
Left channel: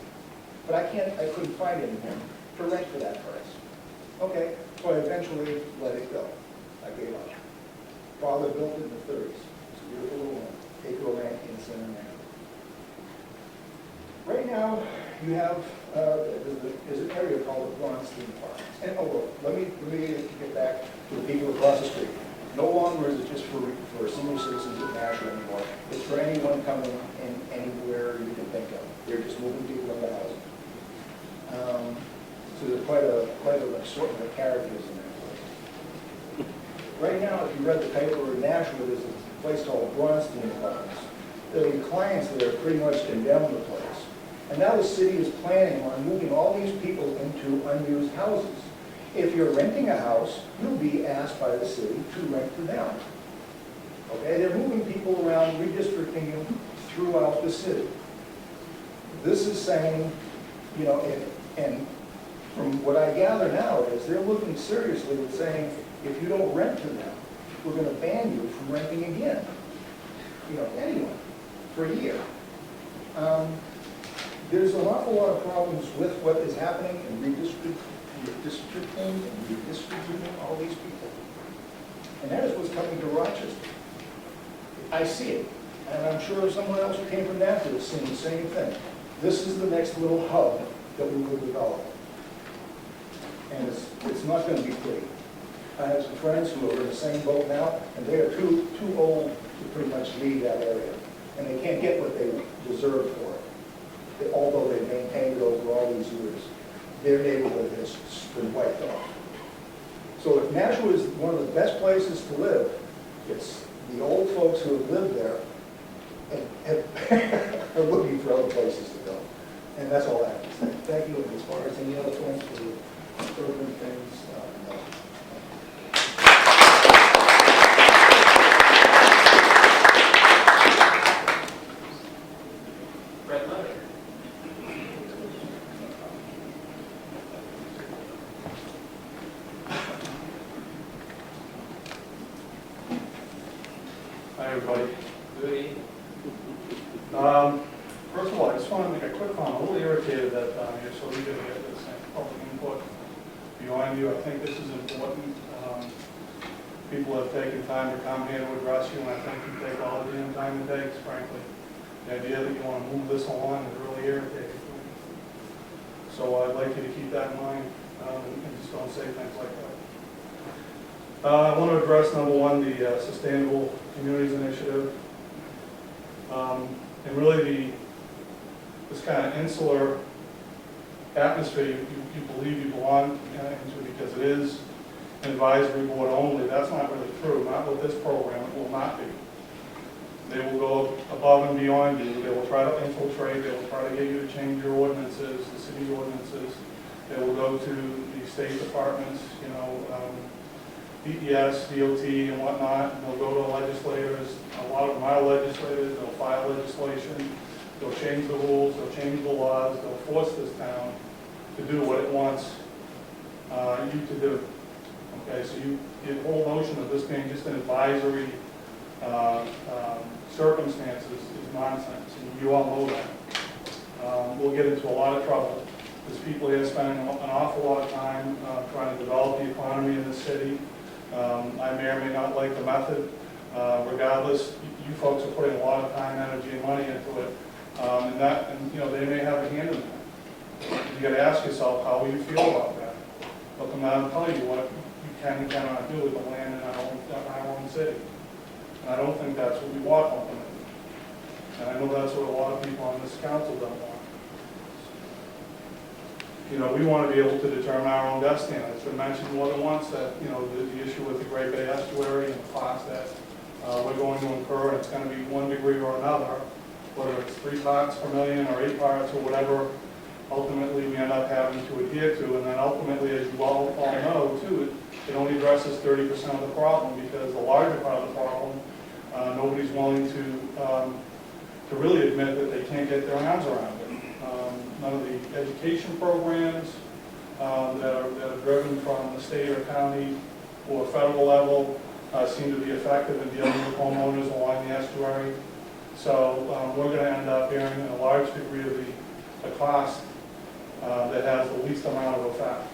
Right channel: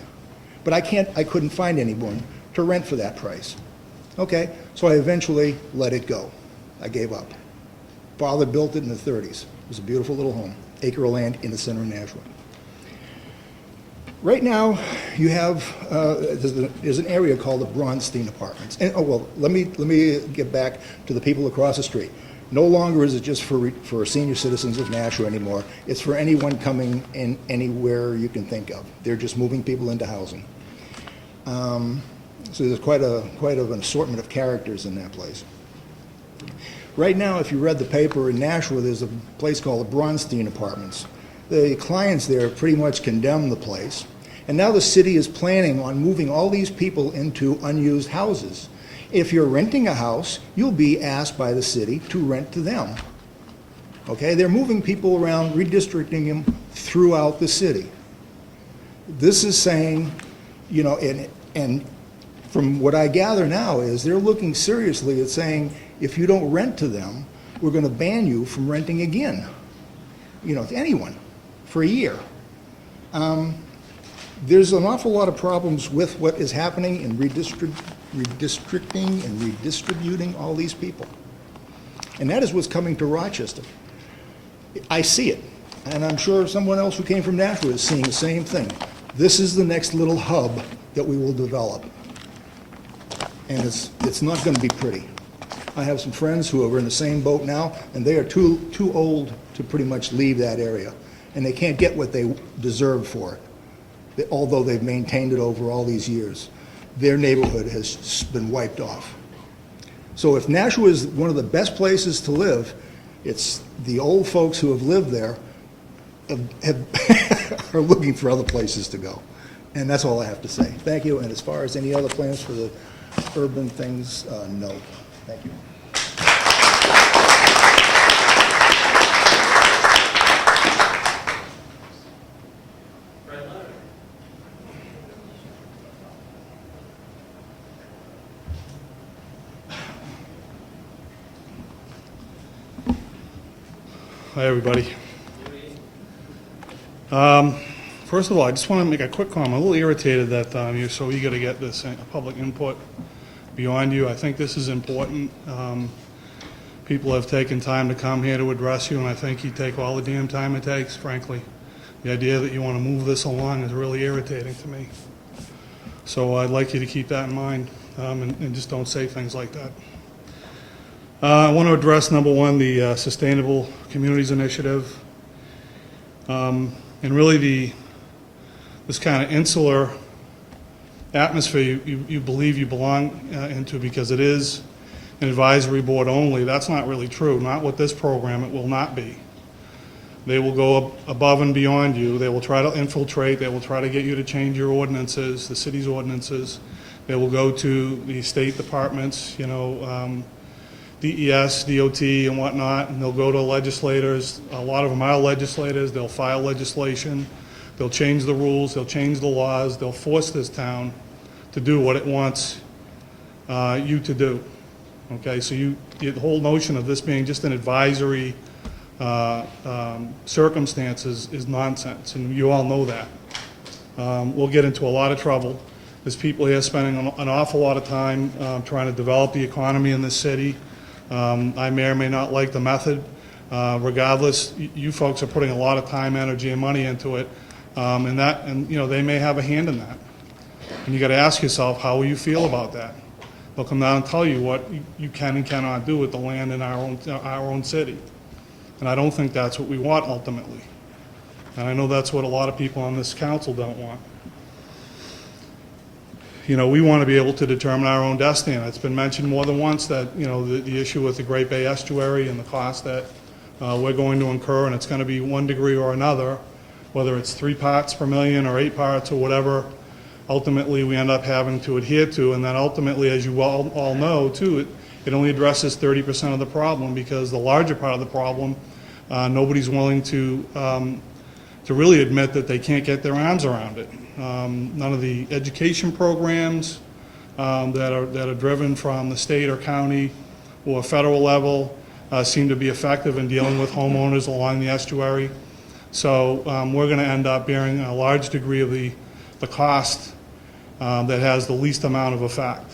but I couldn't find anyone to rent for that price. Okay, so I eventually let it go. I gave up. Father built it in the 30s. It was a beautiful little home, acre of land in the center of Nashville. Right now, you have there's an area called the Bronstein Apartments. And let me get back to the people across the street. No longer is it just for senior citizens of Nashua anymore. It's for anyone coming in anywhere you can think of. They're just moving people into housing. So there's quite an assortment of characters in that place. Right now, if you read the paper in Nashua, there's a place called Bronstein Apartments. The clients there pretty much condemned the place. And now the city is planning on moving all these people into unused houses. If you're renting a house, you'll be asked by the city to rent to them. Okay, they're moving people around, redistricting them throughout the city. This is saying, and from what I gather now is they're looking seriously at saying, if you don't rent to them, we're going to ban you from renting again, to anyone for a year. There's an awful lot of problems with what is happening in redistricting and redistributing all these people. And that is what's coming to Rochester. I see it, and I'm sure someone else who came from Nashville is seeing the same thing. This is the next little hub that we will develop. And it's not going to be pretty. I have some friends who are in the same boat now, and they are too old to pretty much leave that area. And they can't get what they deserve for it, although they've maintained it over all these years. Their neighborhood has been wiped off. So if Nashua is one of the best places to live, it's the old folks who have lived there are looking for other places to go. And that's all I have to say. Thank you. And as far as any other plans for the urban things, no. Thank you. Hi, everybody. First of all, I just want to make a quick comment. I'm a little irritated that you're so eager to get this public input beyond you. I think this is important. People have taken time to come here to address you, and I think you take all the damn time it takes, frankly. The idea that you want to move this along is really irritating to me. So I'd like you to keep that in mind and just don't say things like that. I want to address, number one, the Sustainable Communities Initiative, and really this kind of insular atmosphere you believe you belong into because it is an advisory board only. That's not really true. Not with this program, it will not be. They will go above and beyond you. They will try to infiltrate. They will try to get you to change your ordinances, the city's ordinances. They will go to the state departments, DES, DOT, and whatnot, and they'll go to legislators. A lot of them are legislators. They'll file legislation. They'll change the rules. They'll change the laws. They'll force this town to do what it wants you to do. Okay, so the whole notion of this being just an advisory circumstances is nonsense, and you all know that. We'll get into a lot of trouble. There's people here spending an awful lot of time trying to develop the economy in this city. I may or may not like the method. Regardless, you folks are putting a lot of time, energy, and money into it, and they may have a hand in that. And you got to ask yourself, how will you feel about that? They'll come down and tell you what you can and cannot do with the land in our own city. And I don't think that's what we want ultimately. And I know that's what a lot of people on this council don't want. You know, we want to be able to determine our own destiny. And it's been mentioned more than once that, you know, the issue with the Great Bay Estuary and the cost that we're going to incur, and it's going to be one degree or another, whether it's 3 parts per million or 8 parts or whatever, ultimately we end up having to adhere to. And then ultimately, as you all know too, it only addresses 30% of the problem, because the larger part of the problem, nobody's willing to really admit that they can't get their arms around it. None of the education programs that are driven from the state or county or federal level seem to be effective in dealing with homeowners along the estuary. So we're going to end up bearing a large degree of the cost that has the least amount of effect.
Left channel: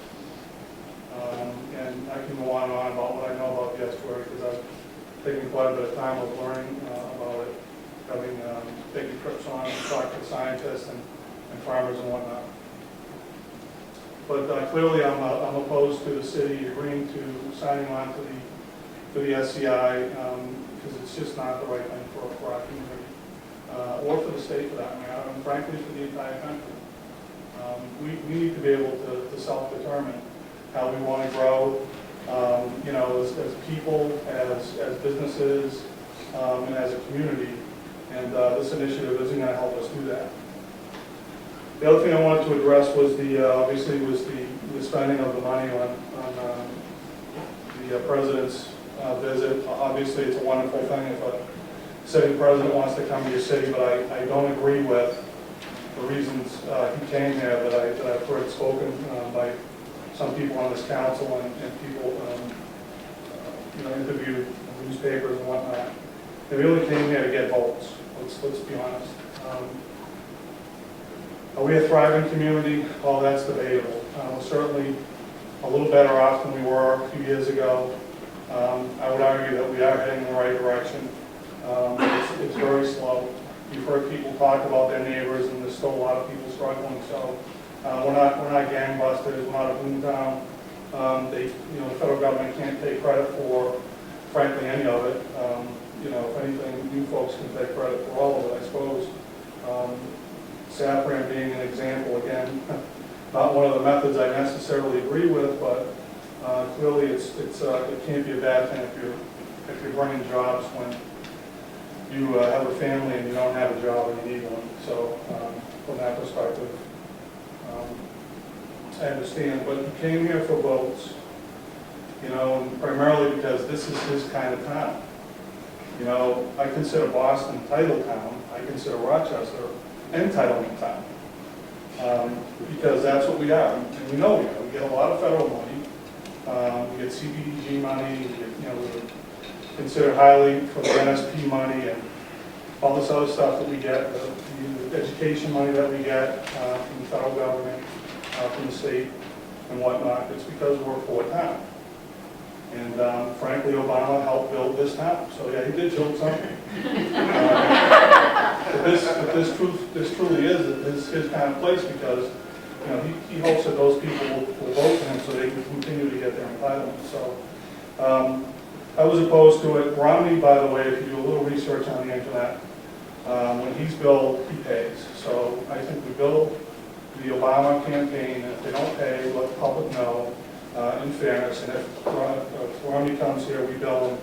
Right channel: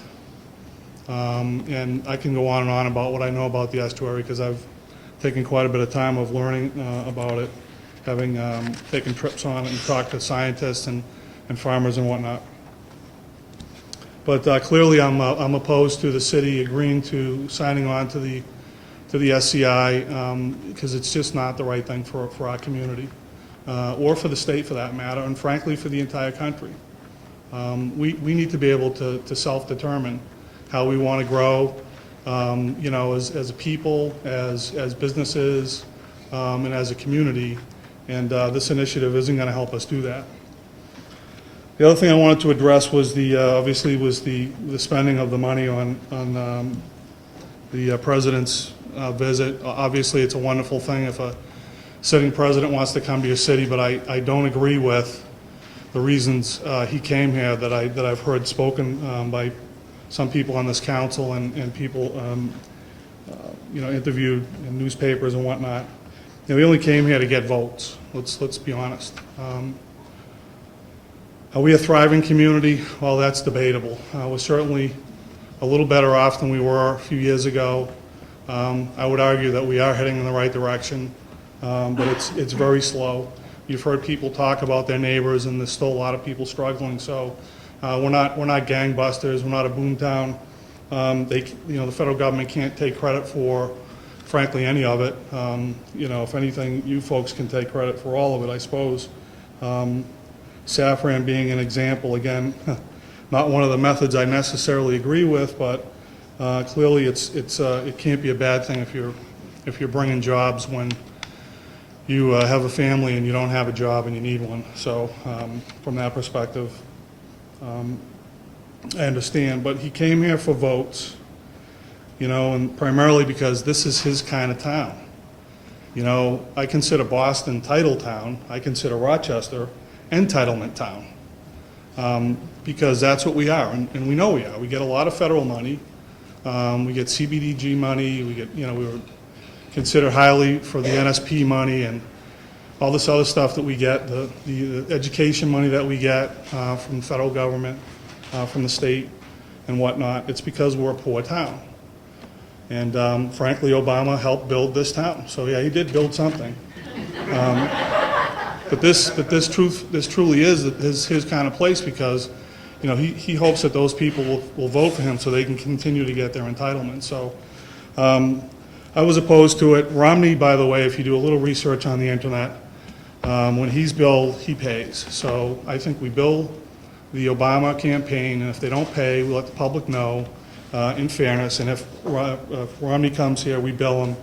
And I can go on and on about what I know about the estuary, because I've taken quite a bit of time of learning about it, having taken trips on it and talked to scientists and farmers and whatnot. But clearly I'm opposed to the city agreeing to signing on to the SCI, because it's just not the right thing for our community, or for the state for that matter, and frankly for the entire country. We need to be able to self-determine how we want to grow, you know, as a people, as businesses, and as a community. And this initiative isn't going to help us do that. The other thing I wanted to address was obviously the spending of the money on the president's visit. Obviously, it's a wonderful thing if a sitting president wants to come to your city, but I don't agree with the reasons he came here that I've heard spoken by some people on this council and people you know, interviewed in newspapers and whatnot. You know, he only came here to get votes. Let's be honest. Are we a thriving community? Well, that's debatable. We're certainly a little better off than we were a few years ago. I would argue that we are heading in the right direction, but it's very slow. You've heard people talk about their neighbors, and there's still a lot of people struggling. So we're not gangbusters. We're not a boomtown. You know, the federal government can't take credit for, frankly, any of it. You know, if anything, you folks can take credit for all of it, I suppose. Safran being an example, again, not one of the methods I necessarily agree with, but clearly it can't be a bad thing if you're bringing jobs when you have a family and you don't have a job and you need one. So from that perspective, I understand. But he came here for votes, you know, and primarily because this is his kind of town. You know, I consider Boston title town. I consider Rochester entitlement town, because that's what we are, and we know we are. We get a lot of federal money. We get CBDG money. We get, you know, we were considered highly for the NSP money and all this other stuff that we get, the education money that we get from the federal government, from the state and whatnot. It's because we're a poor town. And frankly, Obama helped build this town. So yeah, he did build something. But this truly is his kind of place, because, you know, he hopes that those people will vote for him so they can continue to get their entitlement. So I was opposed to it. Romney, by the way, if you do a little research on the internet, when he's billed, he pays. So I think we bill the Obama campaign, and if they don't pay, we let the public know in fairness. And if Romney comes here, we bill him,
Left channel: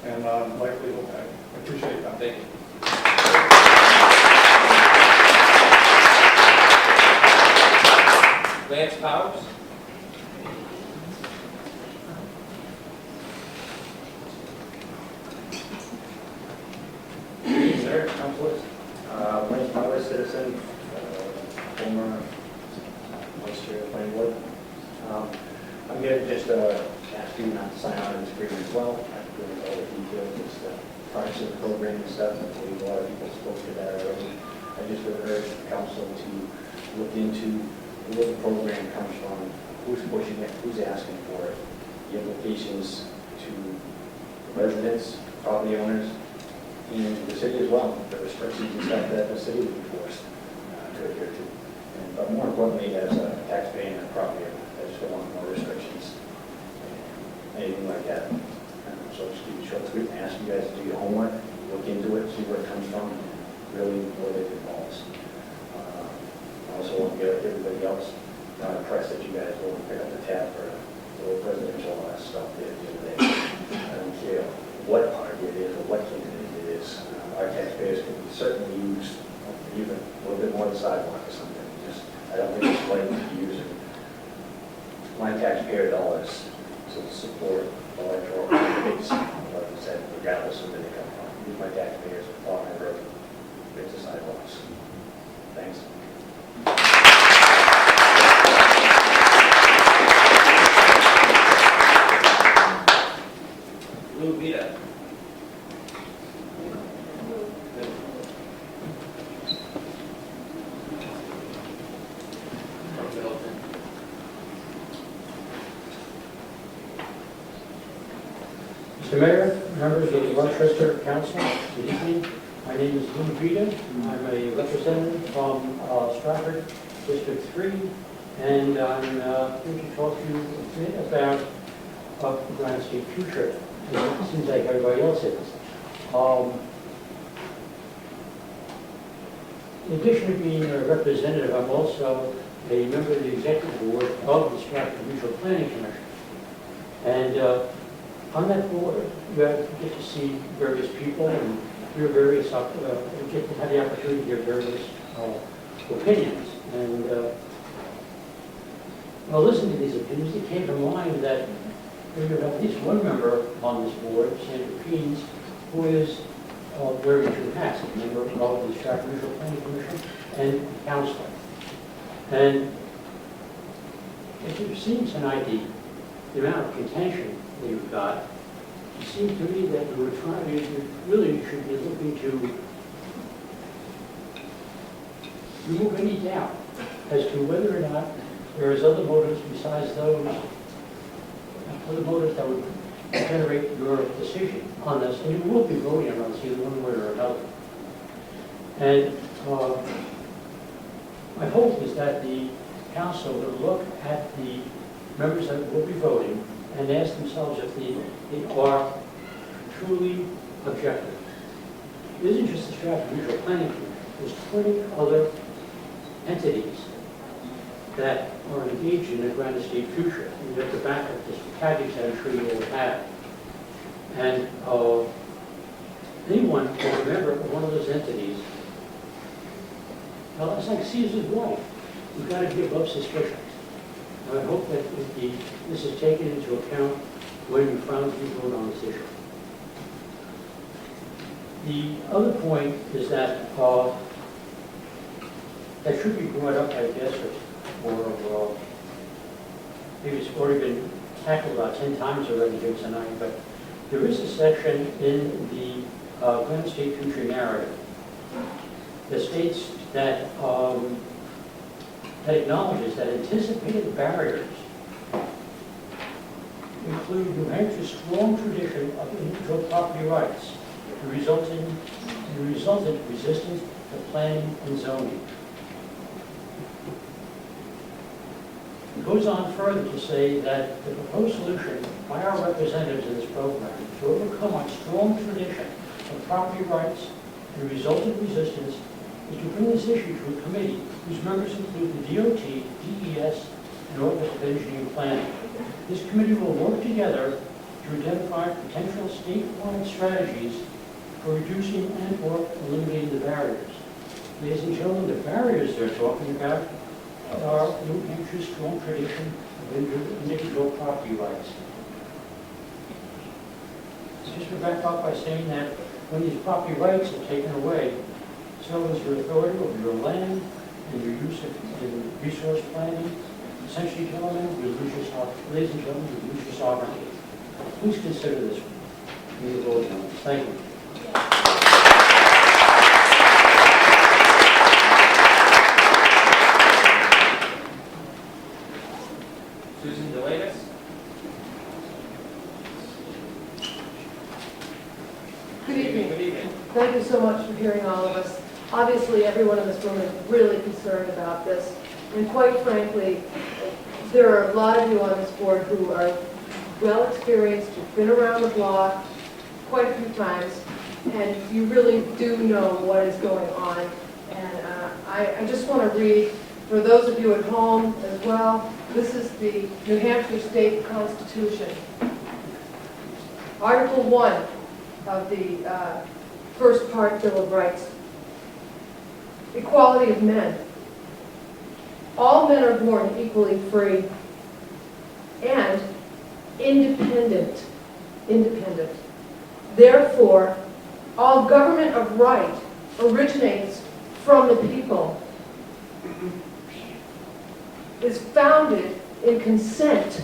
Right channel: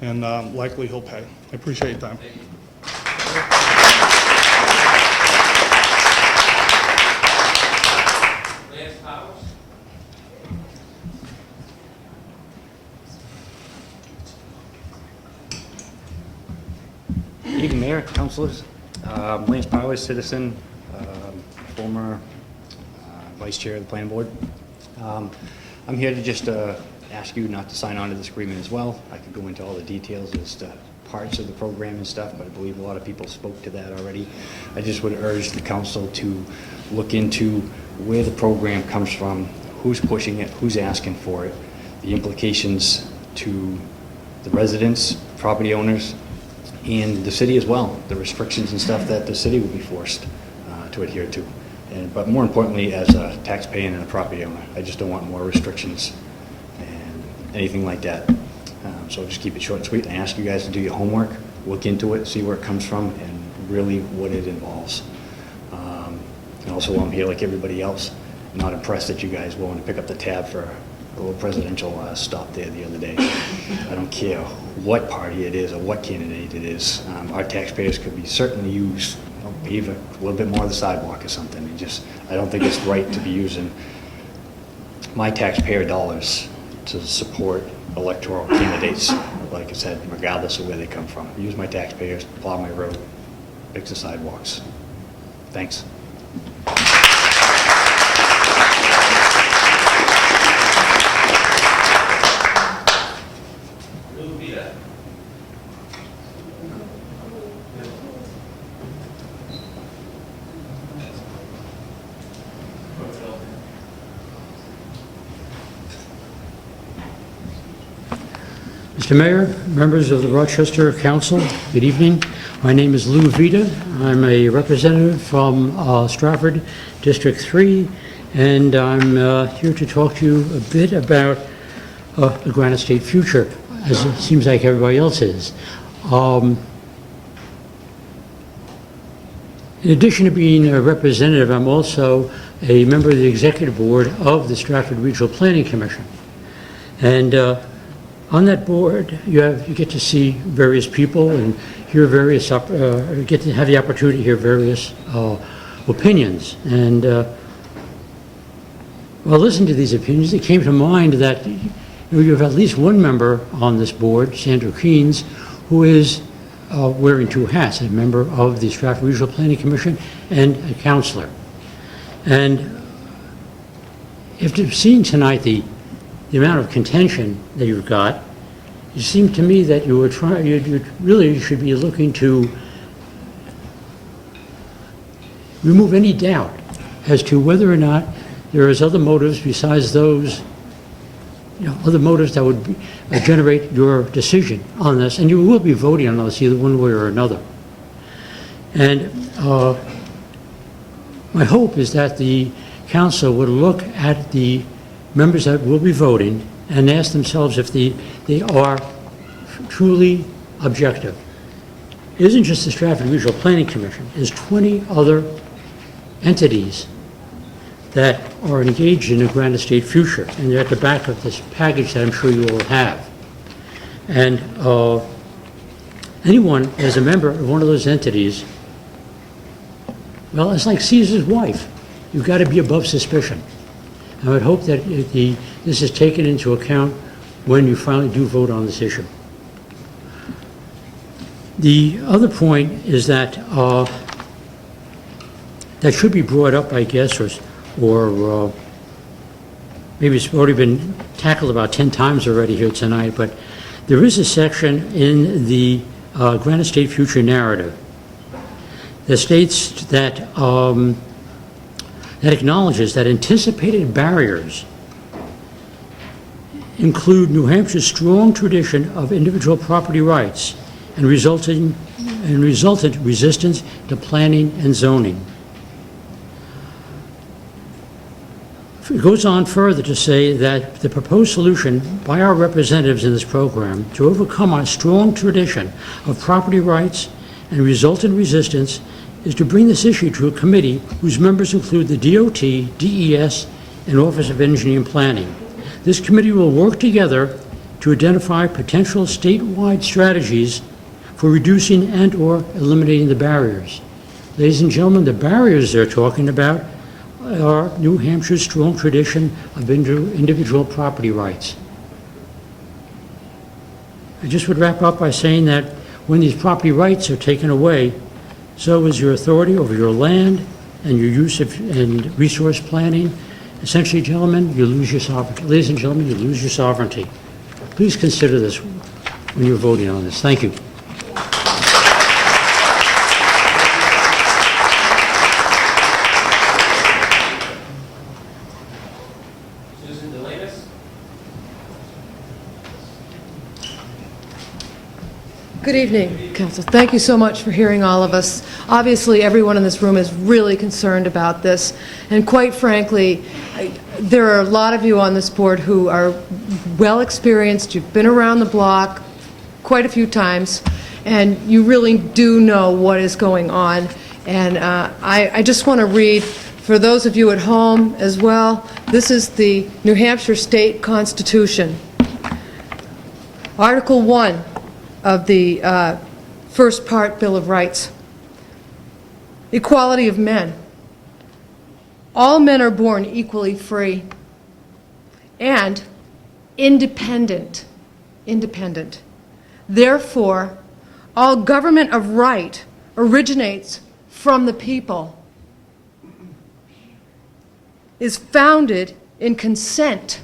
and likely he'll pay. I appreciate your time. Thank you. Lance Powers? Good evening, Mayor, councilors. Lance Powers, citizen, former vice chair of the planning board. I'm here to just ask you not to sign on to this agreement as well. I can go into all the details as to parts of the program and stuff. I believe a lot of people spoke to that already. I just would urge the council to look into where the program comes from, who's pushing it, who's asking for it, the implications to the residents, property owners, and the city as well, the restrictions and stuff that the city will be forced to adhere to. But more importantly, as a taxpayer and a property owner, I just don't want more restrictions and anything like that. So just keep it short and sweet and ask you guys to do your homework, look into it, see where it comes from, and really what it involves. And also, while I'm here like everybody else, I'm not impressed that you guys were willing to pick up the tab for a little presidential stop there the other day. I don't care what party it is or what candidate it is. Our taxpayers could be certainly used, pave a little bit more of the sidewalk or something. I don't think it's right to be using my taxpayer dollars to support electoral candidates, like I said, regardless of where they come from. Use my taxpayers, plow my road, fix the sidewalks. Thanks. Mr. Mayor, members of the Rochester Council, good evening. My name is Lou Vita. I'm a representative from Stratford District 3, and I'm here to talk to you a bit about the Granite State Future, as it seems like everybody else is. In addition to being a representative, I'm also a member of the executive board of the Stratford Regional Planning Commission. And on that board, you get to see various people and hear various, get to have the opportunity to hear various opinions. And while listening to these opinions, it came to mind that you have at least one member on this board, Sandra Keynes, who is wearing two hats, a member of the Stratford Regional Planning Commission and a counselor. And after seeing tonight the amount of contention that you've got, it seemed to me that you really should be looking to remove any doubt as to whether or not there is other motives besides those, other motives that would generate your decision on this. And you will be voting on this either one way or another. And my hope is that the council would look at the members that will be voting and ask themselves if they are truly objective. It isn't just the Stratford Regional Planning Commission. There's 20 other entities that are engaged in the Granite State Future, and they're at the back of this package that I'm sure you all have. And anyone as a member of one of those entities, well, it's like Caesar's wife. You've got to be above suspicion. I would hope that this is taken into account when you finally do vote on this issue. The other point is that that should be brought up, I guess, or maybe it's already been tackled about 10 times already here tonight, but there is a section in the Granite State Future narrative that states that that acknowledges that anticipated barriers include New Hampshire's strong tradition of individual property rights and resultant resistance to planning and zoning. It goes on further to say that the proposed solution by our representatives in this program to overcome our strong tradition of property rights and resultant resistance is to bring this issue to a committee whose members include the DOT, DES, and Office of Engineering and Planning. This committee will work together to identify potential statewide strategies for reducing and/or eliminating the barriers. Ladies and gentlemen, the barriers they're talking about are New Hampshire's strong tradition of individual property rights. I just would wrap up by saying that when these property rights are taken away, so is your authority over your land and your use of and resource planning. Essentially, gentlemen, you lose your sovereignty. Ladies and gentlemen, you lose your sovereignty. Please consider this when you're voting on this. Thank you. Susan Delanus? Good evening, Council. Thank you so much for hearing all of us. Obviously, everyone in this room is really concerned about this, and quite frankly, there are a lot of you on this board who are well experienced. You've been around the block quite a few times, and you really do know what is going on. And I just want to read, for those of you at home as well, this is the New Hampshire State Constitution. Article 1 of the first part Bill of Rights. Equality of men. All men are born equally free and independent. Independent. Therefore, all government of right originates from the people, is founded in consent,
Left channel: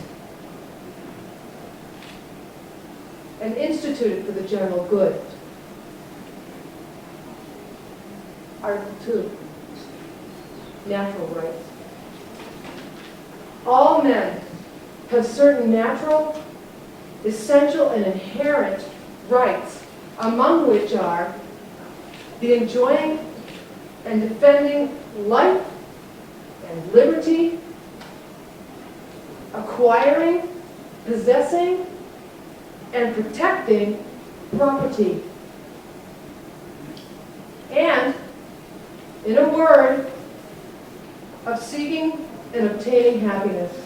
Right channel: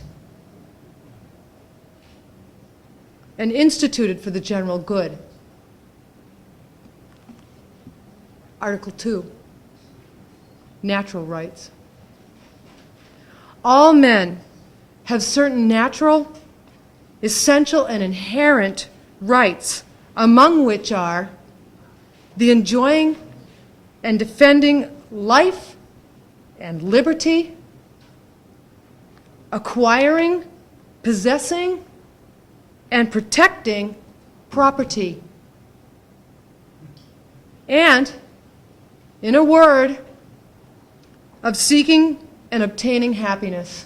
and instituted for the general good. Article 2, natural rights. All men have certain natural, essential, and inherent rights, among which are the enjoying and defending life and liberty, acquiring, possessing, and protecting property. And, in a word, of seeking and obtaining happiness.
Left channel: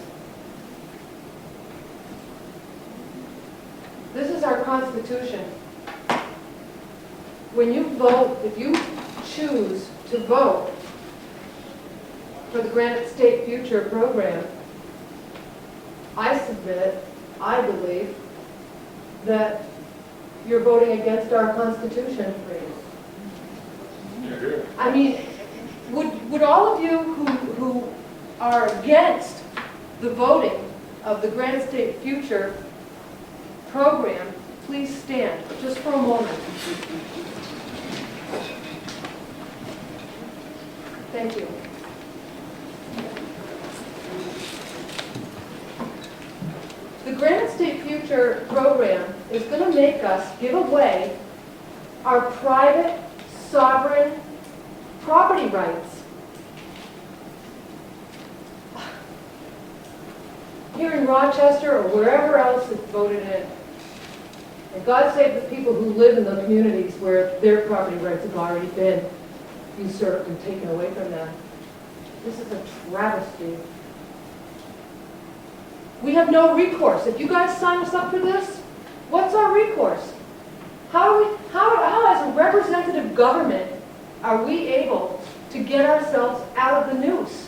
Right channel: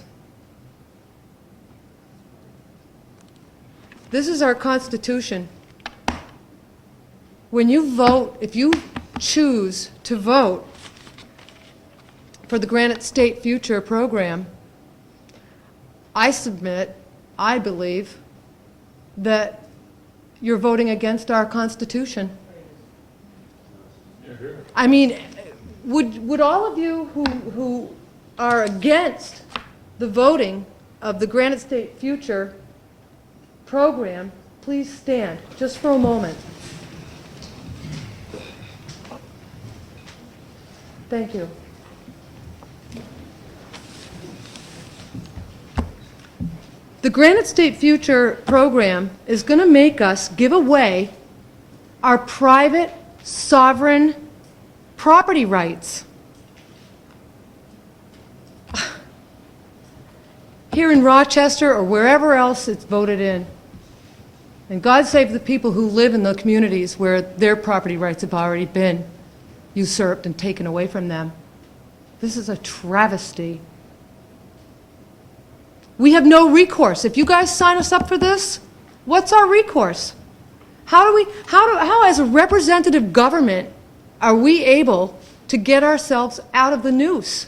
This is our Constitution. When you vote, if you choose to vote for the Granite State Future program, I submit, I believe, that you're voting against our Constitution. I mean, would all of you who are against the voting of the Granite State Future program please stand just for a moment? Thank you. The Granite State Future program is going to make us give away our private, sovereign property rights. Here in Rochester or wherever else it's voted in. And God save the people who live in the communities where their property rights have already been usurped and taken away from them. This is a travesty. We have no recourse. If you guys sign us up for this, what's our recourse? How as a representative government are we able to get ourselves out of the noose?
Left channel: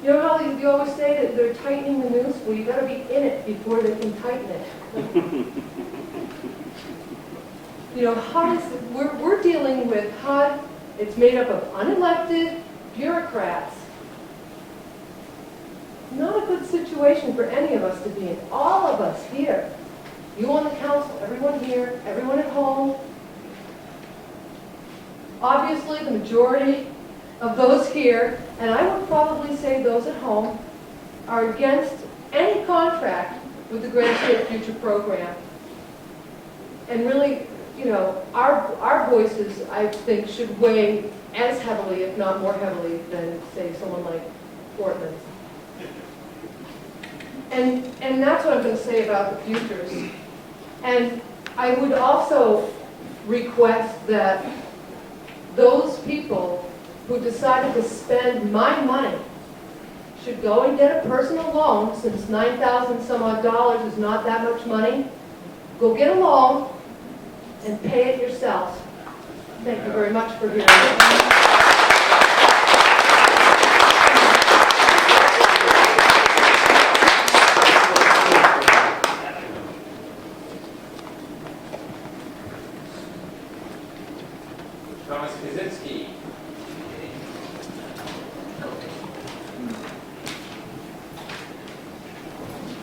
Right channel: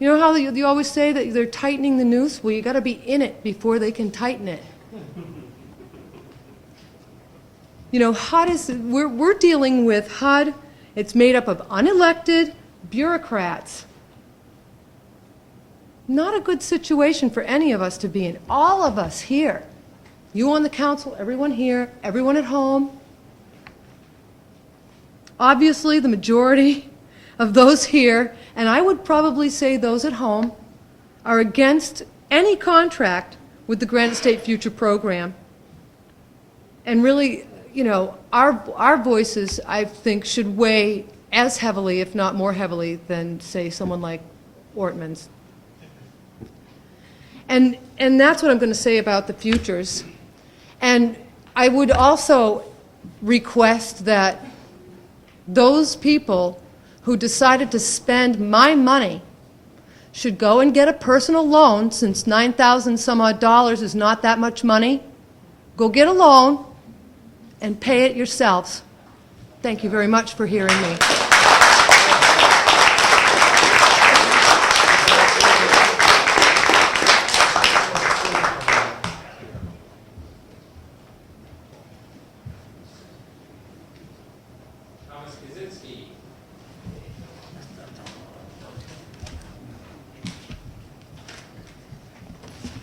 You know how you always say that they're tightening the noose? Well, you got to be in it before they can tighten it. You know, HUD is, we're dealing with HUD. It's made up of unelected bureaucrats. Not a good situation for any of us to be in. All of us here, you on the council, everyone here, everyone at home. Obviously, the majority of those here, and I would probably say those at home, are against any contract with the Granite State Future program. And really, you know, our voices, I think, should weigh as heavily, if not more heavily, than, say, someone like Ortman's. And that's what I'm going to say about the futures. And I would also request that those people who decided to spend my money should go and get a personal loan, since $9,000 some odd dollars is not that much money. Go get a loan and pay it yourselves. Thank you very much for hearing me.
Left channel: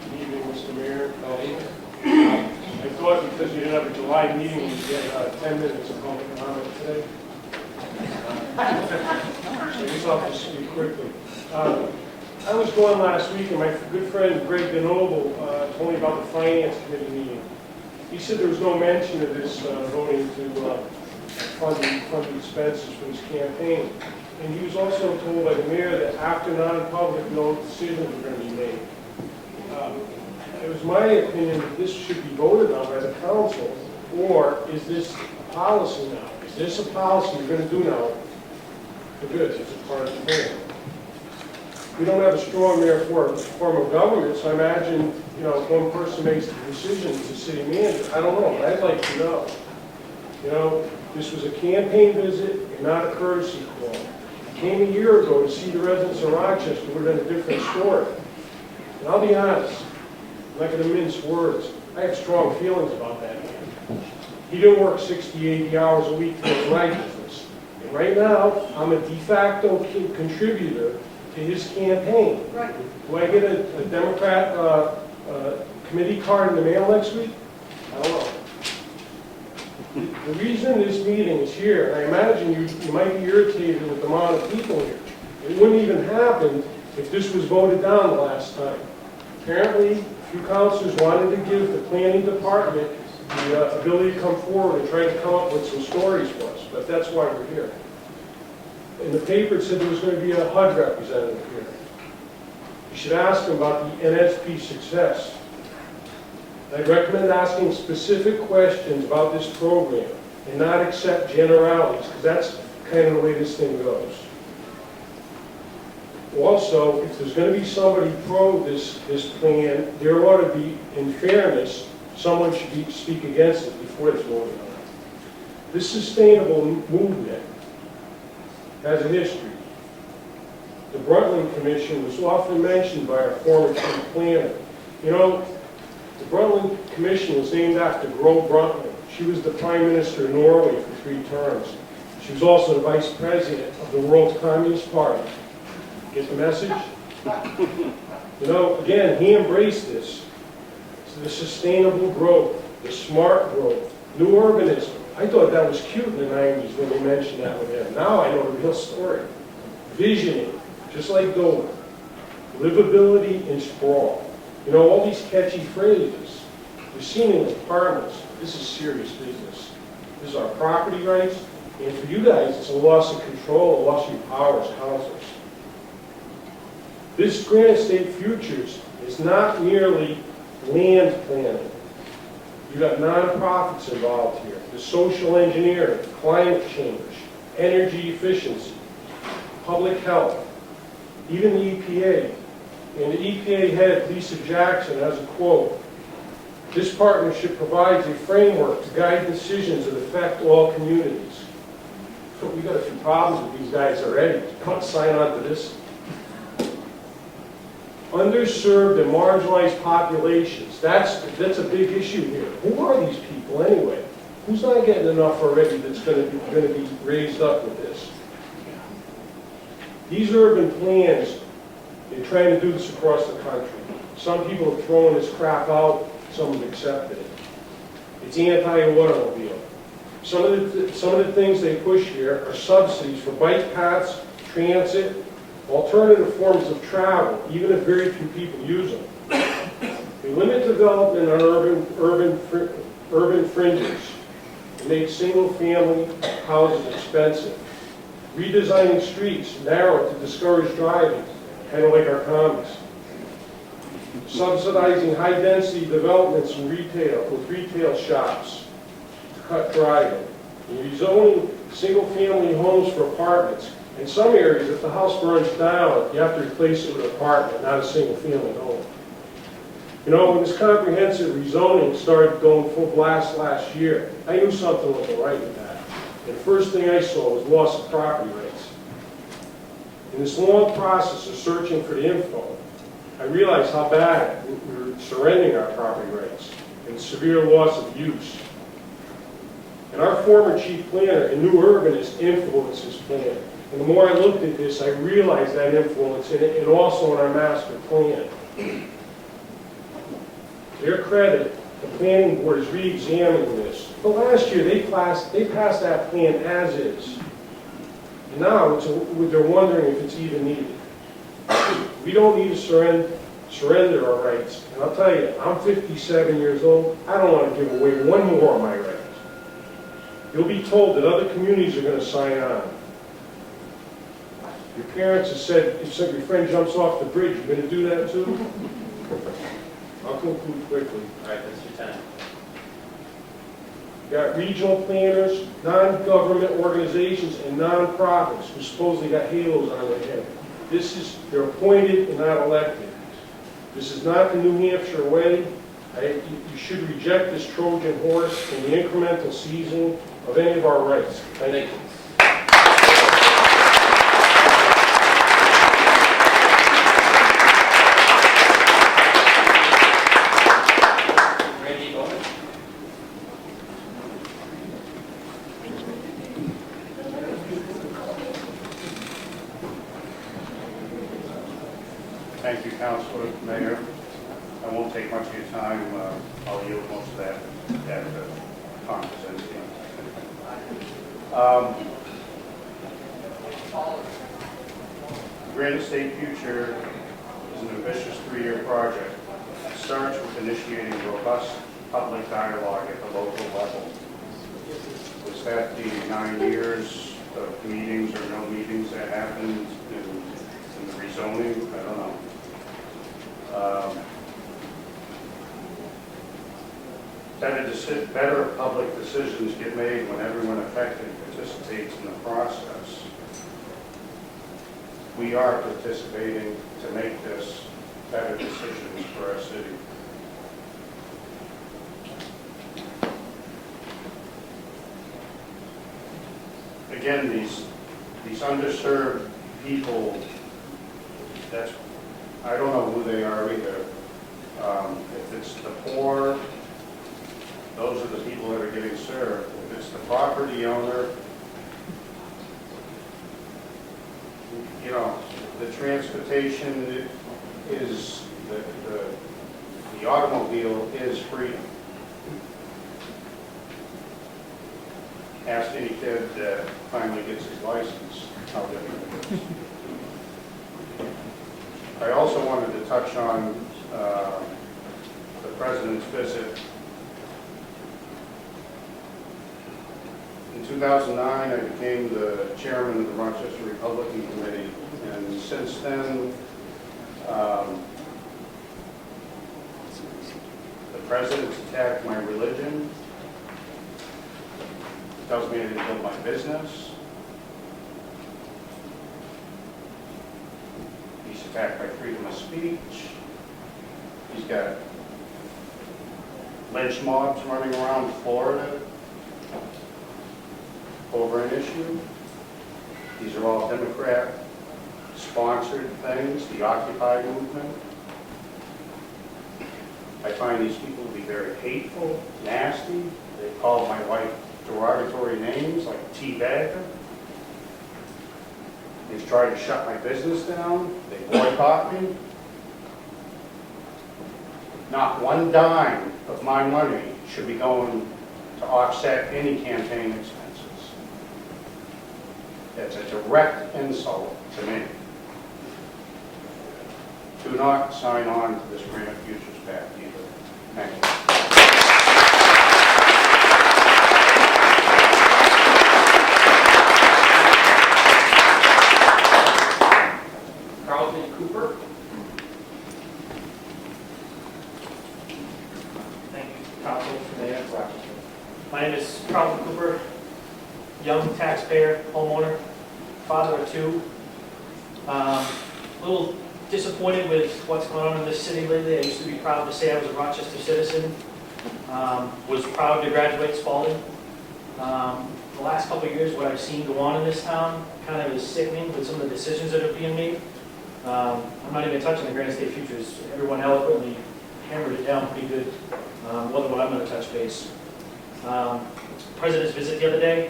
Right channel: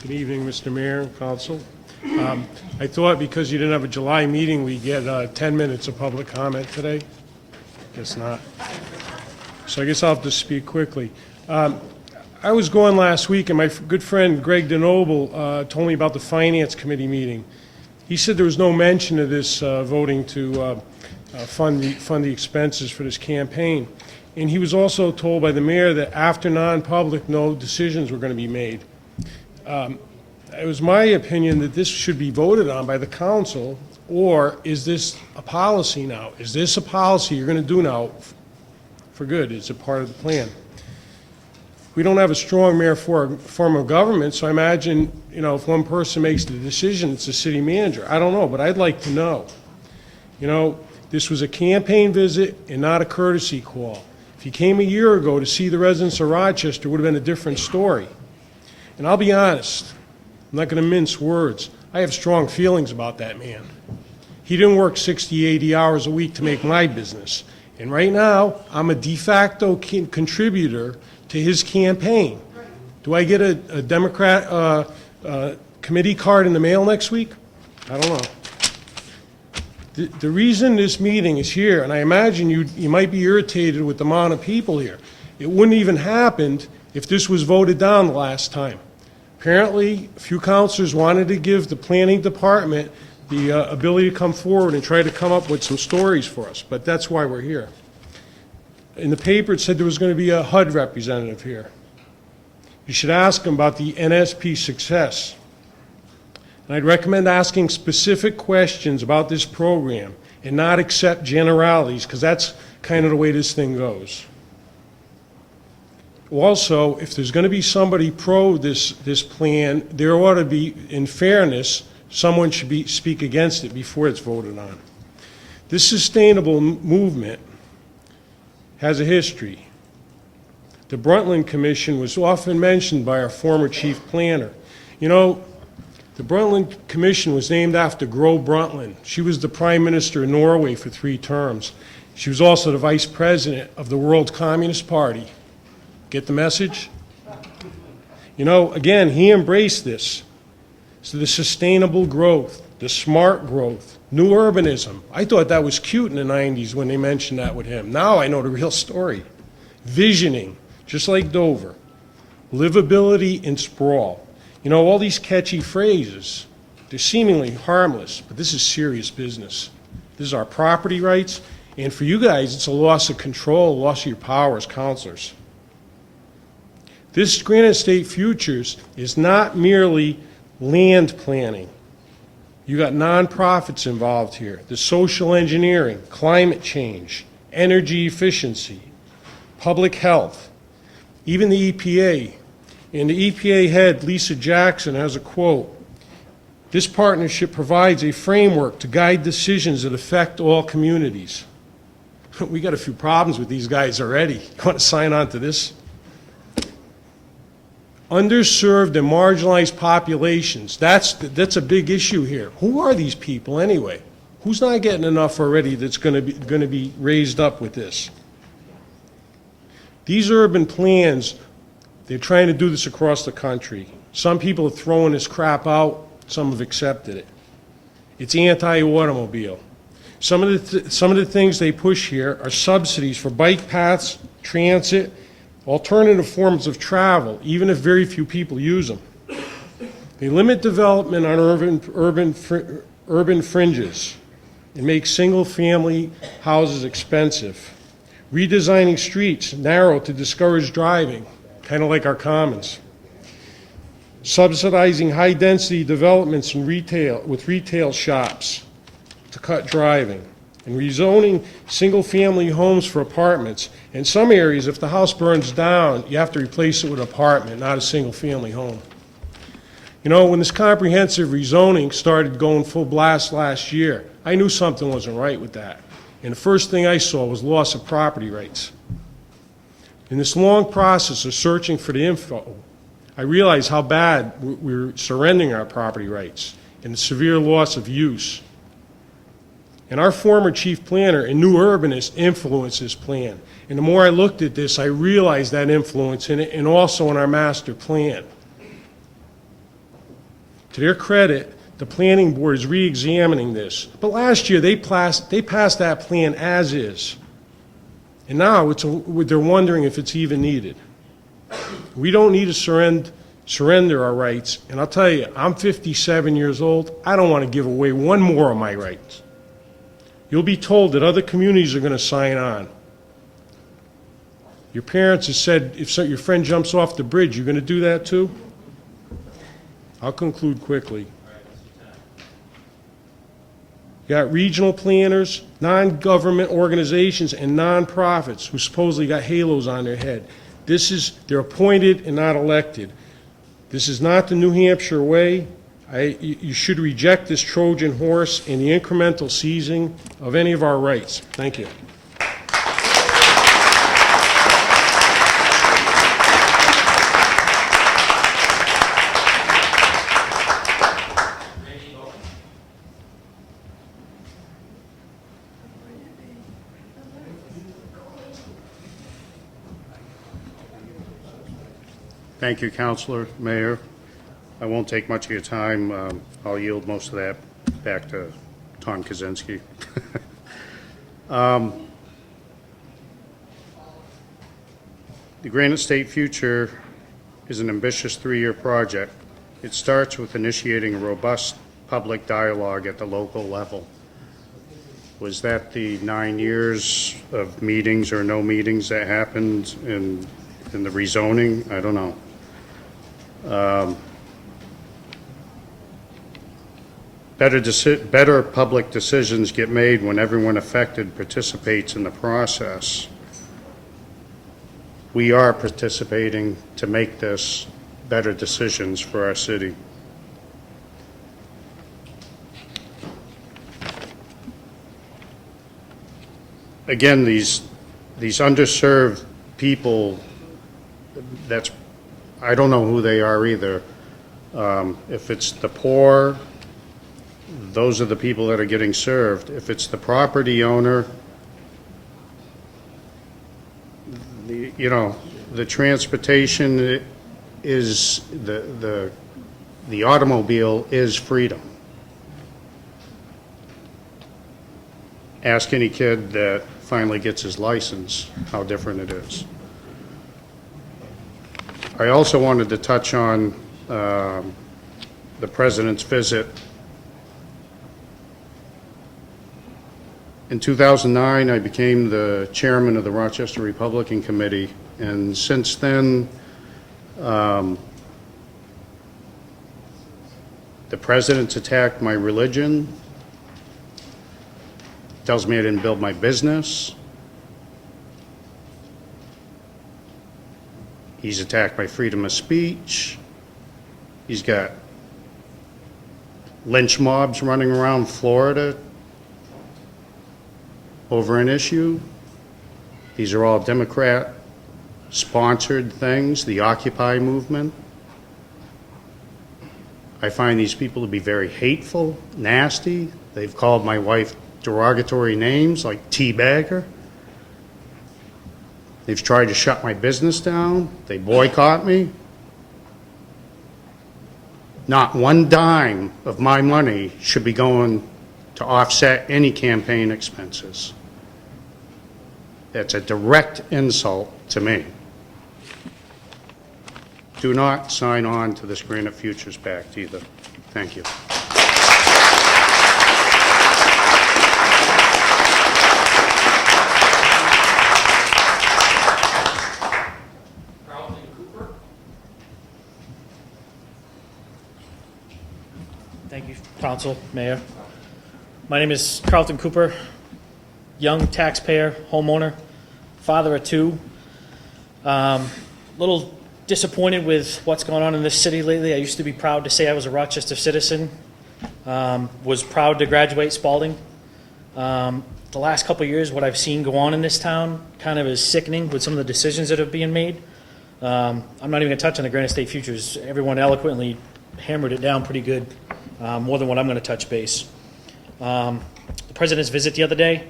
Good evening, Mr. Mayor and Council. I thought because you didn't have a July meeting, we'd get 10 minutes of public comment today. Guess not. So I guess I'll have to speak quickly. I was going last week, and my good friend Greg DeNoble told me about the Finance Committee meeting. He said there was no mention of this voting to fund the expenses for this campaign. And he was also told by the mayor that after non-public, no decisions were going to be made. It was my opinion that this should be voted on by the council, or is this a policy now? Is this a policy you're going to do now for good? It's a part of the plan. We don't have a strong mayor form of government, so I imagine, you know, if one person makes the decision, it's the city manager. I don't know, but I'd like to know. You know, this was a campaign visit and not a courtesy call. If he came a year ago to see the residents of Rochester, it would have been a different story. And I'll be honest, I'm not going to mince words. I have strong feelings about that man. He didn't work 60, 80 hours a week to make my business. And right now, I'm a de facto contributor to his campaign. Do I get a Democrat committee card in the mail next week? I don't know. The reason this meeting is here, and I imagine you might be irritated with the amount of people here, it wouldn't even happen if this was voted down the last time. Apparently, a few councilors wanted to give the planning department the ability to come forward and try to come up with some stories for us, but that's why we're here. In the paper, it said there was going to be a HUD representative here. You should ask him about the NSP success. I'd recommend asking specific questions about this program and not accept generalities, because that's kind of the way this thing goes. Also, if there's going to be somebody pro this plan, there ought to be, in fairness, someone should speak against it before it's voted on. This sustainable movement has a history. The Brundtland Commission was often mentioned by our former chief planner. You know, the Brundtland Commission was named after Gro Brundtland. She was the Prime Minister of Norway for 3 terms. She was also the Vice President of the World Communist Party. Get the message? You know, again, he embraced this. So the sustainable growth, the smart growth, new urbanism. I thought that was cute in the 90s when they mentioned that with him. Now I know the real story. Visioning, just like Dover. Livability and sprawl. You know, all these catchy phrases, they're seemingly harmless, but this is serious business. This is our property rights, and for you guys, it's a loss of control, a loss of your power as counselors. This Granite State Futures is not merely land planning. You got nonprofits involved here, the social engineering, climate change, energy efficiency, public health, even the EPA. And the EPA head, Lisa Jackson, has a quote: "This partnership provides a framework to guide decisions that affect all communities." We got a few problems with these guys already. You want to sign on to this? Underserved and marginalized populations, that's a big issue here. Who are these people anyway? Who's not getting enough already that's going to be raised up with this? These urban plans, they're trying to do this across the country. Some people are throwing this crap out, some have accepted it. It's anti-automobile. Some of the things they push here are subsidies for bike paths, transit, alternative forms of travel, even if very few people use them. They limit development on urban fringes. They make single-family houses expensive. Redesigning streets narrow to discourage driving, kind of like our commons. Subsidizing high-density developments in with retail shops to cut driving. And rezoning single-family homes for apartments. In some areas, if the house burns down, you have to replace it with an apartment, not a single-family home. You know, when this comprehensive rezoning started going full blast last year, I knew something wasn't right with that. And the first thing I saw was loss of property rights. In this long process of searching for the info, I realized how bad we're surrendering our property rights and the severe loss of use. And our former chief planner and new urbanist influenced this plan. And the more I looked at this, I realized that influence in it, and also in our master plan. To their credit, the planning board is re-examining this. But last year, they passed that plan as is. And now they're wondering if it's even needed. We don't need to surrender surrender our rights. And I'll tell you, I'm 57 years old. I don't want to give away one more of my rights. You'll be told that other communities are going to sign on. Your parents have said if your friend jumps off the bridge, you're going to do that too? I'll conclude quickly. All right, that's your time. You got regional planners, non-government organizations, and non-profits who supposedly got halos on their head. They're appointed and not elected. This is not the New Hampshire way. You should reject this Trojan horse and the incremental seizing of any of our rights. Thank you. Thank you, Councilor, Mayor. I won't take much of your time. I'll yield most of that back to Tom Kaczynski. The Granite State Future is an ambitious 3-year project. It starts with initiating robust public dialogue at the local level. Was that the 9 years of meetings or no meetings that happened in the rezoning? I don't know. Better public decisions get made when everyone affected participates in the process. We are participating to make this better decisions for our city. Again, these underserved people, I don't know who they are either. If it's the poor, those are the people that are getting served. If it's the property owner, the transportation is, the automobile is freedom. Ask any kid that finally gets his license how different it is. I also wanted to touch on the President's visit. In 2009, I became the chairman of the Rochester Republican Committee, and since then, the President's attacked my religion, tells me I didn't build my business. He's attacked my freedom of speech. He's got lynch mobs running around Florida over an issue. These are all Democrat-sponsored things, the Occupy movement. I find these people to be very hateful, nasty. They've called my wife derogatory names like teabagger. They've tried to shut my business down. They boycott me. Not one dime of my money should be going to offset any campaign expenses. That's a direct insult to me. Do not sign on to this Granite Futures Pact either. Thank you. Council, Mayor. My name is Carlton Cooper, young taxpayer, homeowner, father of two. Little disappointed with what's going on in this city lately. I used to be proud to say I was a Rochester citizen. Was proud to graduate Spalding. The last couple of years, what I've seen go on in this town kind of is sickening with some of the decisions that are being made. I'm not even going to touch on the Granite State Futures. Everyone eloquently hammered it down pretty good. More than what I'm going to touch base. President's visit the other day.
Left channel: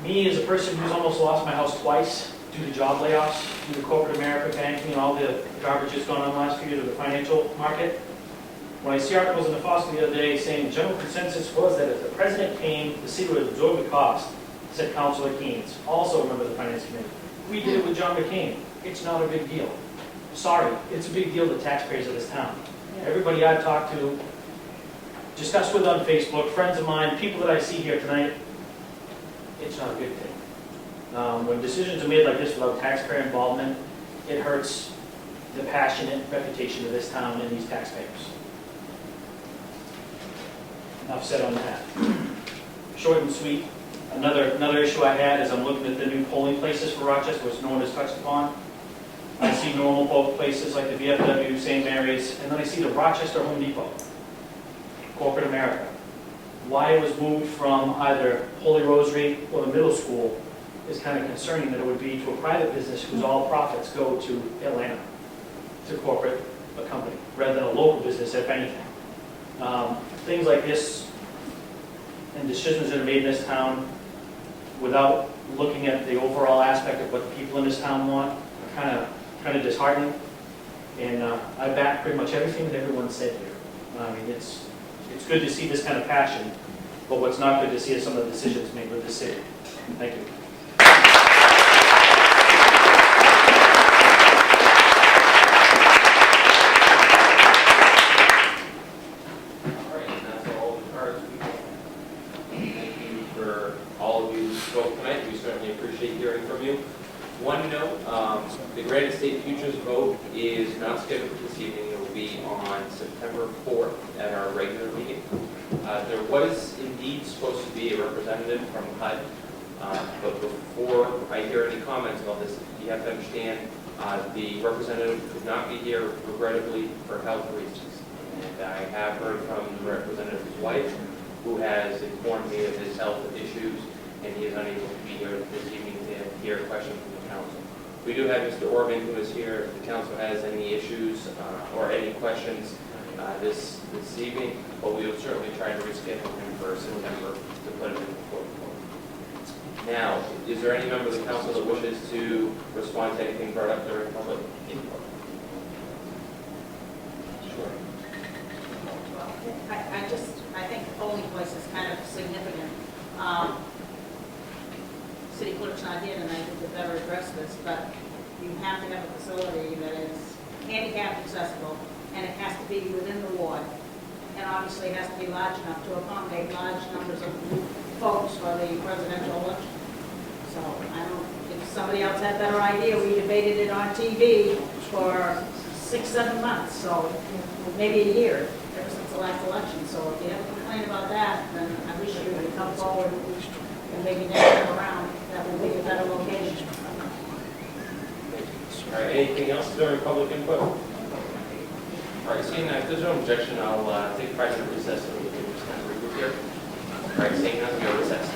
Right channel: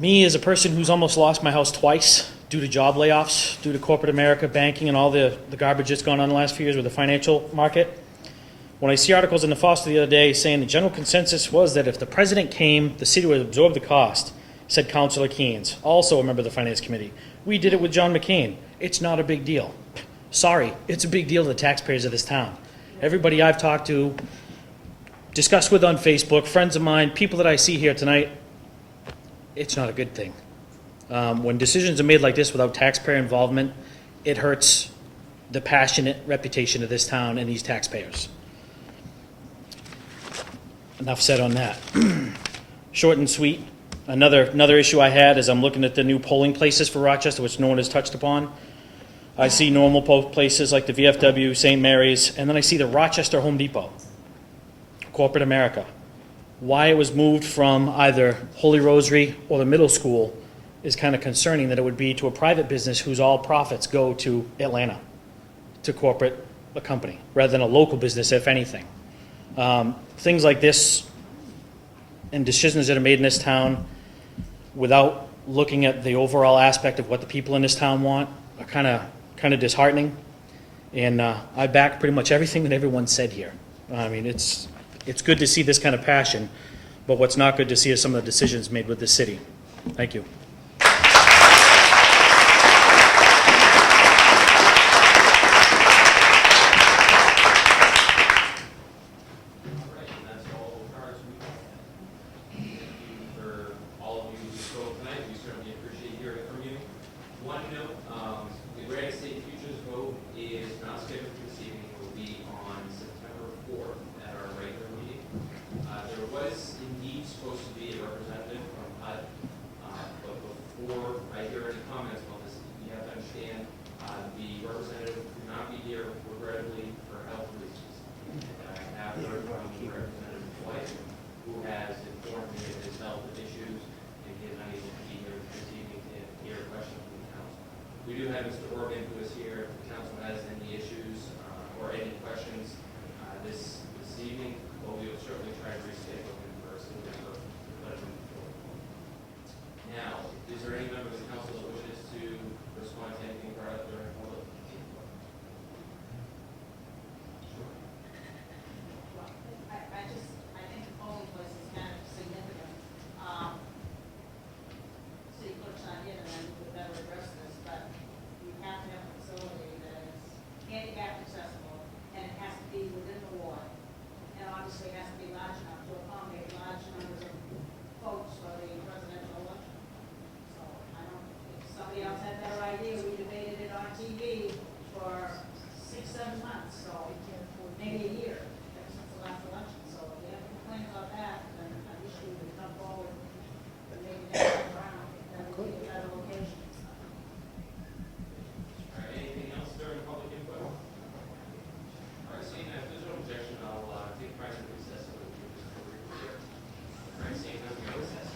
Me as a person who's almost lost my house twice due to job layoffs, due to corporate America, banking, and all the garbage that's gone on the last few years with the financial market. When I see articles in the Foster the other day saying the general consensus was that if the president came, the city would absorb the cost, said Councilor Keynes, also a member of the Finance Committee. We did it with John McCain. It's not a big deal. sorry, it's a big deal to the taxpayers of this town. Everybody I've talked to, discussed with on Facebook, friends of mine, people that I see here tonight, it's not a good thing. When decisions are made like this without taxpayer involvement, it hurts the passionate reputation of this town and these taxpayers. Enough said on that. Short and sweet. Another issue I had is I'm looking at the new polling places for Rochester, which no one has touched upon. I see normal places like the VFW, St. Mary's, and then I see the Rochester Home Depot, corporate America. Why it was moved from either Holy Rosary or the middle school is kind of concerning, that it would be to a private business whose all profits go to Atlanta, to corporate a company, rather than a local business, if anything. Things like this and decisions that are made in this town without looking at the overall aspect of what the people in this town want are kind of disheartening. And I back pretty much everything that everyone said here. I mean, it's good to see this kind of passion, but what's not good to see is some of the decisions made with the city. Thank you. One note, the Granite State Future's vote is not scheduled this evening. It will be on September 4th at our regular meeting. There was indeed supposed to be a representative from HUD, but before I hear any comments about this, you have to understand the representative could not be here, regrettably, for health reasons. And I have heard from the representative's wife, who has informed me of his health issues, and he is unable to be here this evening to hear questions from the council. We do have Mr. Orban, who is here. If the council has any issues or any questions this evening, but we will certainly try to reschedule him for September to put him in before the vote. Now, is there any member of the council that wishes to respond to anything brought up during public input? Sure. I think the polling place is kind of significant. City clerk's not here tonight, we could better address this, but you have to have a facility that is handicap accessible, and it has to be within the ward, and obviously it has to be large enough to accommodate large numbers of folks for the presidential election. So I don't, if somebody else had a better idea, we debated it on TV for 6-7 months, so maybe a year, ever since the last election. So if you have a complaint about that, then I wish you would come forward and maybe next time around, that would be a better location. All right, anything else during public input? All right, seeing that, if there's no objection, I'll take 5-minute recess so we can just kind of regroup here. All right, seeing none, we are recessed.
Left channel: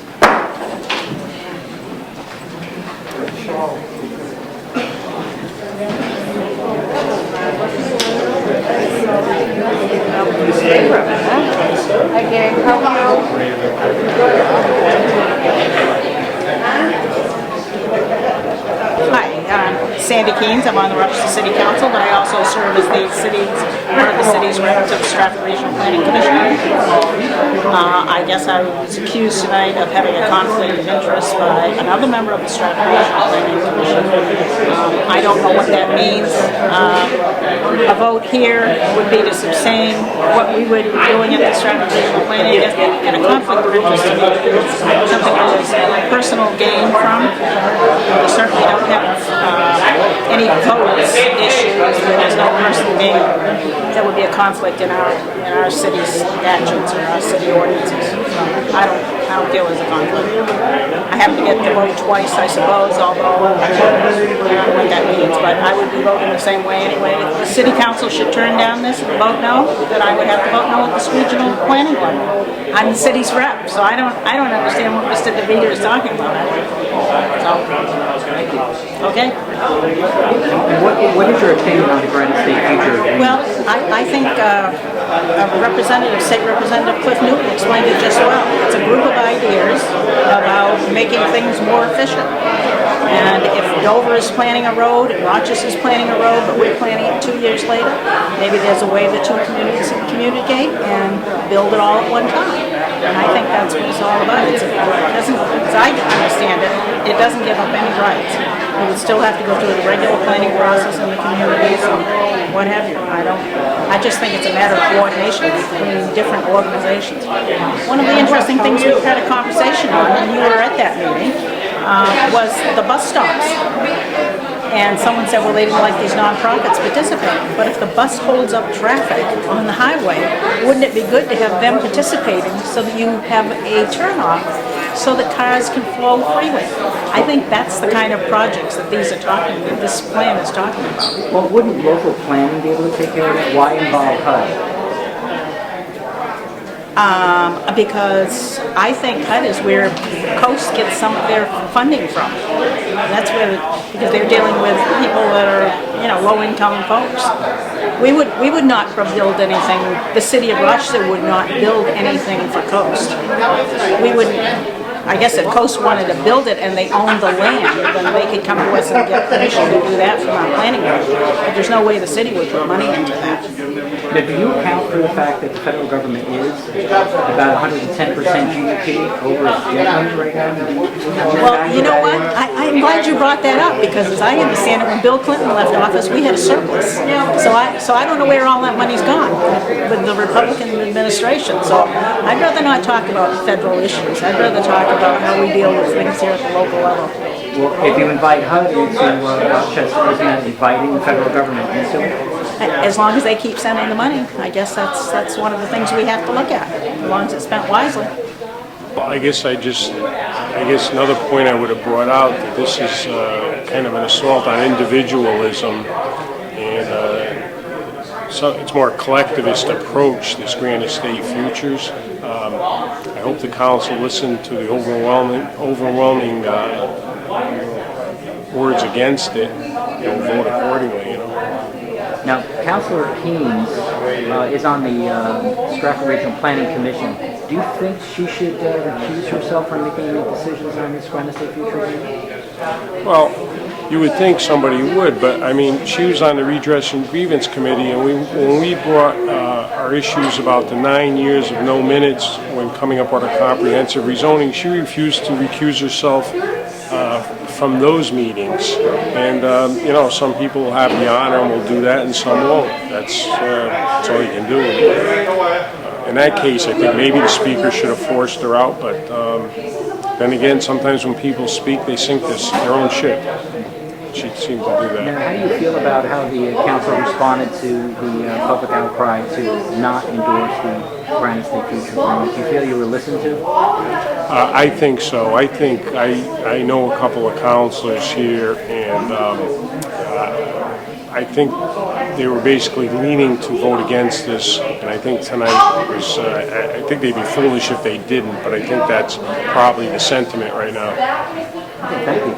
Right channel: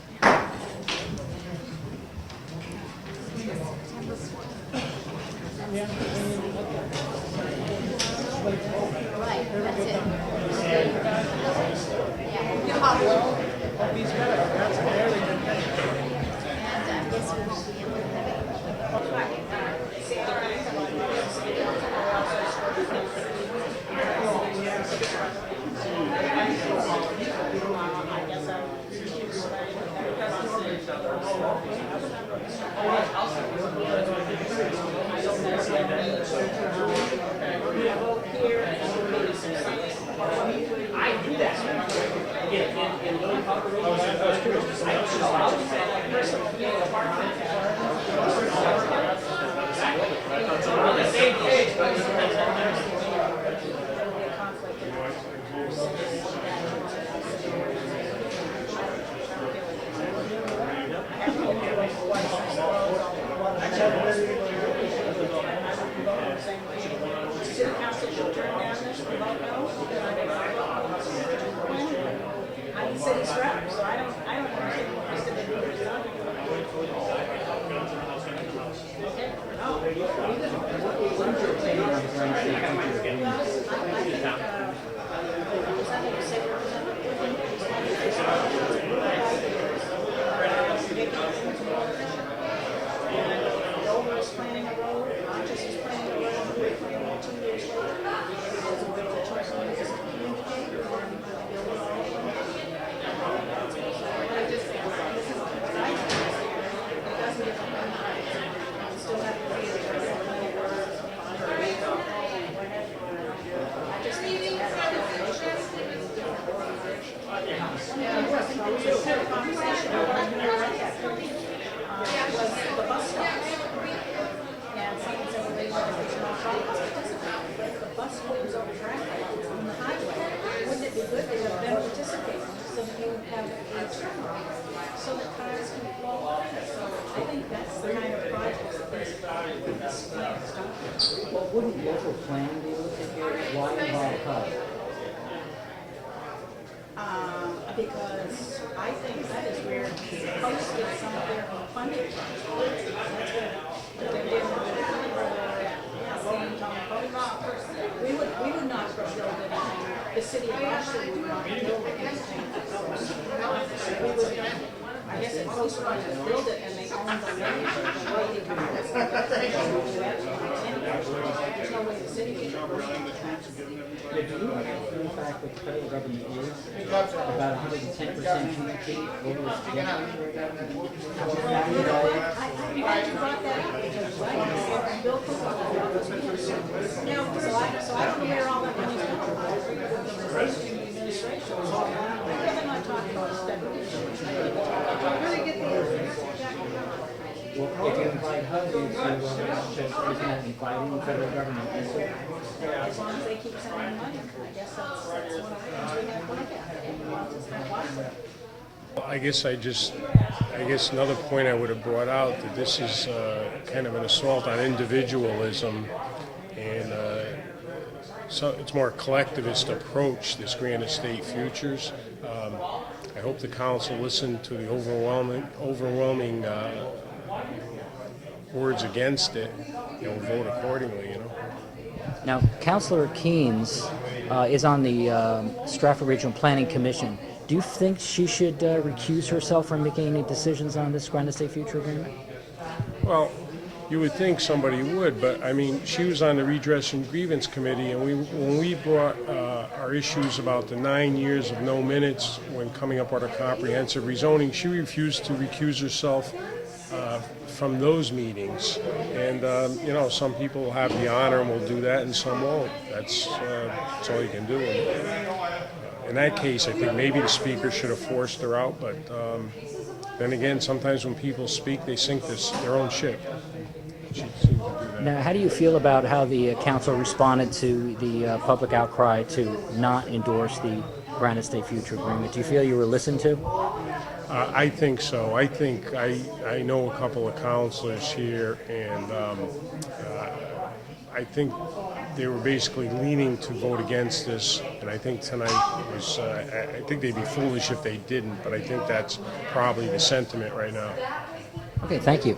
Hi, Sandy Keynes. I'm on the Rochester City Council, but I also serve as one of the city's reps of the Stratford Regional Planning Commission. I guess I was accused tonight of having a conflict of interest by another member of the Stratford Regional Planning Commission. I don't know what that means. A vote here would be to sustain what we would be doing at the Stratford Regional Planning, and a conflict of interest to me is something that is personal gain from. We certainly don't have any votes issues. There's no personal gain. That would be a conflict in our city's statutes or our city ordinances. I don't feel there's a conflict. I have to get the vote twice, I suppose, although I don't know what that means, but I would be voting the same way anyway. If the city council should turn down this and vote no, then I would have to vote no at this regional planning board. I'm the city's rep, so I don't understand what Mr. DeVita is talking about. So, okay. What is your opinion on the Granite State Future? Well, I think State Representative Cliff Newton explained it just well. It's a group of ideas about making things more efficient. And if Dover is planning a road and Rochester is planning a road, but we're planning it 2 years later, maybe there's a way the two communities can communicate and build it all at one time. And I think that's what it's all about. It doesn't, as I understand it, it doesn't give up any rights. You would still have to go through the regular planning process in the communities and what have you. I just think it's a matter of coordination between different organizations. One of the interesting things we've had a conversation on, and you were at that meeting, was the bus stops. And someone said, well, they didn't like these nonprofits participating. But if the bus holds up traffic on the highway, wouldn't it be good to have them participating so that you have a turnoff so that cars can flow freely? I think that's the kind of projects that this plan is talking about. Well, wouldn't local planning be able to take care of that? Why involve HUD? Because I think HUD is where Coast gets some of their funding from. That's where, because they're dealing with people that are, low-income folks. We would not build anything. The city of Rochester would not build anything for Coast. We would. I guess if Coast wanted to build it and they owned the land, then they could come to us and get permission to do that from our planning board. But there's no way the city would put money into that. Now, do you account for the fact that the federal government is about 110% GDP over its debt right now? Well, you know what? I'm glad you brought that up, because as I understand it, when Bill Clinton left office, we had a surplus. So I don't know where all that money's gone with the Republican administration. So I'd rather not talk about federal issues. I'd rather talk about how we deal with things here at the local level. Well, if you invite HUD into Rochester, isn't that inviting the federal government into it? As long as they keep sending the money, I guess that's one of the things we have to look at, as long as it's spent wisely. Well, I guess another point I would have brought out, that this is kind of an assault on individualism, and so it's more collectivist approach, this Granite State Futures. I hope the council listened to the overwhelming words against it and vote accordingly. Now, Councilor Keynes is on the Stratford Regional Planning Commission. Do you think she should recuse herself from making any decisions on this Granite State Future agreement? Well, you would think somebody would, but I mean, she was on the Redress and Grievance Committee, and when we brought our issues about the 9 years of no minutes when coming up with a comprehensive rezoning, she refused to recuse herself from those meetings. And some people will have the honor and will do that, and some won't. That's all you can do. In that case, I think maybe the speaker should have forced her out, but then again, sometimes when people speak, they sink their own ship. She seemed to do that. Now, how do you feel about how the council responded to the public outcry to not endorse the Granite State Future agreement? Do you feel you were listened to? I think so. I think I know a couple of councilors here, and I think they were basically leaning to vote against this, and I think tonight was, I think they'd be foolish if they didn't, but I think that's probably the sentiment right now. Okay, thank you.